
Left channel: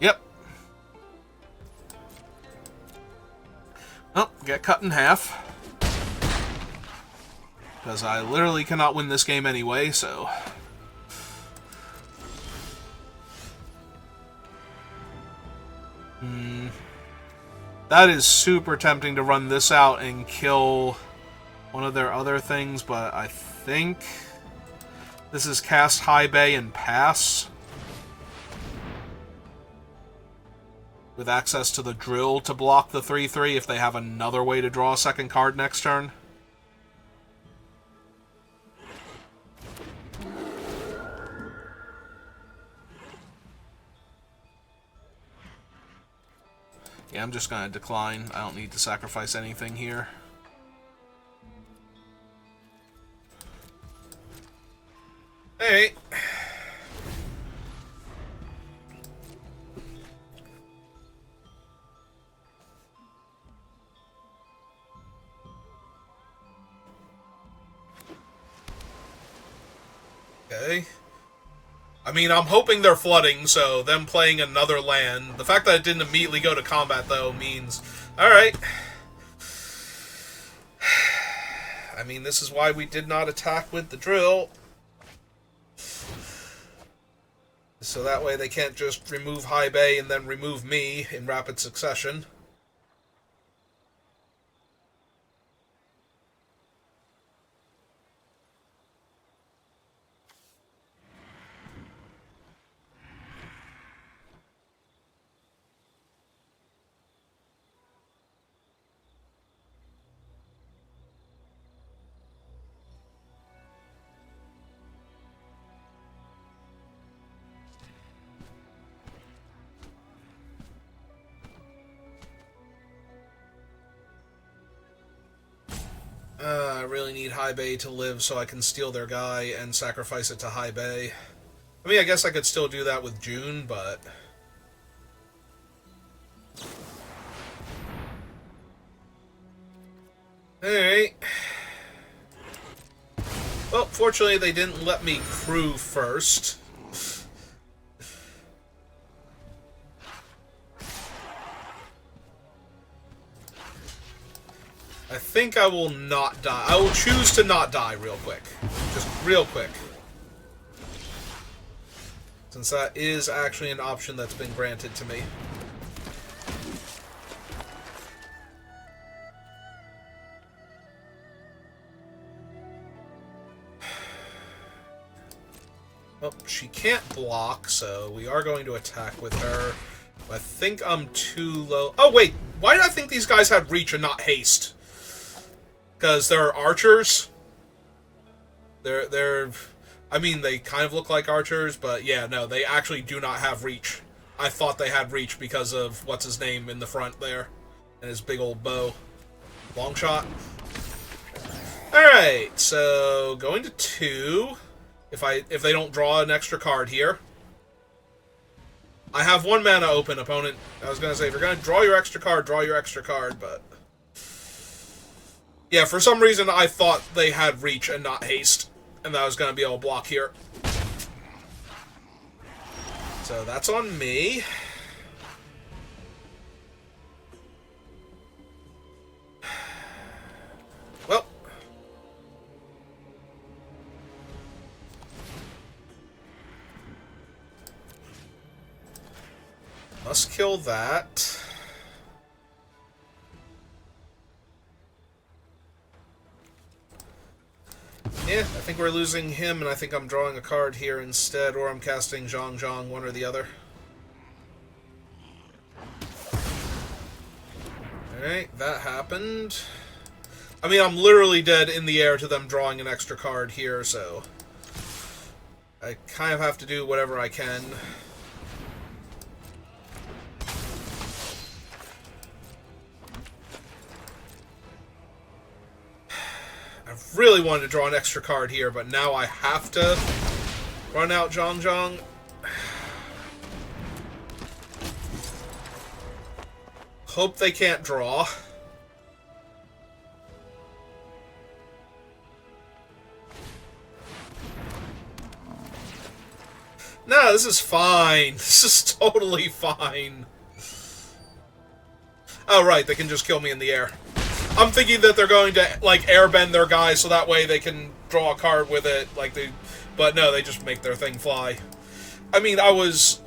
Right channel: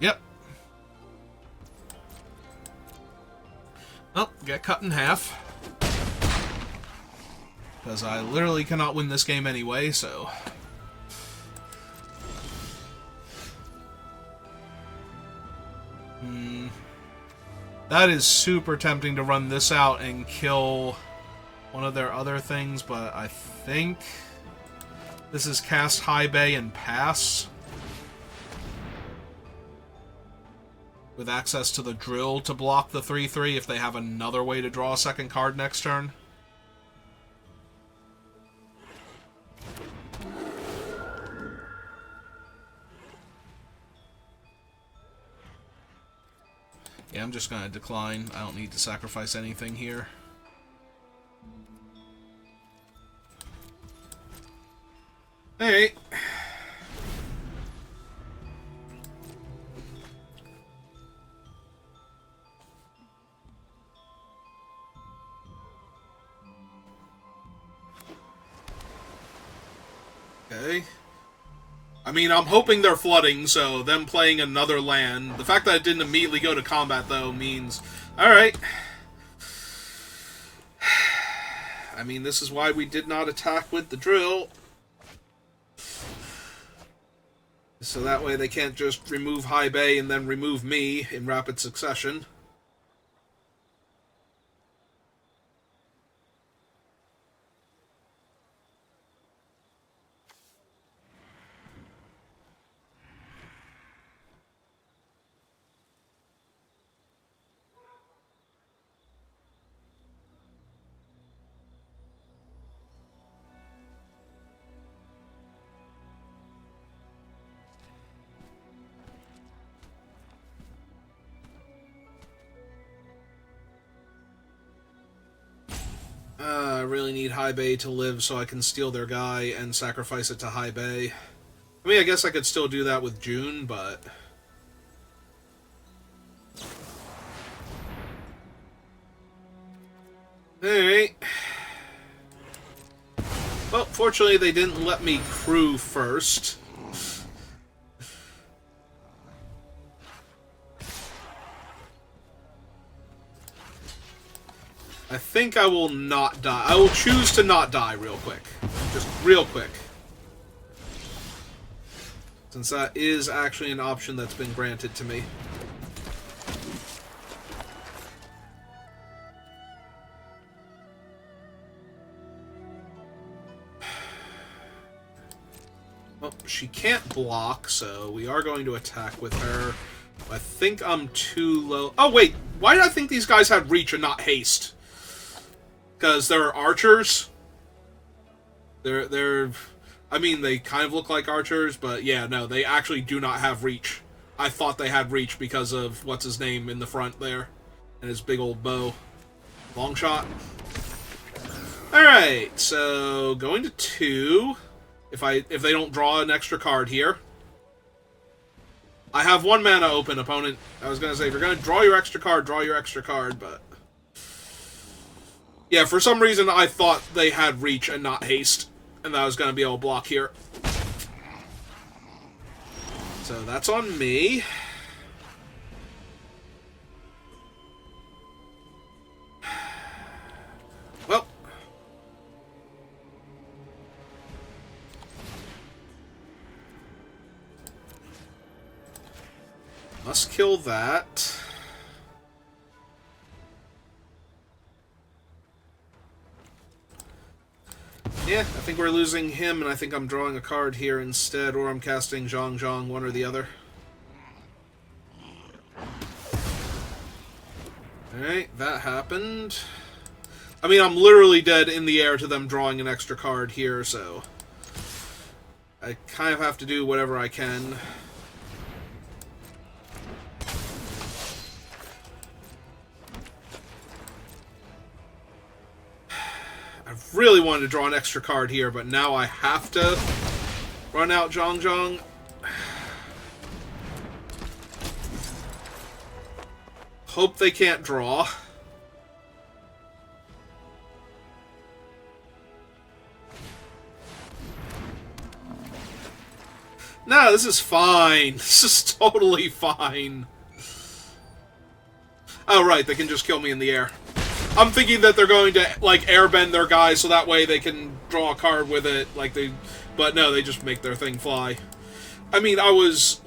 Yep. Well, get cut in half. Because I literally cannot win this game anyway, so... That is super tempting to run this out and kill one of their other things, but I think this is cast High Bay and pass. With access to the drill to block the 3/3 if they have another way to draw a second card next turn. Yeah, I'm just going to decline. I don't need to sacrifice anything here. Hey. Okay. I mean, I'm hoping they're flooding, so them playing another land. The fact that it didn't immediately go to combat, though, means... Alright. I mean, this is why we did not attack with the drill. So that way they can't just remove High Bay and then remove me in rapid succession. I really need High Bay to live so I can steal their guy and sacrifice it to High Bay. I mean, I guess I could still do that with June, but... Alright. Well, fortunately they didn't let me crew first. I think I will not die. I will choose to not die real quick. Just real quick. since that is actually an option that's been granted to me. Oh, she can't block, so we are going to attack with her. I think I'm too low. Oh, wait. Why did I think these guys had reach and not haste? Because they're archers. They're... I mean, they kind of look like archers, but yeah, no, they actually do not have reach. I thought they had reach because of what's-his-name in the front there. And his big old bow. Long shot. Alright, so going to 2. If they don't draw an extra card here. I have 1 mana open, opponent. I was going to say, if you're going to draw your extra card, but... Yeah, for some reason I thought they had reach and not haste. And that I was going to be able to block here. So that's on me. Well. Must kill that. Yeah, I think we're losing him, and I think I'm drawing a card here instead, or I'm casting Zhang Zhang, one or the other. Alright, that happened. I mean, I'm literally dead in the air to them drawing an extra card here, so... I kind of have to do whatever I can. Really wanted to draw an extra card here, but now I have to run out Zhang Zhang. Hope they can't draw. No, this is fine. This is totally fine. Oh, right, they can just kill me in the air. I'm thinking that they're going to, like, airbend their guys so that way they can draw a card with it, like they... But no, they just make their thing fly. I mean, I was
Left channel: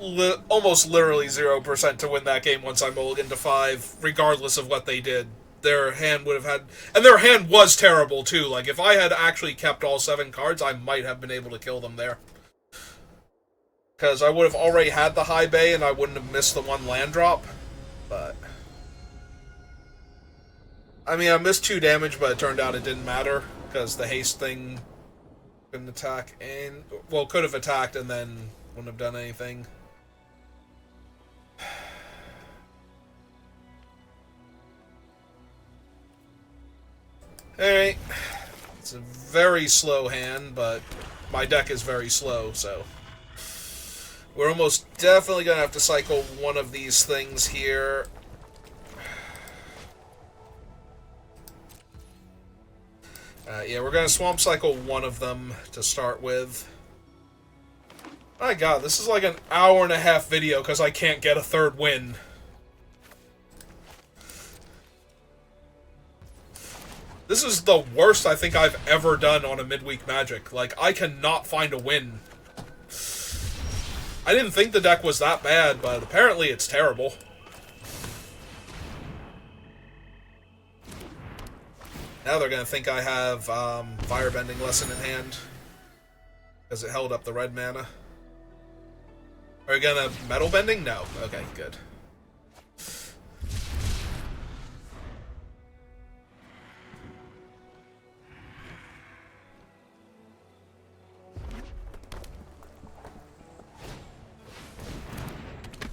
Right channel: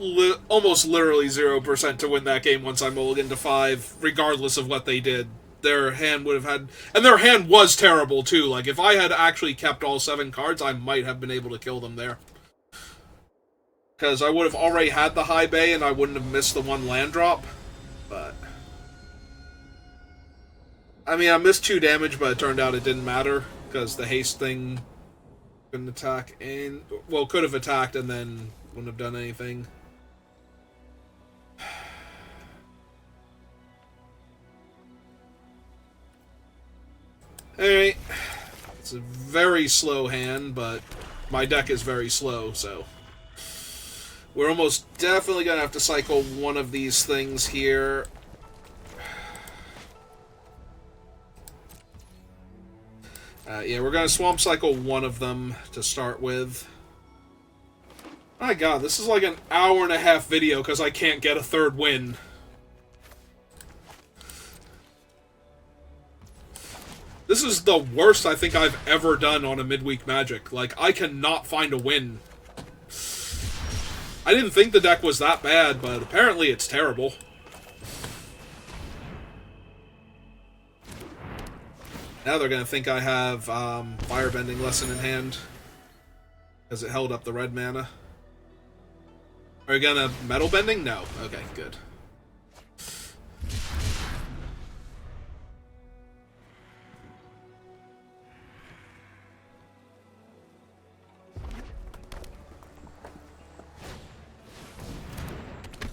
almost literally 0% to win that game once I mulliganed to 5, regardless of what they did. Their hand would have had... And their hand was terrible, too. Like, if I had actually kept all 7 cards, I might have been able to kill them there. Because I would have already had the high bay, and I wouldn't have missed the 1 land drop. But... I mean, I missed 2 damage, but it turned out it didn't matter, because the haste thing couldn't attack, and... Well, could have attacked and then wouldn't have done anything. Alright. It's a very slow hand, but my deck is very slow, so... We're almost definitely going to have to cycle one of these things here. Yeah, we're going to swamp cycle one of them to start with. My god, this is like an hour-and-a-half video because I can't get a 3rd win. This is the worst I think I've ever done on a Midweek Magic. Like, I cannot find a win. I didn't think the deck was that bad, but apparently it's terrible. Now they're going to think I have Firebending Lesson in hand. Because it held up the red mana. Are you going to Metal Bending? No. Okay, good.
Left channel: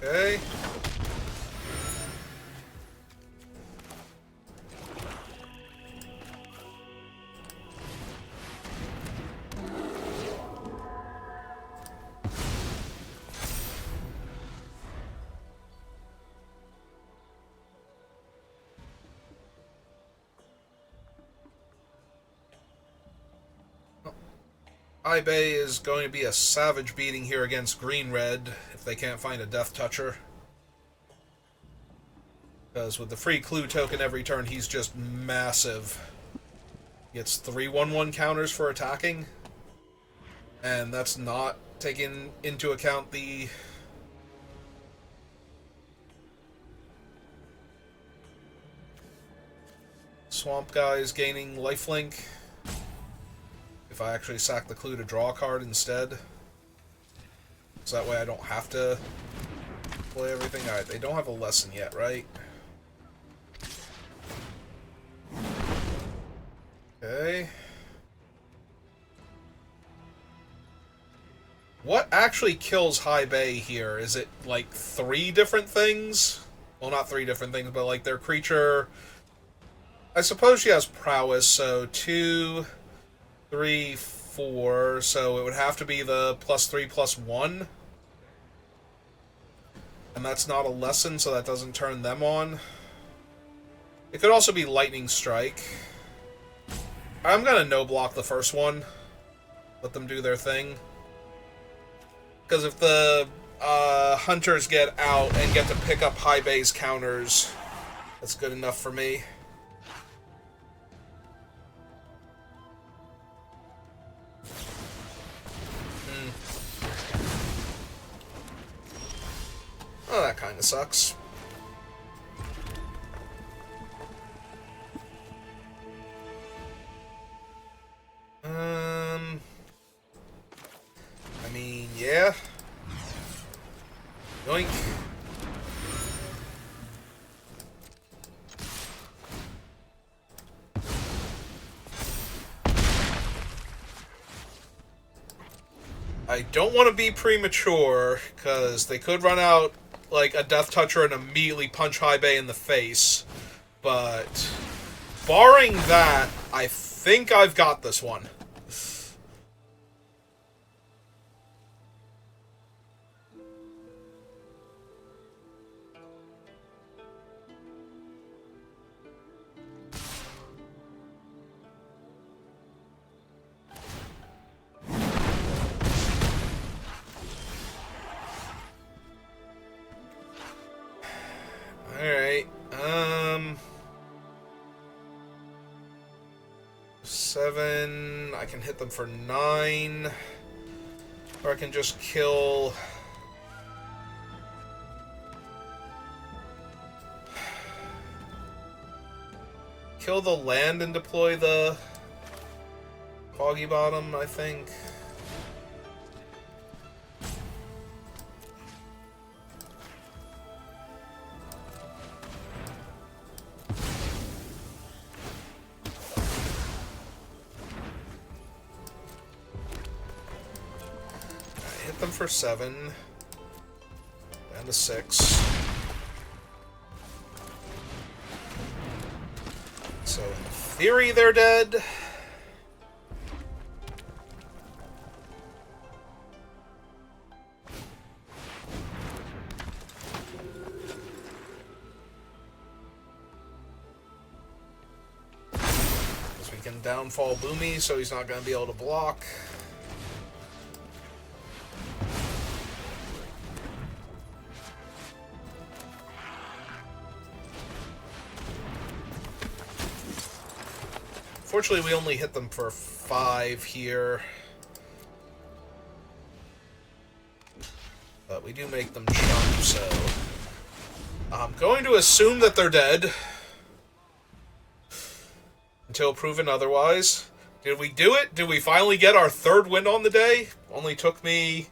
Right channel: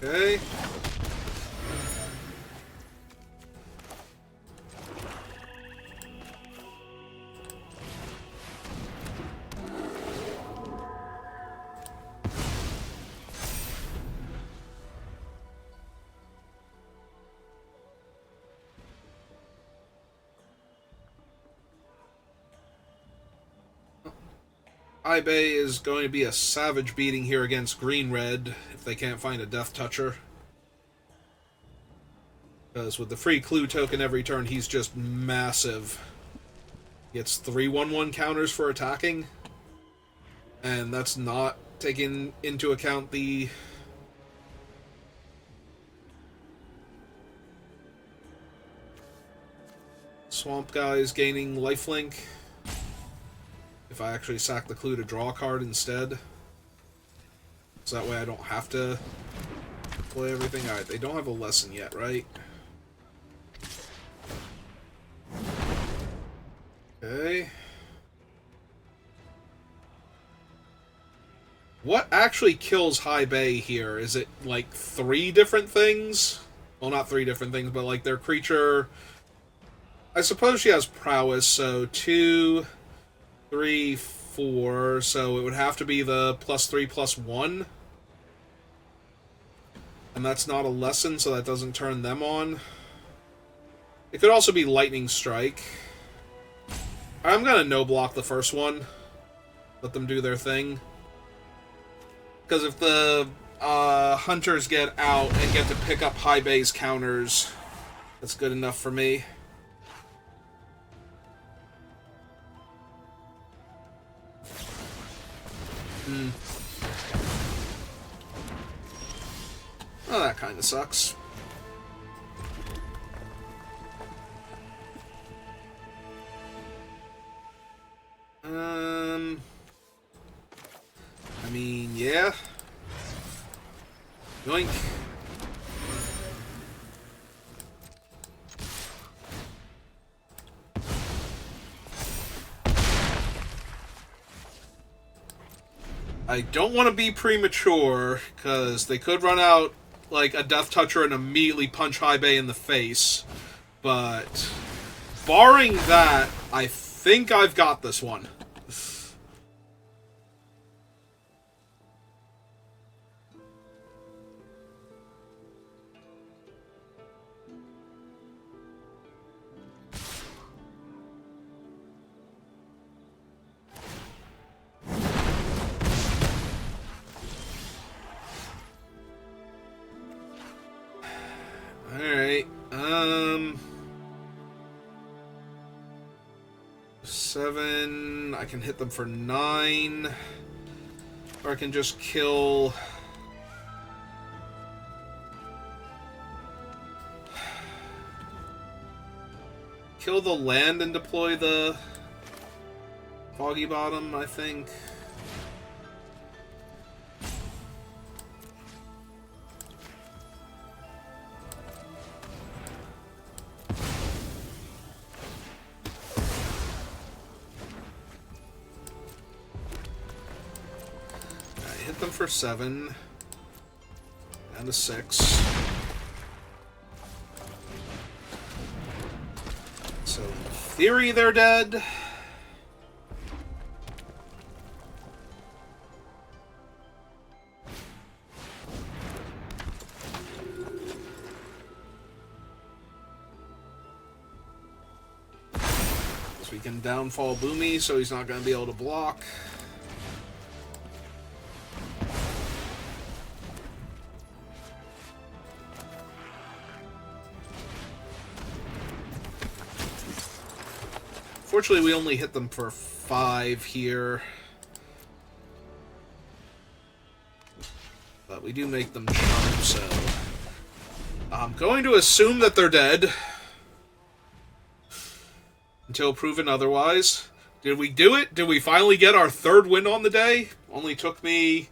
Okay. Bay is going to be a savage beating here against green-red if they can't find a Death Toucher. Because with the free clue token every turn, he's just massive. Gets 3/1/1 counters for attacking. And that's not taking into account the swamp guys gaining lifelink. If I actually sack the clue to draw a card instead. So that way I don't have to play everything. Alright, they don't have a lesson yet, right? Okay. What actually kills High Bay here? Is it like 3 different things? Well, not 3 different things, but like their creature... I suppose she has prowess, so 2, 3, 4, so it would have to be the +3/+1. And that's not a lesson, so that doesn't turn them on. It could also be Lightning Strike. I'm gonna no-block the first one. Let them do their thing. Because if the hunters get out and get to pick up High Bay's counters, that's good enough for me. Oh, that kind of sucks. I mean, yeah. Yoink. I don't want to be premature, because they could run out like a Death Toucher and immediately punch High Bay in the face. But barring that, I think I've got this one. Alright, 7, I can hit them for 9, or I can just kill... Kill the land and deploy the Foggy Bottom, I think. Them for 7 and a 6. So in theory they're dead. So we can downfall Boomy so he's not going to be able to block. Fortunately, we only hit them for 5 here. But we do make them jump, so... I'm going to assume that they're dead. Until proven otherwise. Did we do it? Did we finally get our 3rd win on the day? Only took me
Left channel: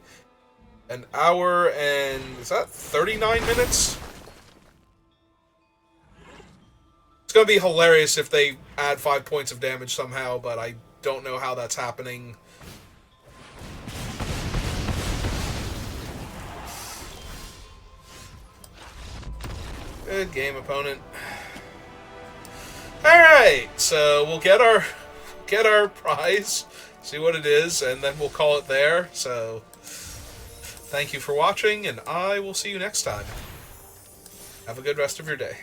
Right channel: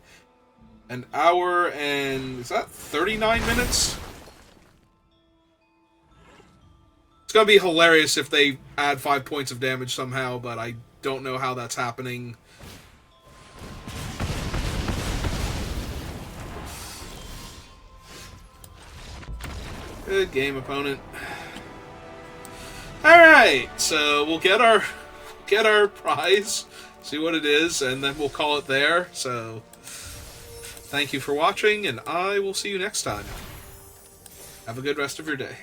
an hour and... is that 39 minutes? It's going to be hilarious if they add 5 points of damage somehow, but I don't know how that's happening. Good game, opponent. Alright, so we'll get our prize, see what it is, and then we'll call it there. So, thank you for watching, and I will see you next time. Have a good rest of your day.